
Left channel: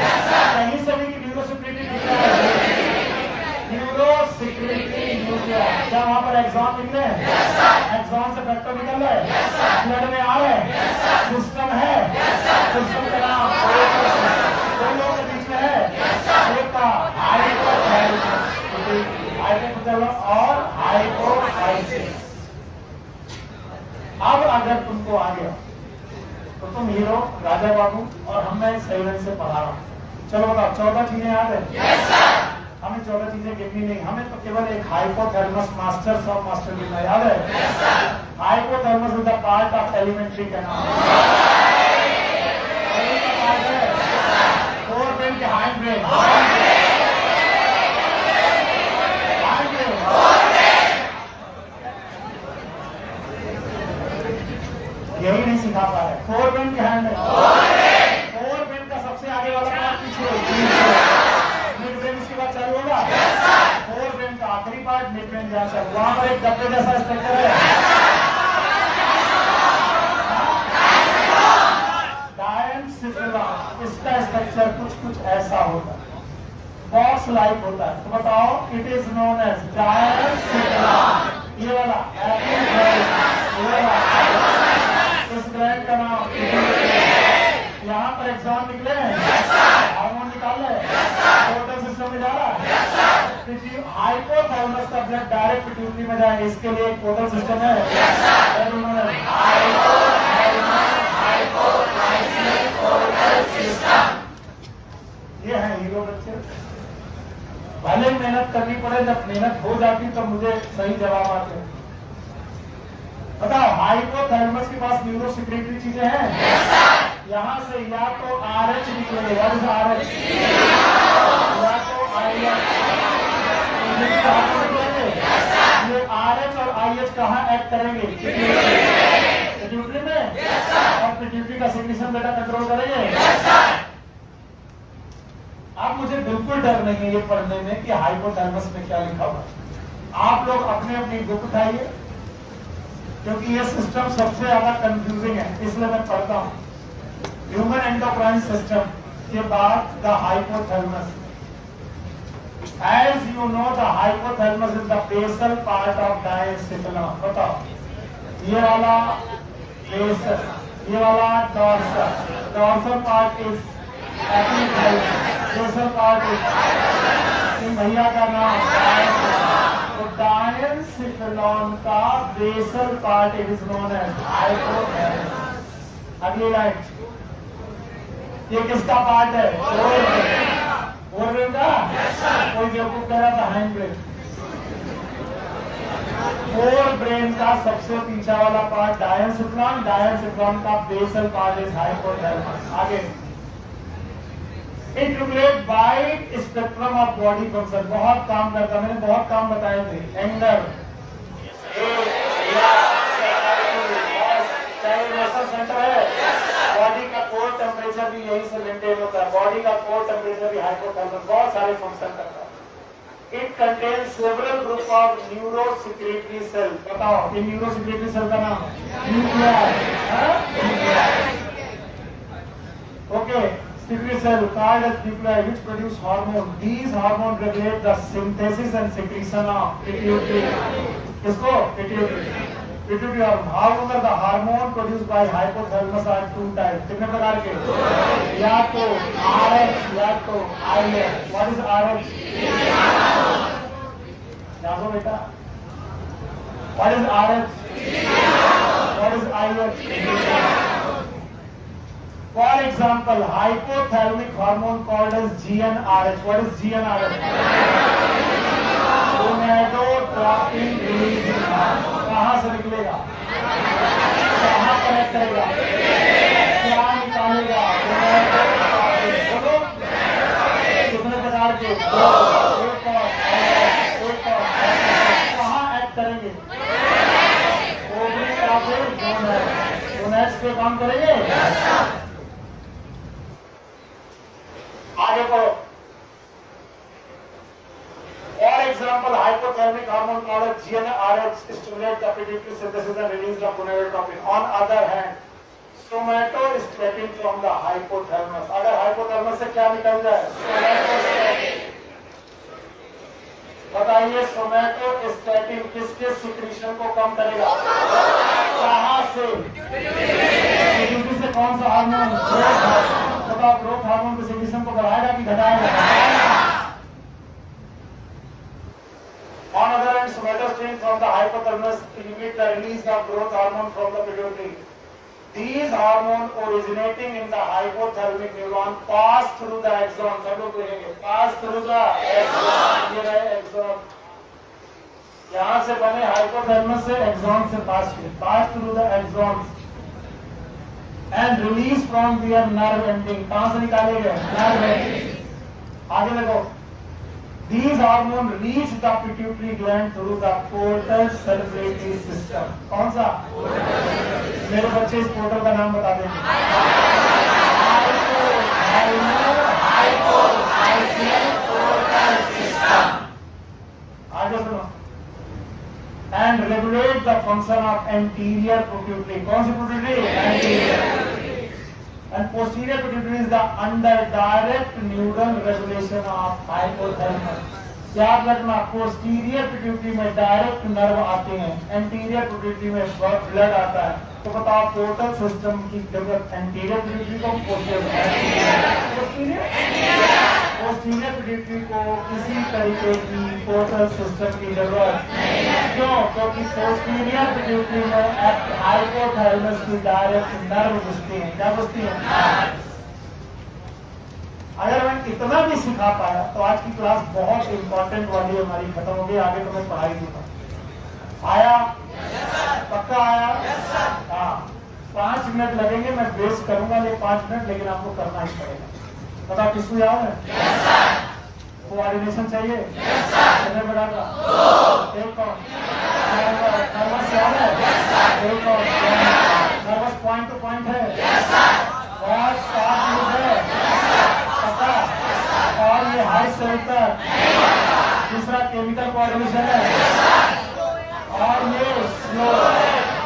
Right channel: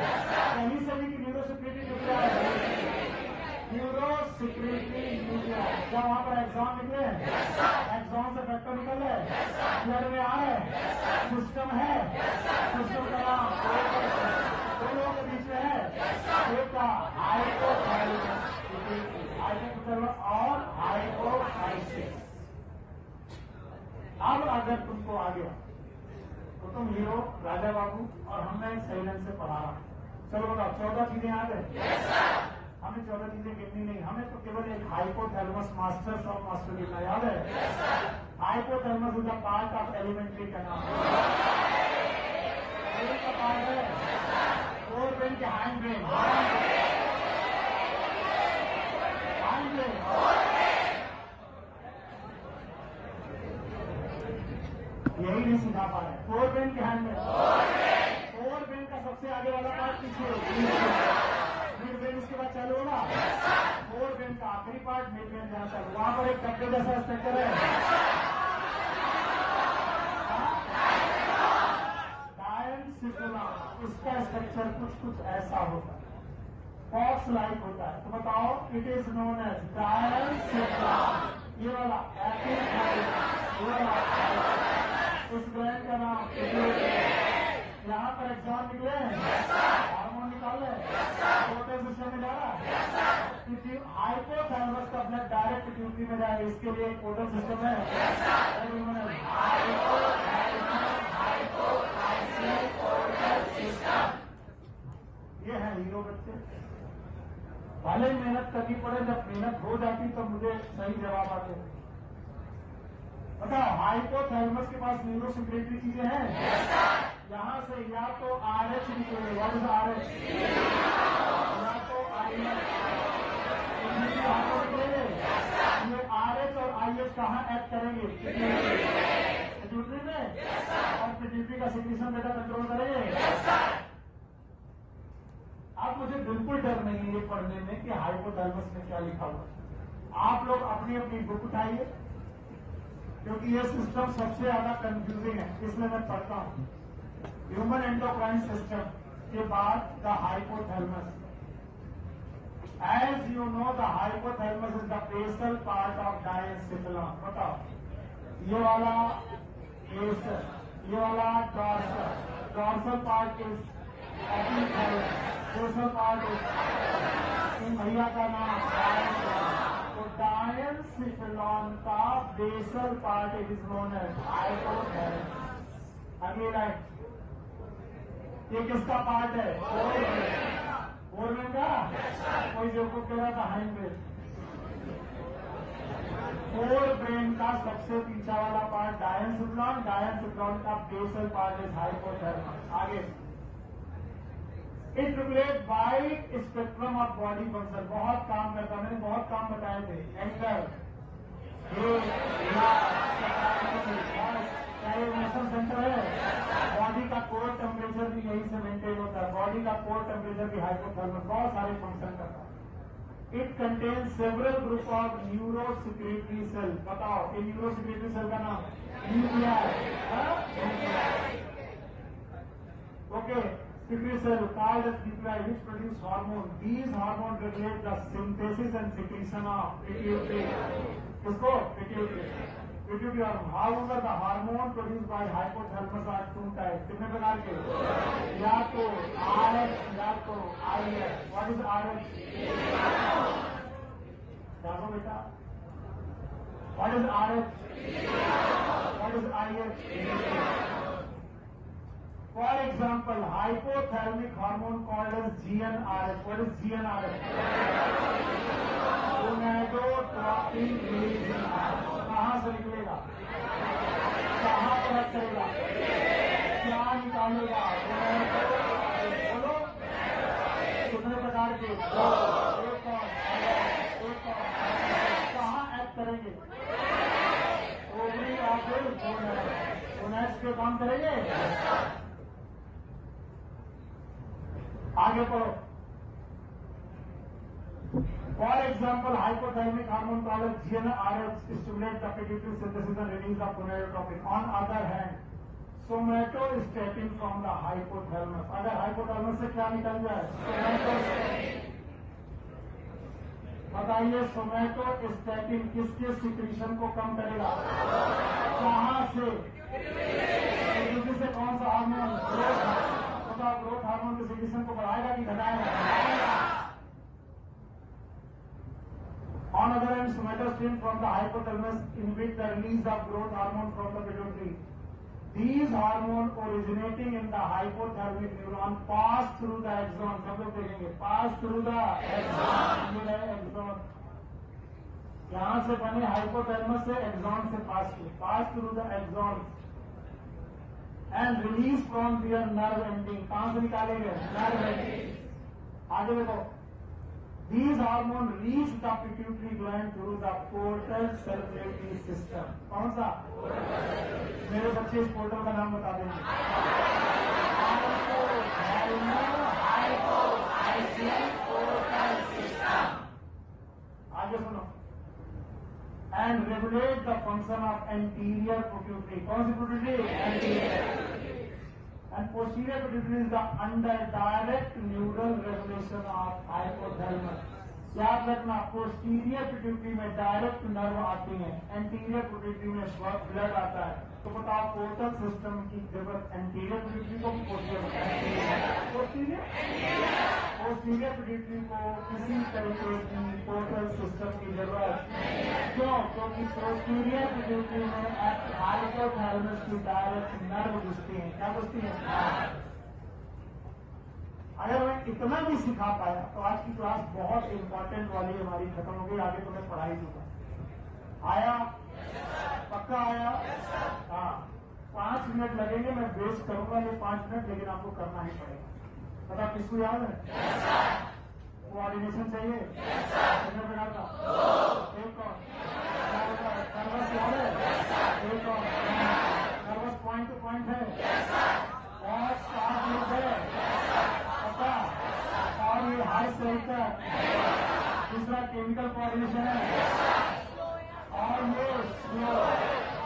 कहीं से भी न्यूरोसेक्रेटरी निकल रहा है, न्यूरोसेक्रेटरी न्यूक्लिया। जब वहां पर एक्सॉन निकले, एक्सॉन से फैक्टर निकल रहे, ब्लड में आ रहे, सिस्टम है, सिस्टम का नाम दो लोगों के बीच में है, एक का हाइपोथैलेमस और हाइपोफाइसिस। अब अगर तुमको आ गया तो तुम हीरो राजा बाबू, और हम मैं सही ढंग से पढ़ा रहा हूँ। चलो बताओ 14 चीजें याद है? हमें 14 चीजें गिननी नहीं, हमें तो केवल एक हाइपोथैलेमस मास्टर सब मास्टर गिनना याद है। Hypothalamus is the part of alimentary canal, fore brain के हाइंड ब्रेन, यही नहीं सिखा पा रहे। फोर ब्रेन के हैंड में, फोर ब्रेन का सबसे आगे वाला पार्ट पीछे, मिड ब्रेन इसके बाद चालू होगा। फोर ब्रेन का आखिरी पार्ट मिड ब्रेन जहाँ चालू, वहां पर एक डब्बे जैसा स्ट्रक्चर है, डायनसिफेलॉन। इसका स्ट्रक्चर कुछ ऐसा होता है, बॉक्स लाइक होता है। तो बताओ, इट इज नोन एज डायनसिफेलॉन। ये वाला इस ग्लैंड का नाम, यहाँ पर एग्जाम निकले हैं, हार्मोन निकाल रहे, टोटल सिस्टम में जा रहा है। हाइपोथैलेमस का ब्लड डायरेक्ट पिट्यूटरी में जाए, इसके लिए एक टोटल सिस्टम है। ये है हीरो बच्चे। भले मेहनत करनी पड़े, जब मेहनत हो जाती तब मुझे सही जवाब आते हैं। बताओ, हाइपोथैलेमस के पास न्यूरोसेक्रेटरी चीजें हैं, यहाँ से या तो RH निकलेंगे, या तो RH, या तो IH। ये RH और IH कहाँ एक्ट करेंगे? पिट्यूटरी में, और पिट्यूटरी का सिक्रीशन बेटा कंट्रोल करेंगे। अब मुझे बिल्कुल डर नहीं है ये पढ़ने में कि हाइपोथैलेमस में क्या लिखा हुआ। आप लोग अपने अपनी बुक उठाइए, क्योंकि ये सिस्टम सबसे ज्यादा कंफ्यूजिंग है, इसलिए मैं पढ़ता हूँ। ह्यूमन एंडोक्राइन सिस्टम के बाद the hypothalamus. As you know the hypothalamus is the basal part of diencephalon. बताओ, ये वाला बेसल, ये वाला dorsal, dorsal part is epithalamus, basal part is भैया का नाम। तो डायनसिफेलॉन का basal part is known as hypothalamus. अगली लाइन, ये किसका पार्ट है? फोर ब्रेन का। कोई बेवकूफ कह रहा था हाइंड ब्रेन। फोर ब्रेन का सबसे पीछा वाला पार्ट डायनसिफेलॉन, डायनसिफेलॉन का बेसल पार्ट इज हाइपोथैलेमस। आगे it regulate wide spectrum of body function, बहुत काम करता, मैंने बहुत काम बताए थे। एंगर, चाहे इमोशन सेंटर है, बॉडी का कोर टेम्परेचर भी यही से मेंटेन होता है, बॉडी का कोर टेम्परेचर भी हाइपोथैलेमस, बहुत सारे फंक्शन करता है। It contain several group of neurosecretory cell, बताओ ये न्यूरोसेक्रेटरी सेल का नाम nuclei, okay. secretory cell called as nuclei which produce hormone. These hormones regulate the synthesis and secretion of pituitary. Kisko? Pituitary. Pituitary hormone. However, the hormone produced by hypothalamus are two types. कितने प्रकार के? या तो RH या तो IH. What is RH? जानो बेटा. What is RH? What is IH? For example, hypothalamic hormone called as GnRH. What is GnRH? Gonadotropin releasing hormone. कहाँ से निकलेगा? कहाँ कनेक्ट करेगा? क्या निकालेगा? बोलो कितने प्रकार के? कहाँ एक्ट करेंगे? ओवरी या फिर गोनेड्स पे काम करेंगे? आगे पढ़ो। For example, hypothalamic hormone called GnRH stimulates the pituitary synthesis and release of gonadotropin. On other hand, somatostatin from the hypothalamus. अगर hypothalamus से क्या निकल जाए? somatostatin. बताइए somatostatin किसके सिक्रीशन को कम करेगा? कहाँ से? पीट्यूटरी से कौन सा हार्मोन? बताओ ग्रोथ हार्मोन के सिक्रीशन को बढ़ाएगा कि घटाएगा? On other hand, somatostatin from the hypothalamus inhibit the release of growth hormone from the pituitary. These hormones originating in the hypothalamic neuron pass through the axon. सब लोग देखेंगे pass through the axon. ये रहे axon. यहाँ से बने hypothalamus से axon से pass through the axons and release from their nerve ending. कहाँ से निकाले गए? Nerve ending. आगे देखो. These hormones reach the pituitary gland through the portal circulatory system. कौन सा? मेरे बच्चे इस पोर्टल का नाम बता देंगे। आगे सुनो। And regulate the function of anterior pituitary. कौन सी pituitary? Anterior. And posterior pituitary is the under direct neural regulation of hypothalamus. याद रखना पोस्टीरियर पिट्यूटरी में डायरेक्ट नर्व आते हैं, एंटीरियर पिट्यूटरी में ब्लड आता है। तो बताओ पोर्टल सिस्टम की जरूरत एंटीरियर पिट्यूटरी को, पोस्टीरियर पिट्यूटरी को किसी तरीके की पोर्टल सिस्टम की जरूरत क्यों? क्योंकि पोस्टीरियर पिट्यूटरी में हाइपोथैलेमस की डायरेक्ट नर्व घुसती है। क्या घुसती है? अगर मैं इतना भी सिखा पाया तो आज की क्लास बहुत इंपॉर्टेंट वाली हमारी खत्म हो गई। आगे तो मैं पढ़ाई दूंगा। आया? पक्का आया? हाँ। 5 मिनट लगेंगे, मैं बेस करूंगा ये 5 मिनट, लेकिन आपको करना ही पड़ेगा। पता किसको याद है? कोऑर्डिनेशन चाहिए? कितने बड़ा का? एक कौन? नर्वस याद है? एक कौन? नर्वस पॉइंट टू पॉइंट है? बहुत शार्प लोग है। और ये हाई सेलेक्टर, दूसरा केमिकल कोऑर्डिनेशन है, और ये स्लो।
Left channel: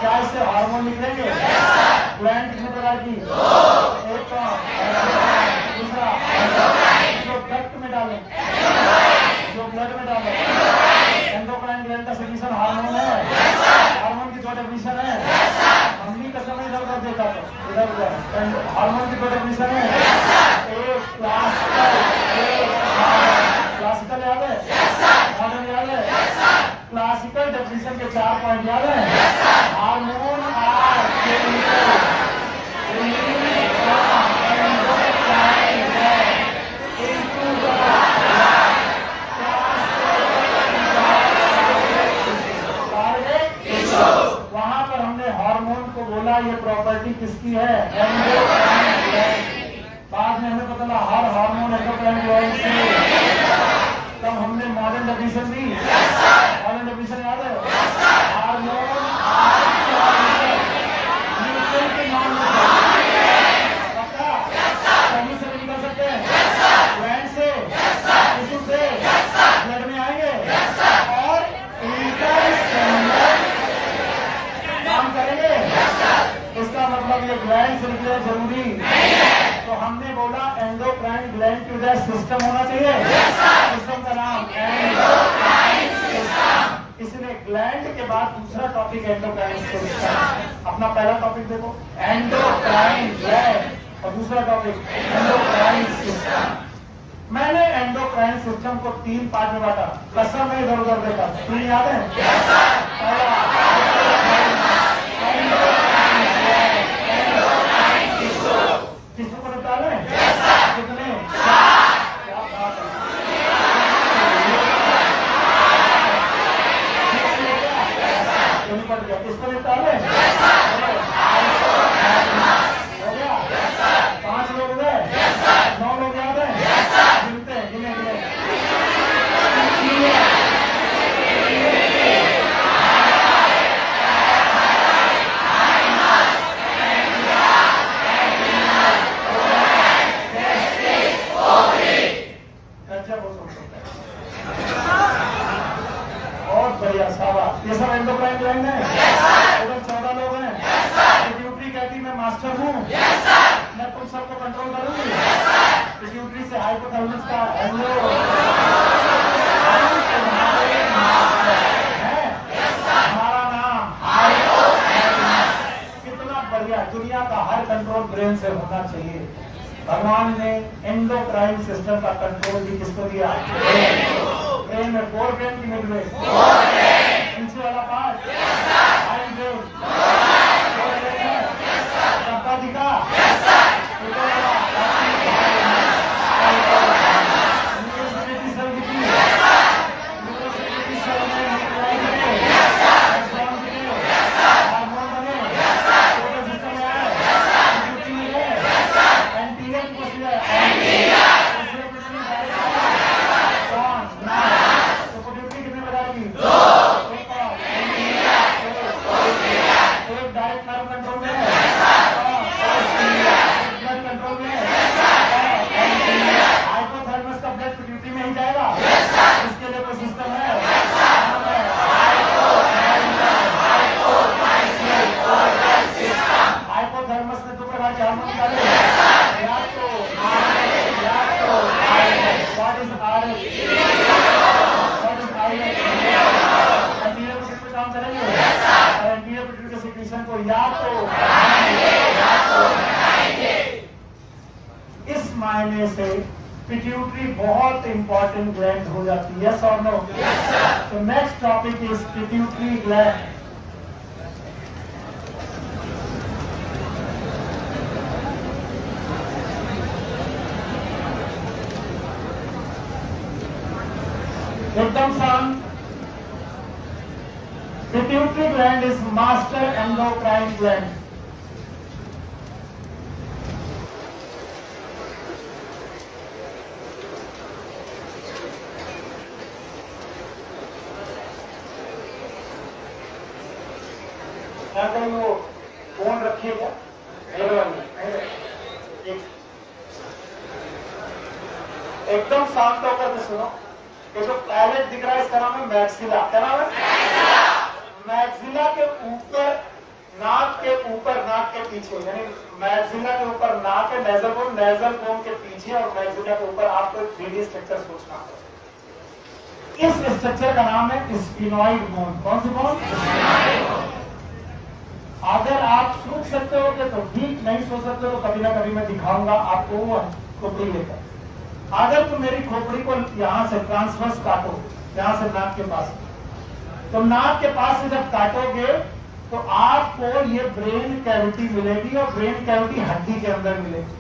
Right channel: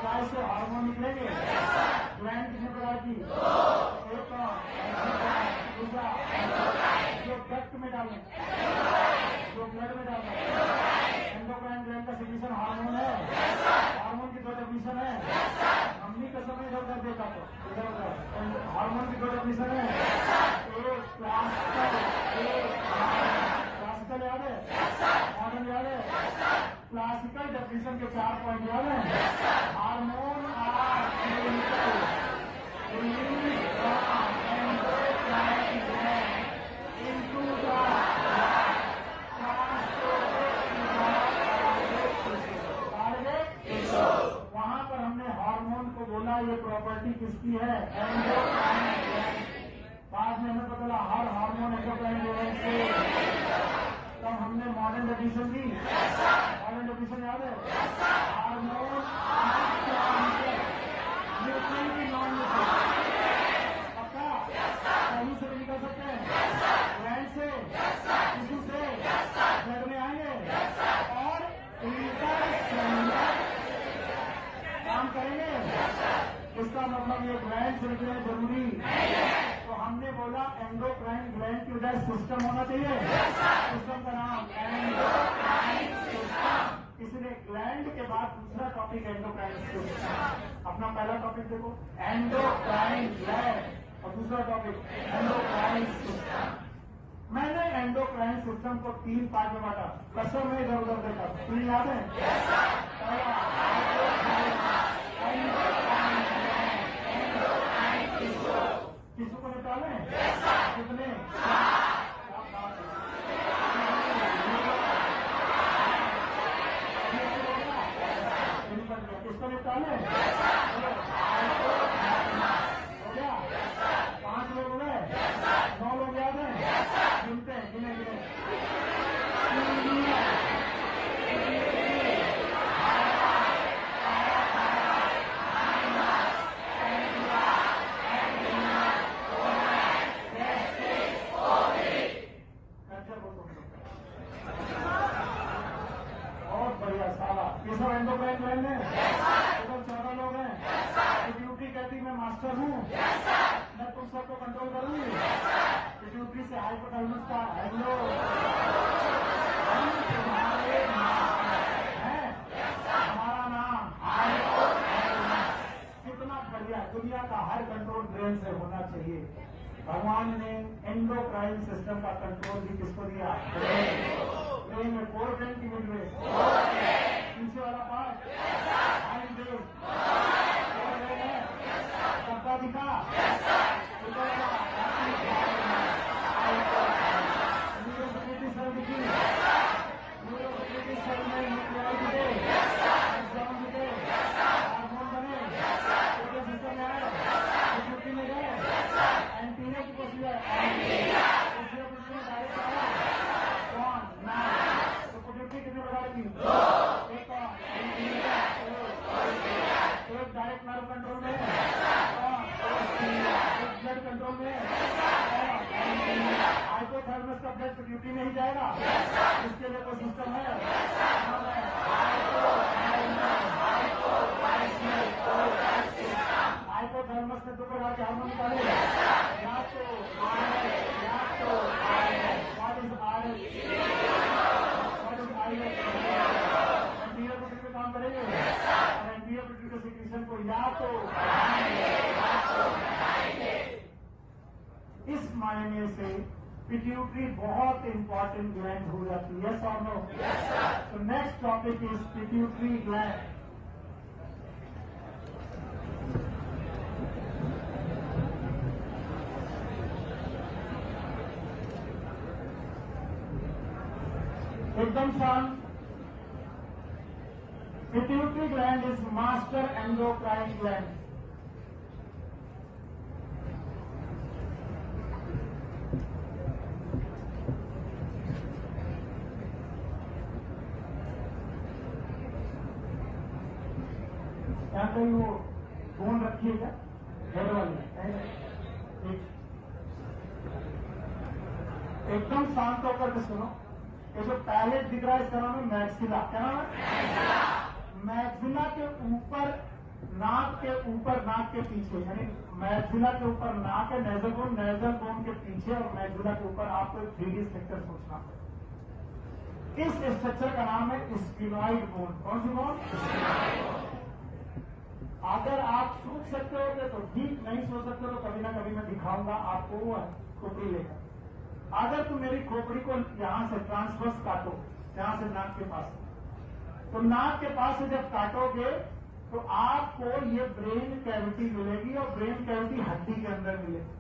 क्या इससे हार्मोन निकलेंगे? ग्लैंड कितने प्रकार की? एक दूसरा जो डक्ट में डालें, जो ब्लड में डालें, एंडोक्राइन ग्लैंड का सिक्रीशन हार्मोन है। हार्मोन की दो डेफिनेशन है, हमनी का समय इधर उधर देखा तो इधर उधर। हार्मोन की दो डेफिनेशन है, एक क्लासिकल याद है? मॉडर्न याद है? क्लासिकल डेफिनेशन के 4 पॉइंट याद है? हार्मोन आर वहां पर हमने हार्मोन को बोला ये प्रॉपर्टी किसकी है? बाद में हमें पता लगा हर हार्मोन एंडोक्राइन ग्लैंड से। तब हमने मॉडर्न डेफिनेशन दी, मॉडर्न डेफिनेशन याद है? हार्मोन के नाम पक्का कहीं से निकल सकते हैं, ग्लैंड से, टिश्यू से, ब्लड में आएंगे और इंटरसेलुलर काम करेंगे। इसका मतलब ये ग्लैंड से निकले जरूरी नहीं है। तो हमने बोला एंडोक्राइन ग्लैंड की वजह सिस्टम होना चाहिए, सिस्टम का नाम एंडोक्राइन सिस्टम। इसलिए ग्लैंड के बाद दूसरा टॉपिक एंडोक्राइन सिस्टम। अपना पहला टॉपिक देखो एंडोक्राइन ग्लैंड और दूसरा टॉपिक एंडोक्राइन सिस्टम। मैंने एंडोक्राइन सिस्टम को 3 पार्ट में बांटा, कसम में इधर उधर देखा, तुम्हें याद है? पहला टिश्यू को निपटा रहे हैं कितने? क्या बात है, निपट गया। किसको निपटा रहे हैं? हो गया? 5 लोग हो गए, 9 लोग याद है? गिनते हैं, गिने गिने। ये सब एंडोक्राइन ग्लैंड है। टोटल 14 लोग हैं। पिट्यूटरी कहती मैं मास्टर हूँ, मैं तुम सबको कंट्रोल करूंगी। पिट्यूटरी से हाइपोथैलेमस का हमारा नाम कितना बढ़िया। दुनिया का हर कंट्रोल ब्रेन से होना चाहिए। भगवान ने एंडोक्राइन सिस्टम का कंट्रोल भी किसको दिया? ब्रेन में 4 ब्रेन की मिल रही, नीचे वाला पार्ट डब्बा दिखा, इस मायने से पिट्यूटरी बहुत इंपॉर्टेंट ग्लैंड हो जाती है। यस और नो? तो next topic is pituitary gland. एकदम शांत। Pituitary gland is master endocrine gland. कोई वो फोन रखिएगा एकदम शांत होकर के सुनो। ये जो पैलेट दिख रहा है इसका नाम है मैक्सिला। क्या नाम है? मैक्सिला के ऊपर, नाक के ऊपर, नाक के पीछे, यानी मैक्सिला के ऊपर नाक है, नेजल बोन, नेजल बोन के पीछे और मैक्सिला के ऊपर आपको 3D स्ट्रक्चर सोचना है। इस स्ट्रक्चर का नाम है स्फिनॉइड बोन। कौन सी बोन? अगर आप सोच सकते हो कि तो ठीक, नहीं सोच सकते तो कभी ना कभी मैं दिखाऊंगा आपको वो खोपड़ी लेकर। अगर तुम मेरी खोपड़ी को यहाँ से ट्रांसवर्स काटो, यहाँ से नाक के पास, तो नाक के पास से जब काटोगे तो आपको ये ब्रेन कैविटी मिलेगी और ब्रेन कैविटी हड्डी के अंदर मिलेगी।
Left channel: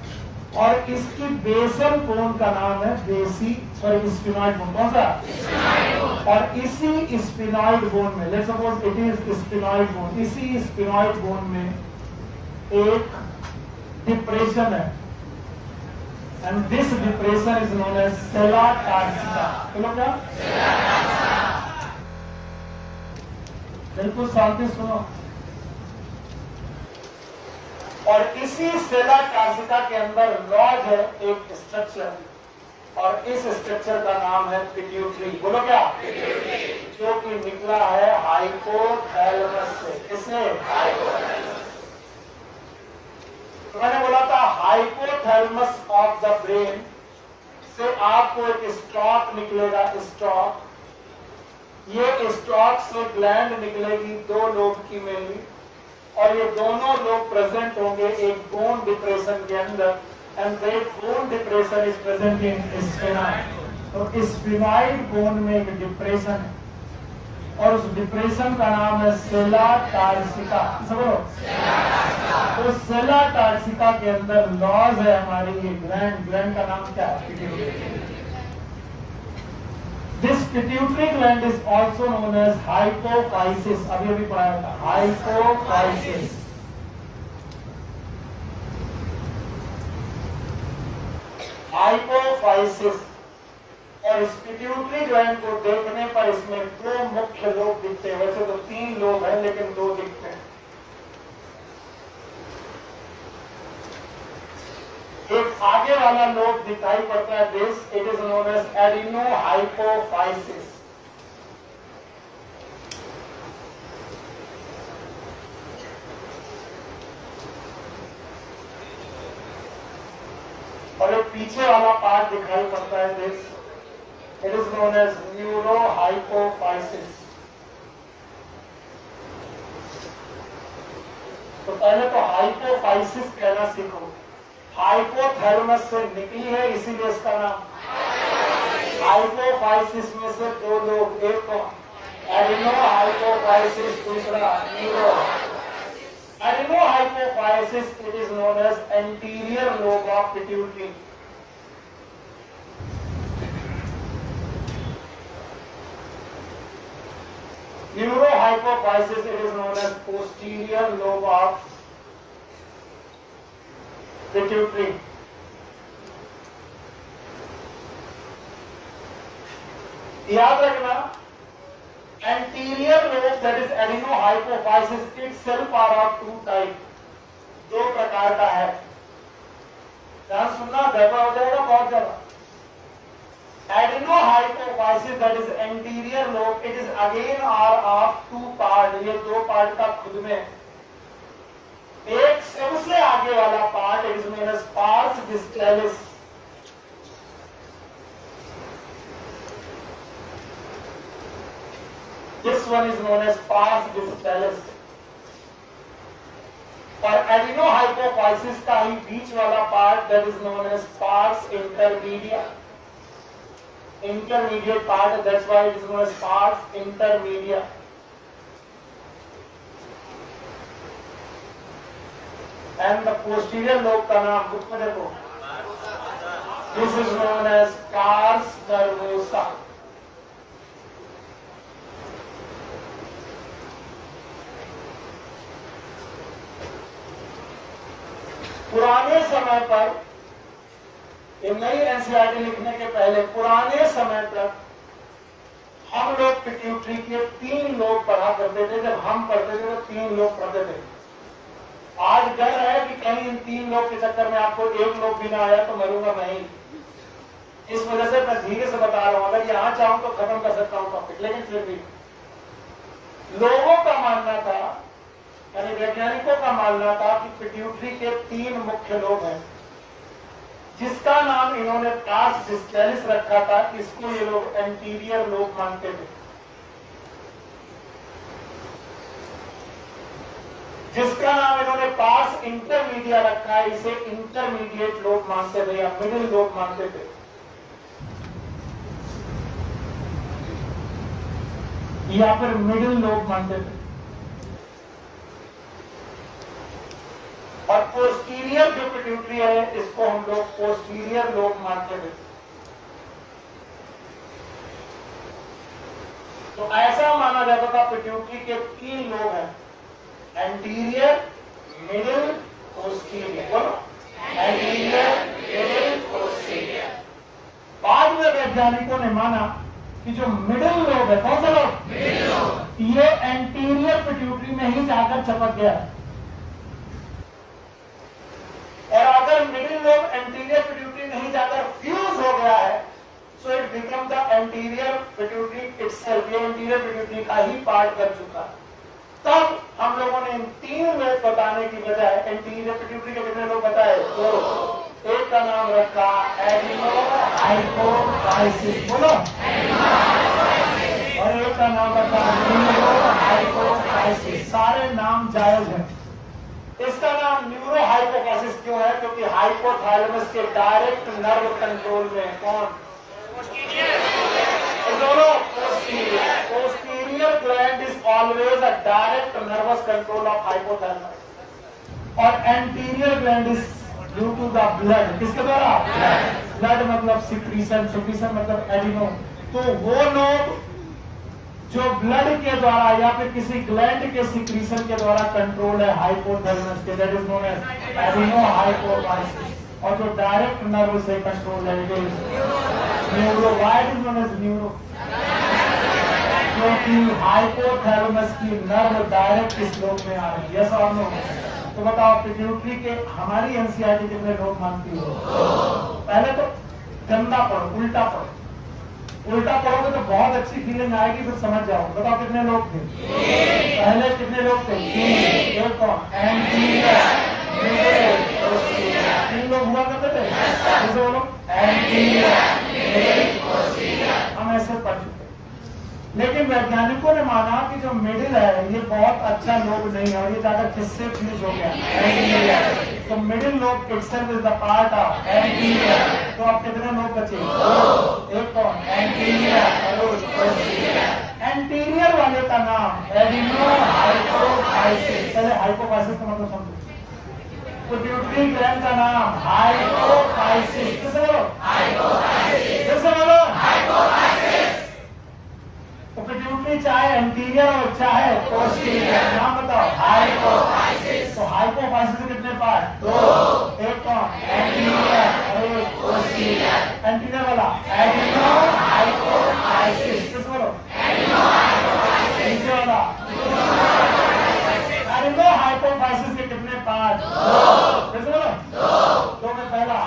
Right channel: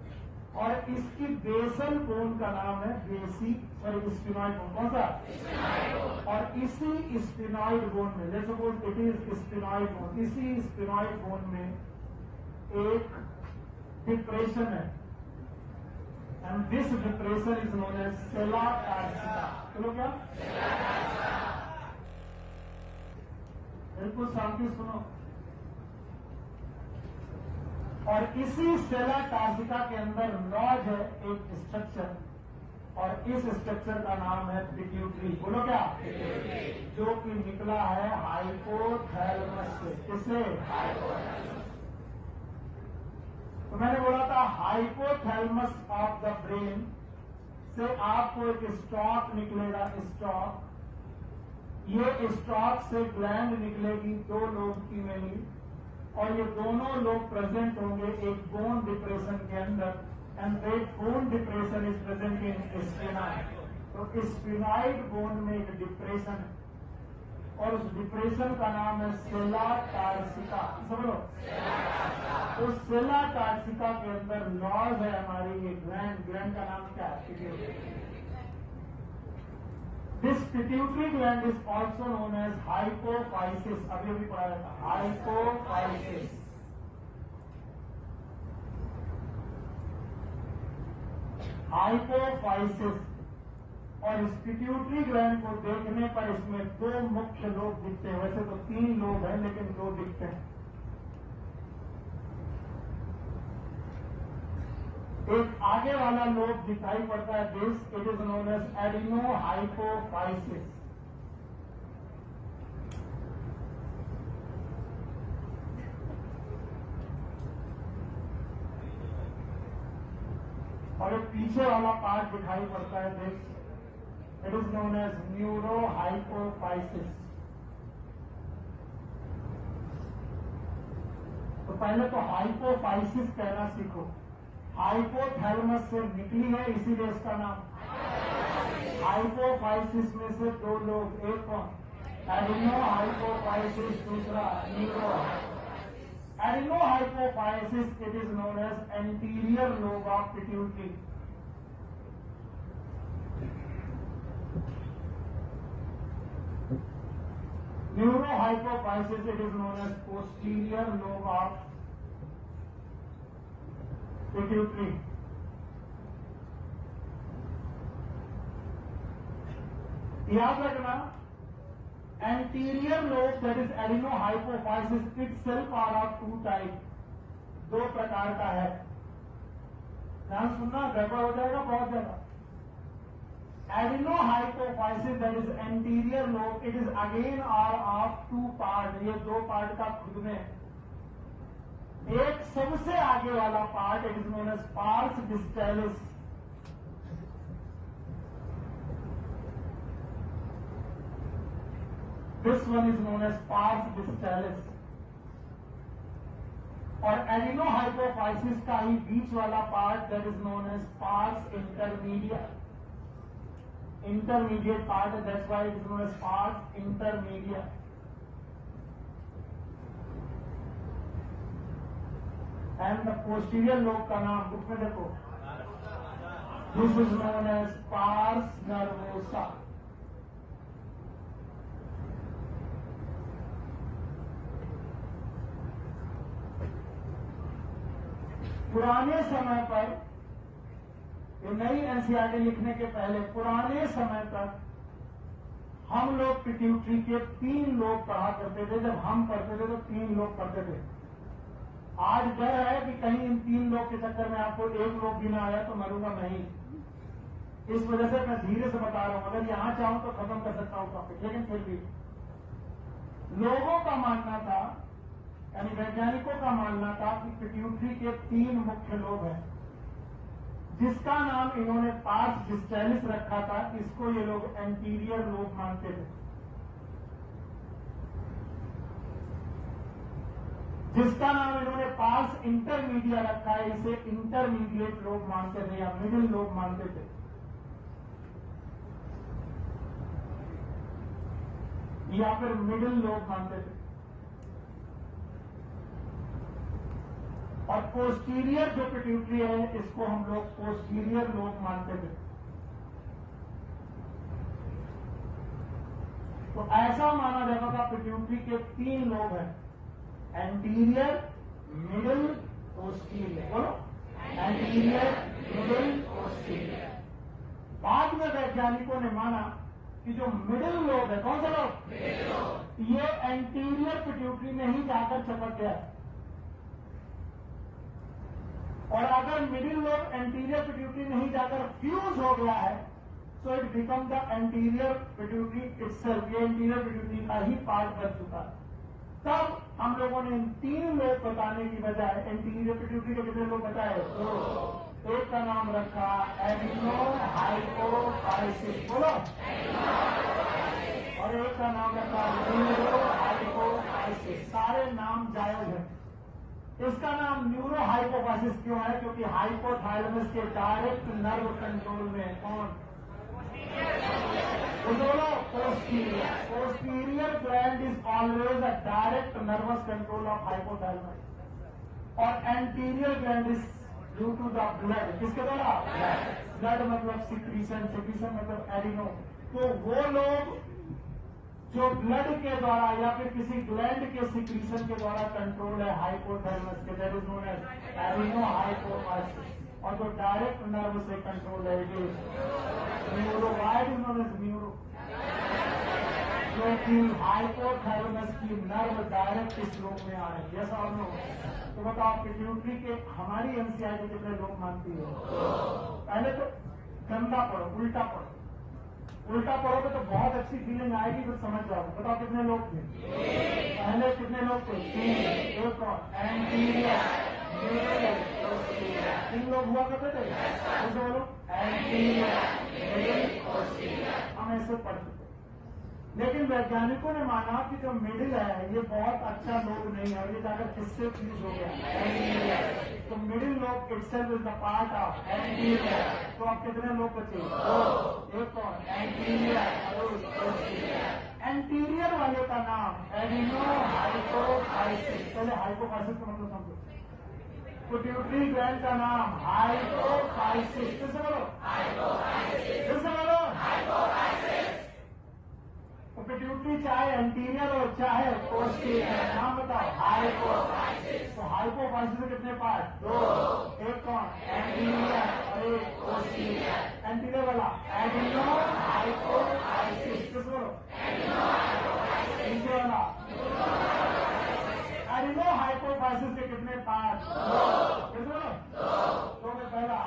और इसकी बेसल बोन का नाम है स्फिनॉइड बोन। कौन सा? और इसी स्फिनॉइड बोन में, let's suppose it is sphenoid bone, इसी स्फिनॉइड बोन में एक डिप्रेशन है। and this depression is known as sella tarsica. बोलो क्या? बिल्कुल शांति सुनो। और इसी सेला टार्सिका के अंदर लॉज है एक स्ट्रक्चर, और इस स्ट्रक्चर का नाम है पिट्यूटरी। बोलो क्या? जो कि निकला है हाइपोथैलेमस से। किससे? तो मैंने बोला था हाइपोथैलेमस ऑफ द ब्रेन से आपको एक स्टॉक निकलेगा। स्टॉक, ये स्टॉक से ग्लैंड निकलेगी दो लोब की मेनली, और ये दोनों लोग प्रेजेंट होंगे एक बोन डिप्रेशन के अंदर, and that bone depression is present in sphenoid. तो स्फेनॉइड बोन में एक डिप्रेशन है, और उस डिप्रेशन का नाम है सेला टार्सिका। समझो? तो सेला टार्सिका के अंदर लॉज है हमारी ये ग्लैंड। ग्लैंड का नाम क्या है? Pituitary. This pituitary gland is also known as hypophysis. अभी पढ़ाया था hypophysis. Hypophysis, और इस पिट्यूटरी ग्लैंड को देखने पर इसमें दो मुख्य लोब दिखते हैं। वैसे तो तीन लोब हैं, लेकिन दो दिखते हैं। एक आगे वाला लोब दिखाई पड़ता है, this it is known as adenohypophysis. और एक पीछे वाला पार्ट दिखाई पड़ता है, this it is known as neurohypophysis. तो पहले तो हाइपोफाइसिस कहना सीखो। हाइपोथैलेमस से निकली है, इसीलिए इसका नाम। हाइपोफाइसिस में से दो लोग, एक तो एडिनोहाइपोफाइसिस, दूसरा neuro. Adenohypophysis it is known as anterior lobe of pituitary. Neurohypophysis it is known as posterior lobe of pituitary. याद रखना, anterior lobe that is adenohypophysis itself are of two type, दो प्रकार का है। ध्यान सुनना, गड़बड़ हो जाएगा बहुत ज्यादा। Adenohypophysis that is anterior lobe, it is again are of two part. ये दो पार्ट का खुद में एक सबसे आगे वाला part it is known as pars distalis. This one is known as pars distalis. और एडिनोहाइपोफाइसिस का ही बीच वाला part that is known as pars intermediate. Intermediate part, that's why it is known as pars intermediate. And the posterior lobe का नाम बुक में देखो, this is known as pars nervosa. पुराने समय पर, नई एनसीईआरटी लिखने के पहले पुराने समय तक हम लोग पिट्यूटरी के तीन लोब पढ़ा करते थे। जब हम पढ़ते थे तो तीन लोब पढ़ते थे। आज डर है कि कहीं इन तीन लोग के चक्कर में आपको एक लोग भी ना आया तो मरूंगा मैं ही। इस वजह से मैं धीरे से बता रहा हूं, अगर यहां चाहूं तो खत्म कर सकता हूं टॉपिक, लेकिन फिर भी लोगों का मानना था, यानी वैज्ञानिकों का मानना था कि पिट्यूटरी के तीन मुख्य लोब हैं, जिसका नाम इन्होंने पार्स डिस्टैलिस रखा था। इसको ये लोग एंटीरियर लोब मानते थे। जिसका नाम इन्होंने पार्स इंटरमीडिया रखा है, इसे इंटरमीडिएट लोब मानते थे या मिडिल लोब मानते थे। या फिर मिडिल लोब मानते थे। और पोस्टीरियर जो पिट्यूटरी है, इसको हम लोग पोस्टीरियर लोब मानते थे। तो ऐसा माना जाता था पिट्यूटरी के तीन लोब हैं, एंटीरियर, मिडिल, पोस्टीरियर। बोलो, एंटीरियर, मिडिल पोस्टीरियर। बाद में वैज्ञानिकों ने माना कि जो मिडिल लोब है, कौन सा लोब? मिडिल लोब, ये एंटीरियर पिट्यूटरी में ही जाकर चिपक गया है। और अगर मिडिल लोब एंटीरियर पिट्यूटरी नहीं जाकर फ्यूज हो गया है, so it become the anterior pituitary itself, ये एंटीरियर पिट्यूटरी का ही पार्ट बन चुका है। तब हम लोगों ने इन 3 लोब बताने की बजाय एंटीरियर पिट्यूटरी के कितने लोग बताए? 2। एक का नाम रखा एडिनो हाइपोफाइसिस, बोलो, और एक का नाम रखा न्यूरो हाइपोफाइसिस। सारे नाम जायज हैं। इसका नाम न्यूरो हाइपोफाइसिस क्यों है? क्योंकि हाइपोथैलेमस के डायरेक्ट नर्व कंट्रोल में कौन? दोनों posterior gland is always a direct nervous control of hypothalamus, और anterior gland is due to the blood. किसके द्वारा? ब्लड मतलब सिक्रीशन, सिक्रीशन मतलब एडिनो। तो वो लोग जो ब्लड के द्वारा या फिर किसी ग्लैंड के सिक्रीशन के द्वारा कंट्रोल है हाइपोथैलेमस के, that is known as adeno hypophysis. और जो डायरेक्ट नर्व से कंट्रोल है neuro. Why is known as neuro? क्योंकि हाइपोथैलेमस की नर्व डायरेक्ट इस लोब में आ रही है। यस और नो? तो बताओ पिट्यूटरी के हमारी एनसीईआरटी कितने लोग मानती हो? पहले तो गंदा पढ़ो, उल्टा पढ़ो। उल्टा पढ़ोगे तो बहुत अच्छी फीलिंग आएगी, फिर समझ जाओ। बताओ कितने लोग थे? पहले कितने लोग थे? 3 कौन? Anterior, middle, posterior. 3 लोग हुआ करते थे। कैसे बोलो? Anterior, middle, posterior. हम ऐसे पढ़ चुके। लेकिन वैज्ञानिकों ने माना कि जो मिडिल है ये बहुत अच्छा लोब नहीं है, और ये जाकर किससे फ्यूज हो गया? एंटीरियर। तो middle lobe itself is the part of anterior. तो अब कितने लोग बचे? 2। एक कौन? एंटीरियर और पोस्टीरियर। एंटीरियर वाले का नाम एडिनो हाइपोफाइसिस। पहले हाइपोफाइसिस का मतलब समझो। पिट्यूटरी ग्लैंड का नाम हाइपोफाइसिस। किसे बोलो? हाइपोफाइसिस। किसे बोलो? हाइपोफाइसिस। तो पिट्यूटरी चाहे एंटीरियर हो चाहे पोस्टीरियर, नाम बताओ? हाइपोफाइसिस। तो हाइपोफाइसिस के कितने पार्ट? 2। एक कौन? एंटीरियर और एक पोस्टीरियर। एंटीरियर वाला एडिनो हाइपोफाइसिस। किस बोलो? Adeno hypophysis. नीचे वाला एडिनो हाइपोफाइसिस के कितने पार्ट? 2। किस बोलो? 2 में पहला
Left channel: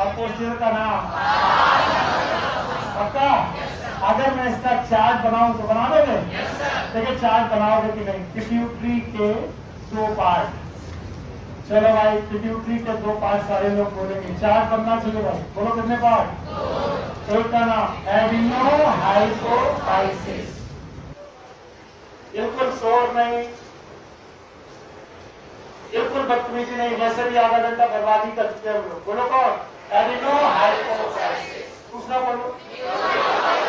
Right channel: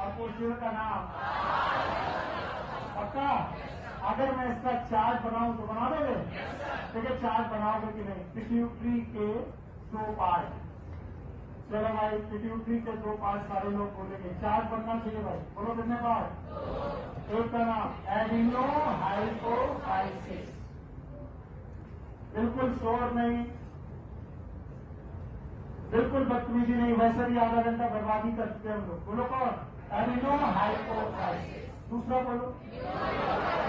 और पोस्टीरियर का नाम पक्का? अगर मैं इसका चार्ट बनाऊं तो बना दोगे? देखिए चार्ट बनाओगे कि नहीं? पिट्यूटरी के 2 पार्ट। चलो भाई, पिट्यूटरी के 2 पार्ट सारे लोग बोलेंगे। चार्ट बनना चाहिए भाई। बोलो कितने पार्ट? एक का नाम एडिनो हाइपोफाइसिस। बिल्कुल शोर नहीं, बिल्कुल बदतमीजी नहीं, वैसे भी आधा घंटा बर्बादी करते हैं हम लोग। बोलो कौन? Adeno hypophysis. दूसरा बोलो?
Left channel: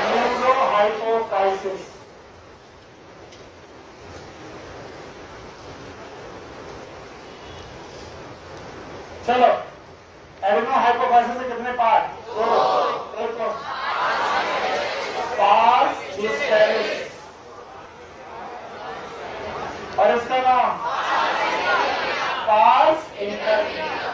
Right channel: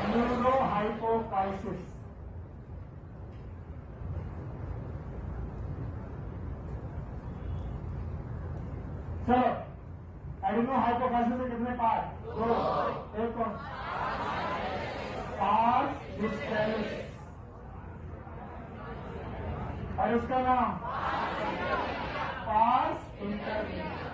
Neuro hypophysis. चलो, एडिनो हाइपोफाइसिस से कितने पार्ट? 2। एक कौन? Pars distalis. और इसका नाम पार्स इंटरमीडिया।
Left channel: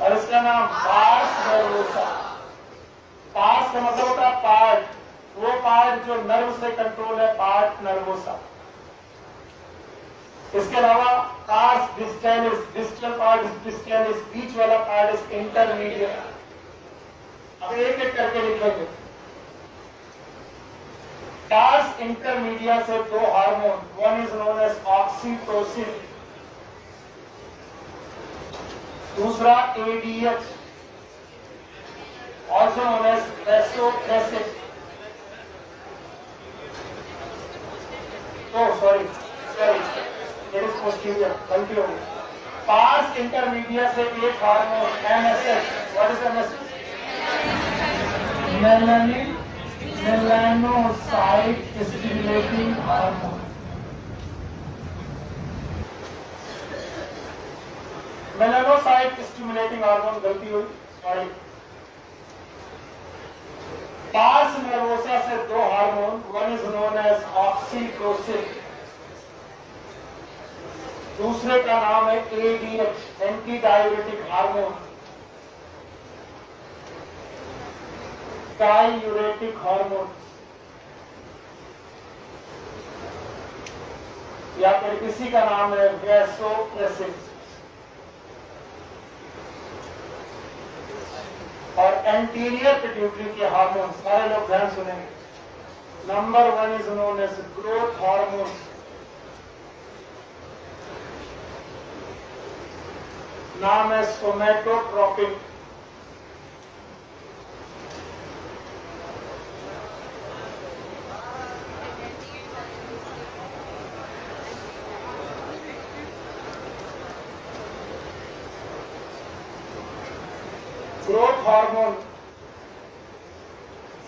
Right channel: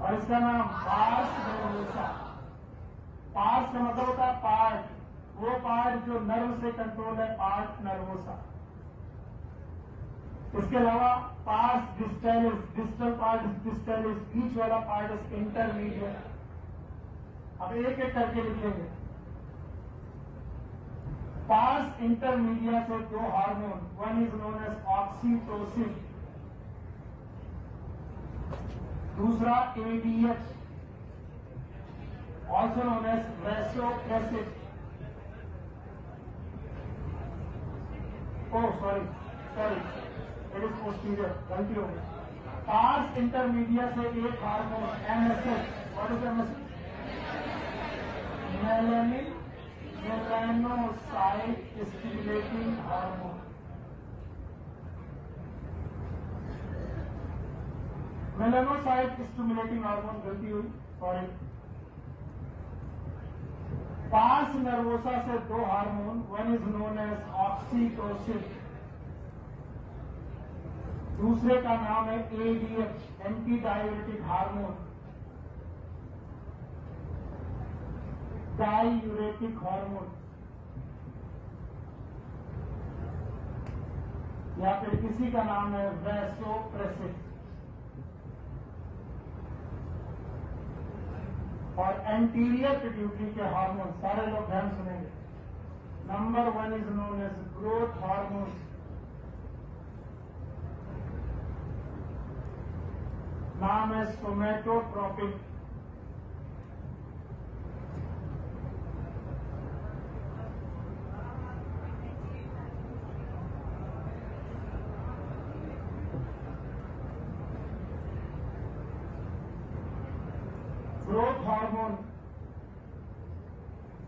और इसका नाम पार्स नर्वोसा। पार्स का मतलब होता है पार्ट, वो पार्ट जो नर्व से कंट्रोल है, पार्ट नर्वोसा। इसके अलावा pars distalis, distal part distalis, बीच वाला पार्ट इज इंटरमीडिएट। अब एक एक करके लिखेंगे। पार्स इंटरमीडिया से 2 hormone, one is known as oxytocin, दूसरा ADH, also known as vasopressin. Oh, sorry, it is posterior. गलती हो गई। पार्स इंटरमीडिया से एक hormone MSH, what is MSH? Melanin melanocyte stimulating hormone. Melanocyte stimulating hormone, गलती हुई, सॉरी। पास नर्वोसा से दो hormone, one is known as oxytocin, दूसरे का नाम है ADH, anti diuretic hormone, diuretic hormone, या फिर किसी का नाम है वैसोप्रेसिन। और एंटीरियर पिट्यूटरी के हार्मोन सारे लोग ध्यान सुनेंगे। Number 1 is known as growth hormone, नाम है somatotropin. Growth hormone,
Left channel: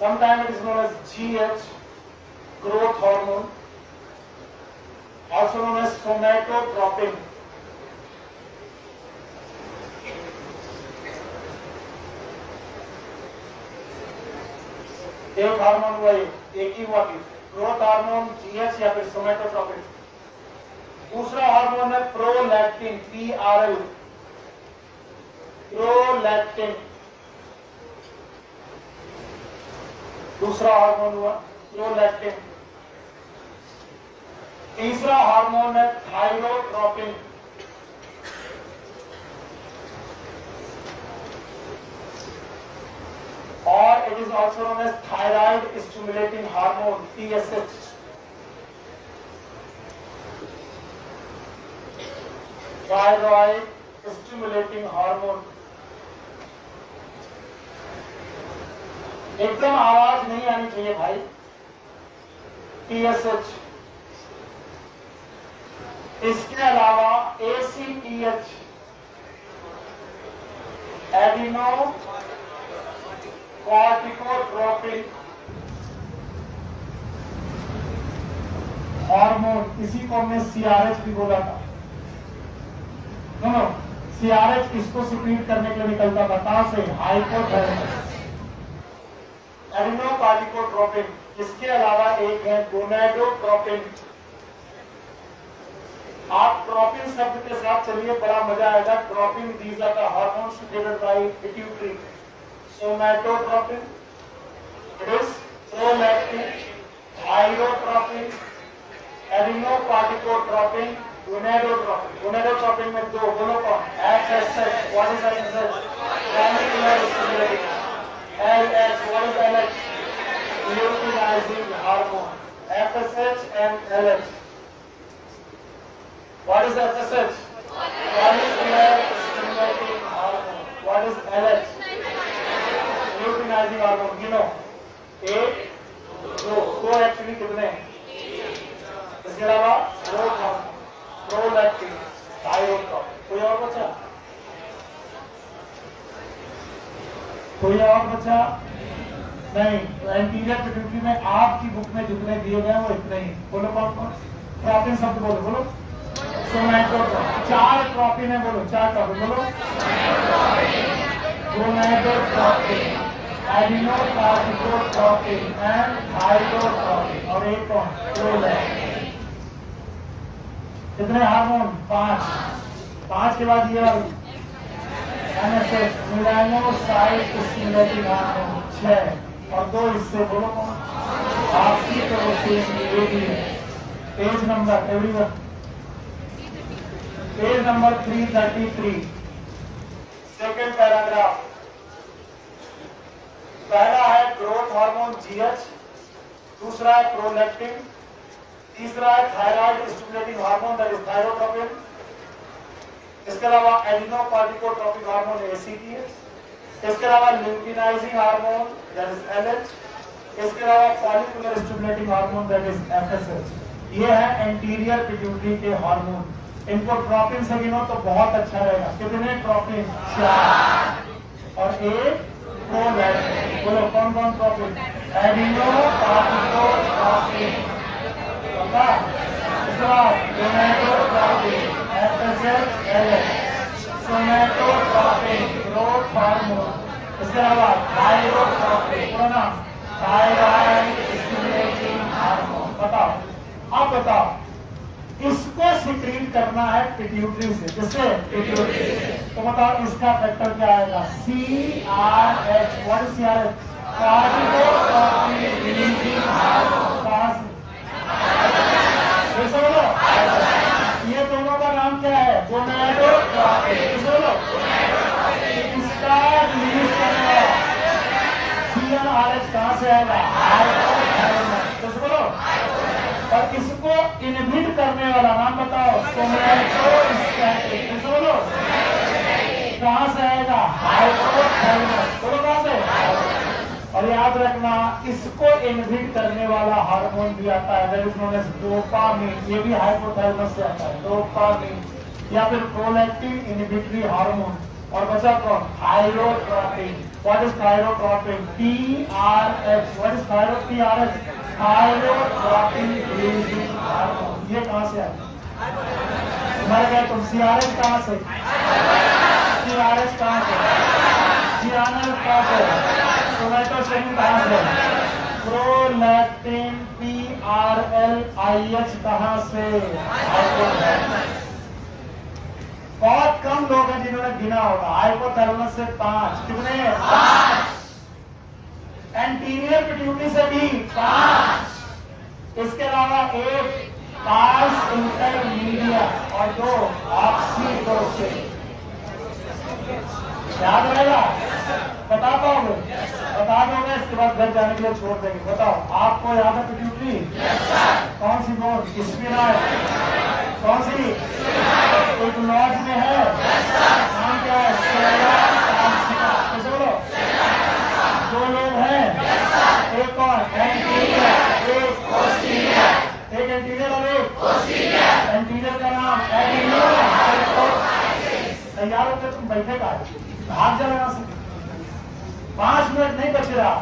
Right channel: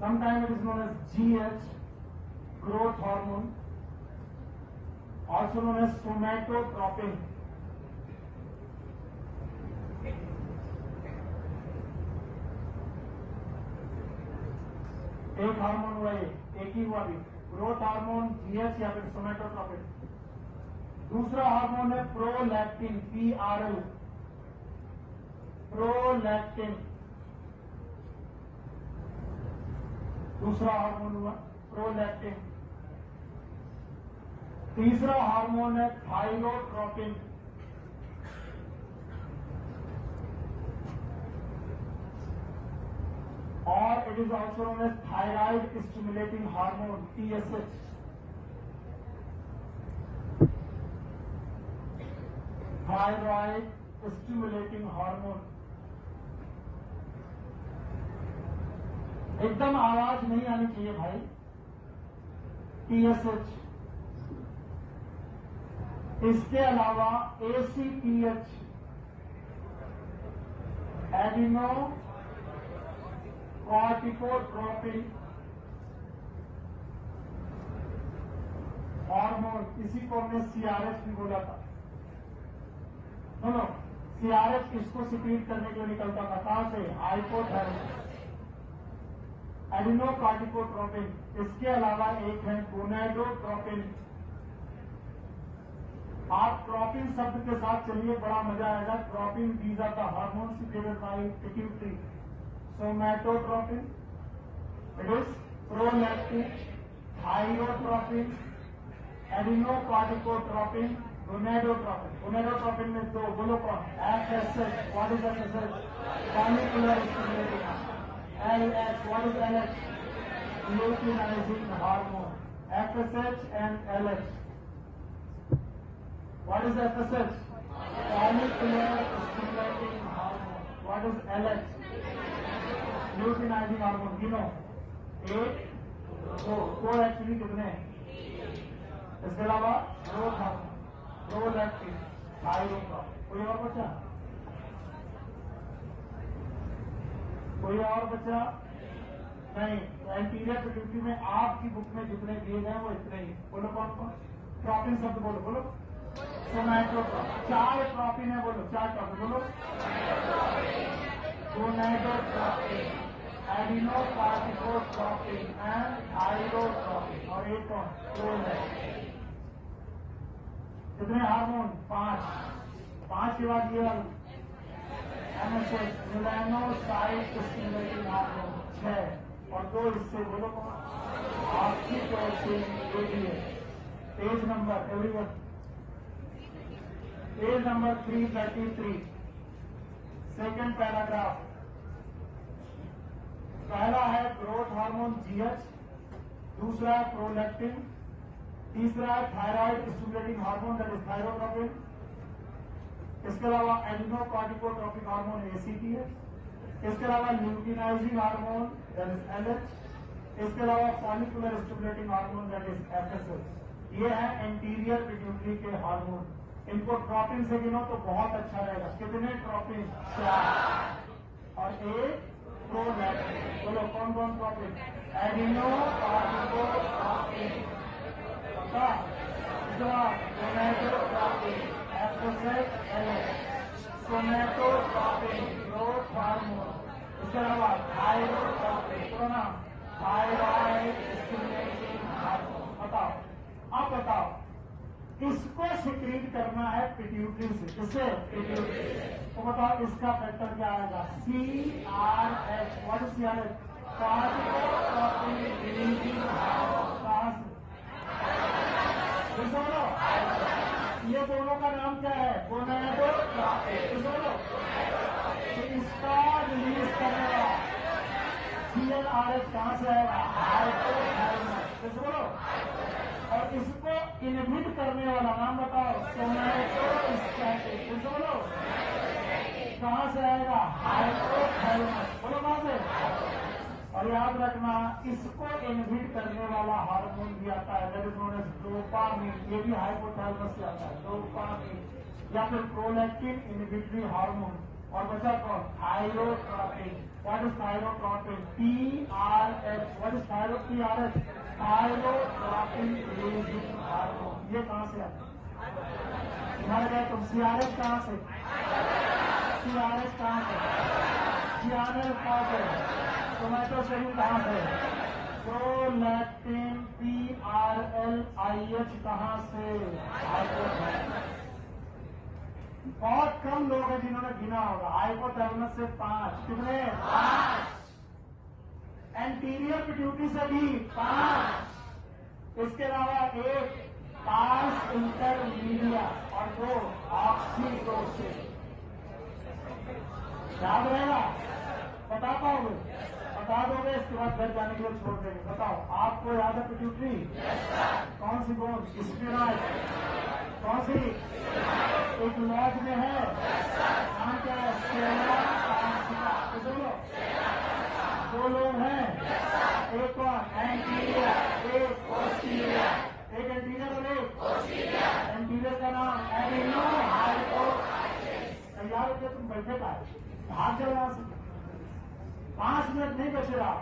sometimes it is known as GH, growth hormone, also known as somatotropin. एक हार्मोन हुआ, एक ही हुआ, ग्रोथ हार्मोन, जीएच या फिर सोमैटोट्रोपिन। दूसरा हार्मोन है प्रोलैक्टिन, PRL, प्रोलैक्टिन, दूसरा हार्मोन हुआ प्रोलैक्टिन। तीसरा हार्मोन है थाइरोट्रोपिन, और it is also known as thyroid stimulating hormone, TSH। Thyroid stimulating hormone. एकदम आवाज नहीं आनी चाहिए भाई। TSH। इसके अलावा ACTH, एडिनो कॉर्टिकोट्रोपिन हार्मोन, इसी को हमने CRH भी बोला था। नो, CRH किसको सिक्रीट करने के लिए निकलता था? कहां से? हाइपोथैलेमस। एडिनोकार्टिकोट्रोपिन। इसके अलावा एक है गोनाडोट्रोपिन। आप ट्रोपिन शब्द के साथ चलिए, बड़ा मजा आएगा। Tropin, these are the hormones secreted by pituitary. Somatotropin, it is prolactin, thyrotropin, adenocorticotropin, gonadotropin. Gonadotropin में दो, बोलो कौन? FSH, what is FSH? Follicular stimulating. LH, what is LH? Luteinizing hormone. FSH and LH. What is FSH? Follicular stimulating hormone. What is LH? Luteinizing hormone. You know, एक, दो एक्चुअली कितने हैं? इसके अलावा ग्रोथ हार्मोन, प्रोलैक्टिन, थाइरोट्रोपिन। कोई और बचा? कोई और बचा? नहीं। एंटीरियर पिट्यूटरी में आपकी बुक में जितने दिए गए वो इतने ही। बोलो कौन कौन? ट्रोपिन शब्द बोलो, बोलो। सोमैटोट्रोपिन, 4 ट्रोपिन है, बोलो 4 ट्रोपिन, बोलो। गोनाडोट्रोपिन, एडिनोकार्टिकोट्रोपिन एंड थाइरोट्रोपिन, और एक कौन? प्रोलैक्टिन। कितने हार्मोन? 5। 5 के बाद ये NSH, मेलानोसाइट स्टिमुलेटिंग हार्मोन, 6, और 2 इससे, बोलो कौन? Oxytocin, ADH। Page number everyone, page number 333, second paragraph. पहला है ग्रोथ हार्मोन GH, दूसरा है प्रोलैक्टिन, तीसरा है thyroid stimulating hormone, that is thyrotropin. इसके अलावा एडिनोकार्टिकोट्रोपिक हार्मोन ACTH, इसके अलावा luteinizing hormone that is LH, इसके अलावा follicular stimulating hormone that is FSH। ये है एंटीरियर पिट्यूटरी के हार्मोन। इनको ट्रोपिन से गिनो तो बहुत अच्छा रहेगा। कितने ट्रोपिन? 4, और एक प्रोलैक्टिन। बोलो कौन कौन tropin? Adenocorticotropin, gonadotropin, FSH, LH, somatotropin, growth hormone, इसके अलावा थाइरोट्रोपिन, थायराइड स्टिमुलेटिंग हार्मोन। बताओ, अब बताओ, इसको सिक्रीट करना है पिट्यूटरी से। किससे? पिट्यूटरी से। तो बताओ इसका फैक्टर क्या आएगा? CRH। What is CRH? कार्टिकोट्रोपिन releasing hormone. कहां से? बोलो, ये दोनों का नाम क्या है? गोनाडोट्रोपिन। बोलो, इसका रिलीज करने वाला CRH कहां से आएगा? हाइपोथैलेमस। बोलो, और इसको इनहिबिट करने वाला नाम बताओ? सोमैटोस्टैटिन। बोलो, कहां से आएगा? हाइपोथैलेमस। बोलो कहां से? और याद रखना, इसको इनहिबिट करने वाला हार्मोन भी आता है, that is known as dopamine. ये भी हाइपोथैलेमस से आता है, डोपामिन या फिर प्रोलैक्टिन इनहिबिटरी हार्मोन। और बचा कौन? Thyrotropin. What is thyrotropin? TRH। What is TRH? Thyrotropin releasing hormone. ये कहां से आया? तुम्हारे क्या तुम? CRH कहां से? CRH कहां से? CRH कहां से? सोमैटोस्टैटिन कहां से? प्रोलैक्टिन PRLIH कहां से? बहुत कम लोग हैं जिन्होंने गिना होगा। हाइपोथैलेमस से 5। कितने? 5। एंटीरियर पिट्यूटरी से भी 5। इसके अलावा 1 पास इंटरमीडिया और 2 ऑक्सीटोसिन। याद रहेगा? बता पाओगे? बता दोगे? इसके बाद घर जाने के लिए छोड़ देंगे। बताओ, आपको याद है पिट्यूटरी? कौन सी बोर्ड? स्फीनॉइड। कौन सी? एक लॉज में है, नाम क्या है? बोलो, 2 लोग हैं, एक और एंटीरियर, एक पोस्टीरियर। एक एंटीरियर और एक पोस्टीरियर। एंटीरियर का नाम एडिनोहाइपोथाइसिस। तैयार होकर तुम बैठेगा, भाग जाओ यहां से। 5 मिनट नहीं बच रहा,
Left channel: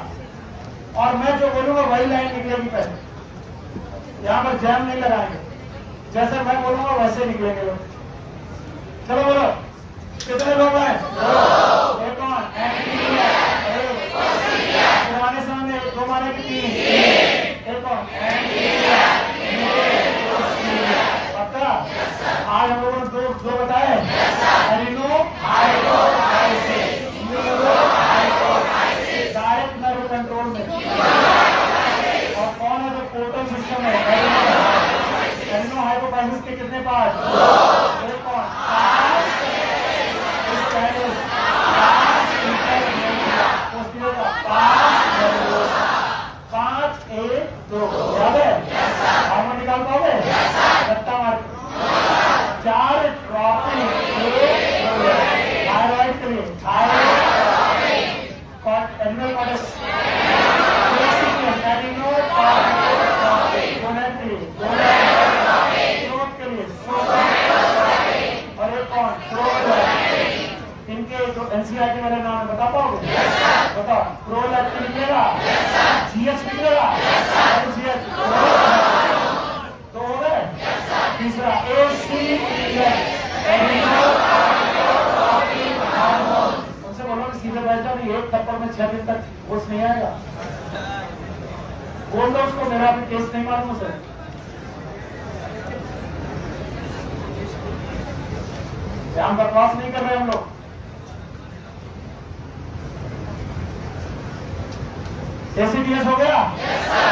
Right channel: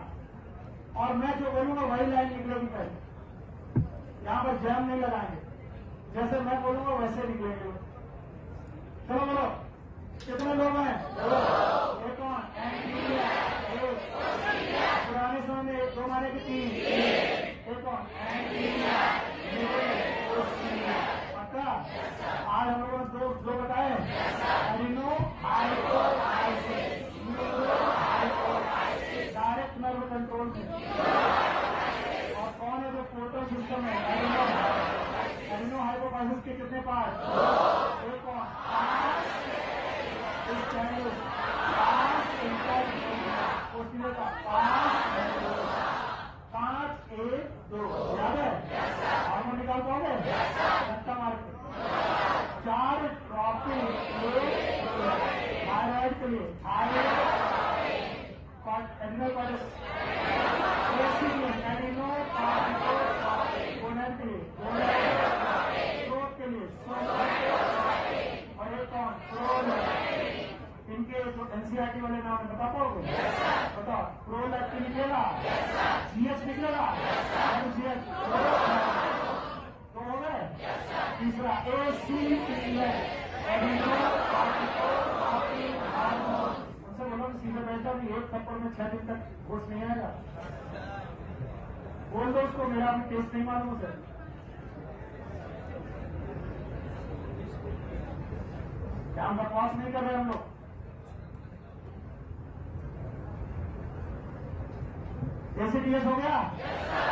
और मैं जो बोलूंगा वही लाइन निकलेगी पहले। यहां पर जैम नहीं लगाएंगे, जैसे मैं बोलूंगा वैसे निकलेंगे लोग। चलो बोलो, कितने लोग हैं? 2। एक और एंटीरियर, एक पोस्टीरियर। पुराने समय 2 माने कि 3? एक और एंटीरियर, पोस्टीरियर। पक्का? आज हम लोगों ने 2 बताए। एडिनोहाइपोथाइसिस, न्यूरोहाइपोथाइसिस, डायरेक्ट नर्व कंट्रोल में। और कौन है जो पोर्टल सिस्टम है? एडिनोहाइपोथाइसिस के कितने पार्ट? 2। एक और 5 1 2। याद है? हार्मोन निकाल पाओगे? रट्टा मार। 4 ट्रोपिन, 1 थायराइड के लिए एडिनल कॉर्टेक्स, के लिए और एक कौन? इनके जो एनसीईआरटी वाले नाम बता पाओगे? बताओ। प्रोलैक्टिन निकलेगा, GH निकलेगा, GH। तो हो गए। तीसरा उनसे बोलो कि सीधे बैठ जाओ, एक थप्पड़ में 6 दिन तक होश नहीं आएगा। बोल दो उसको, मेरा भी टेस्ट नहीं मालूम उसे। हम बकवास नहीं कर रहे हम लोग। एसीडीएस हो गया?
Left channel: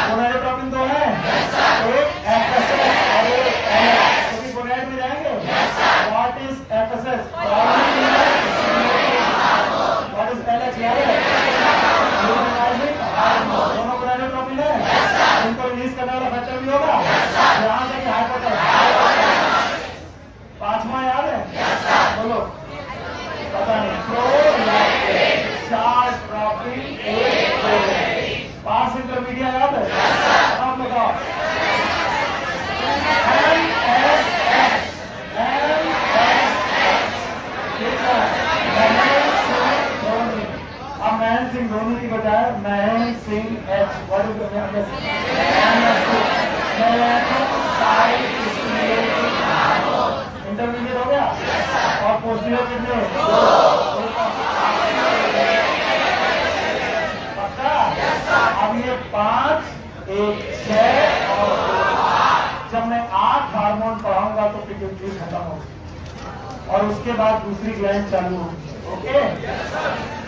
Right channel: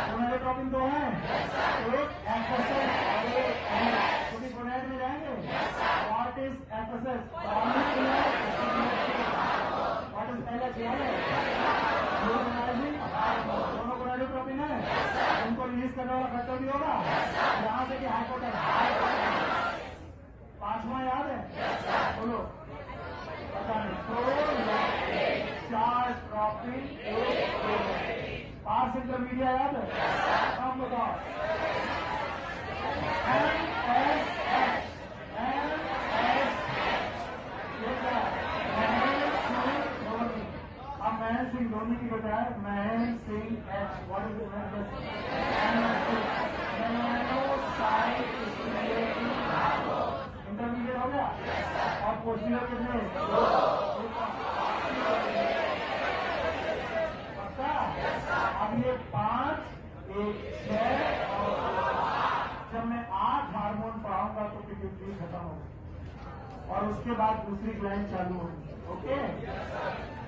गोनाडोट्रोपिन 2 है, एक एफएसएस और एक एलएच। कभी गोनाड में जाएंगे? What is FSS? What is LH? याद है? दोनों गोनाडोट्रोपिन है, इनको रिलीज करने वाला फैक्टर भी होगा। यहां से कि हाइपोथैलेमस। 5वां याद है? बोलो, पता नहीं। प्रोलैक्टिन, 4 ट्रोपिन, 1 पास इंटरमीडिया याद है? अब बताओ। अब महेंद्र सिंह धोनी की बजाय महेंद्र सिंह H। इंटरमीडिएट हो गया? और पोस्टीरियर कितने? 2। पक्का? अब ये 5, एक 6 और 2। जब मैं 8 हार्मोन पढ़ाऊंगा तो पिट्यूटरी खत्म होगी और उसके बाद दूसरी ग्लैंड चालू होगी। ओके,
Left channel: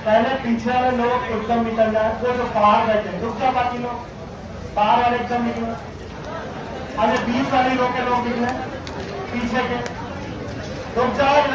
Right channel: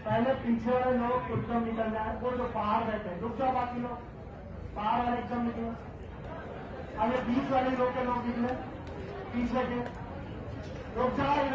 पहले पीछे वाले लोग एकदम निकल जाए, वो जो बाहर बैठे रुक जा, बाकी लोग बाहर वाले एकदम निकले। अरे 20 वाली रो के लोग निकले, पीछे के रुक जाओ।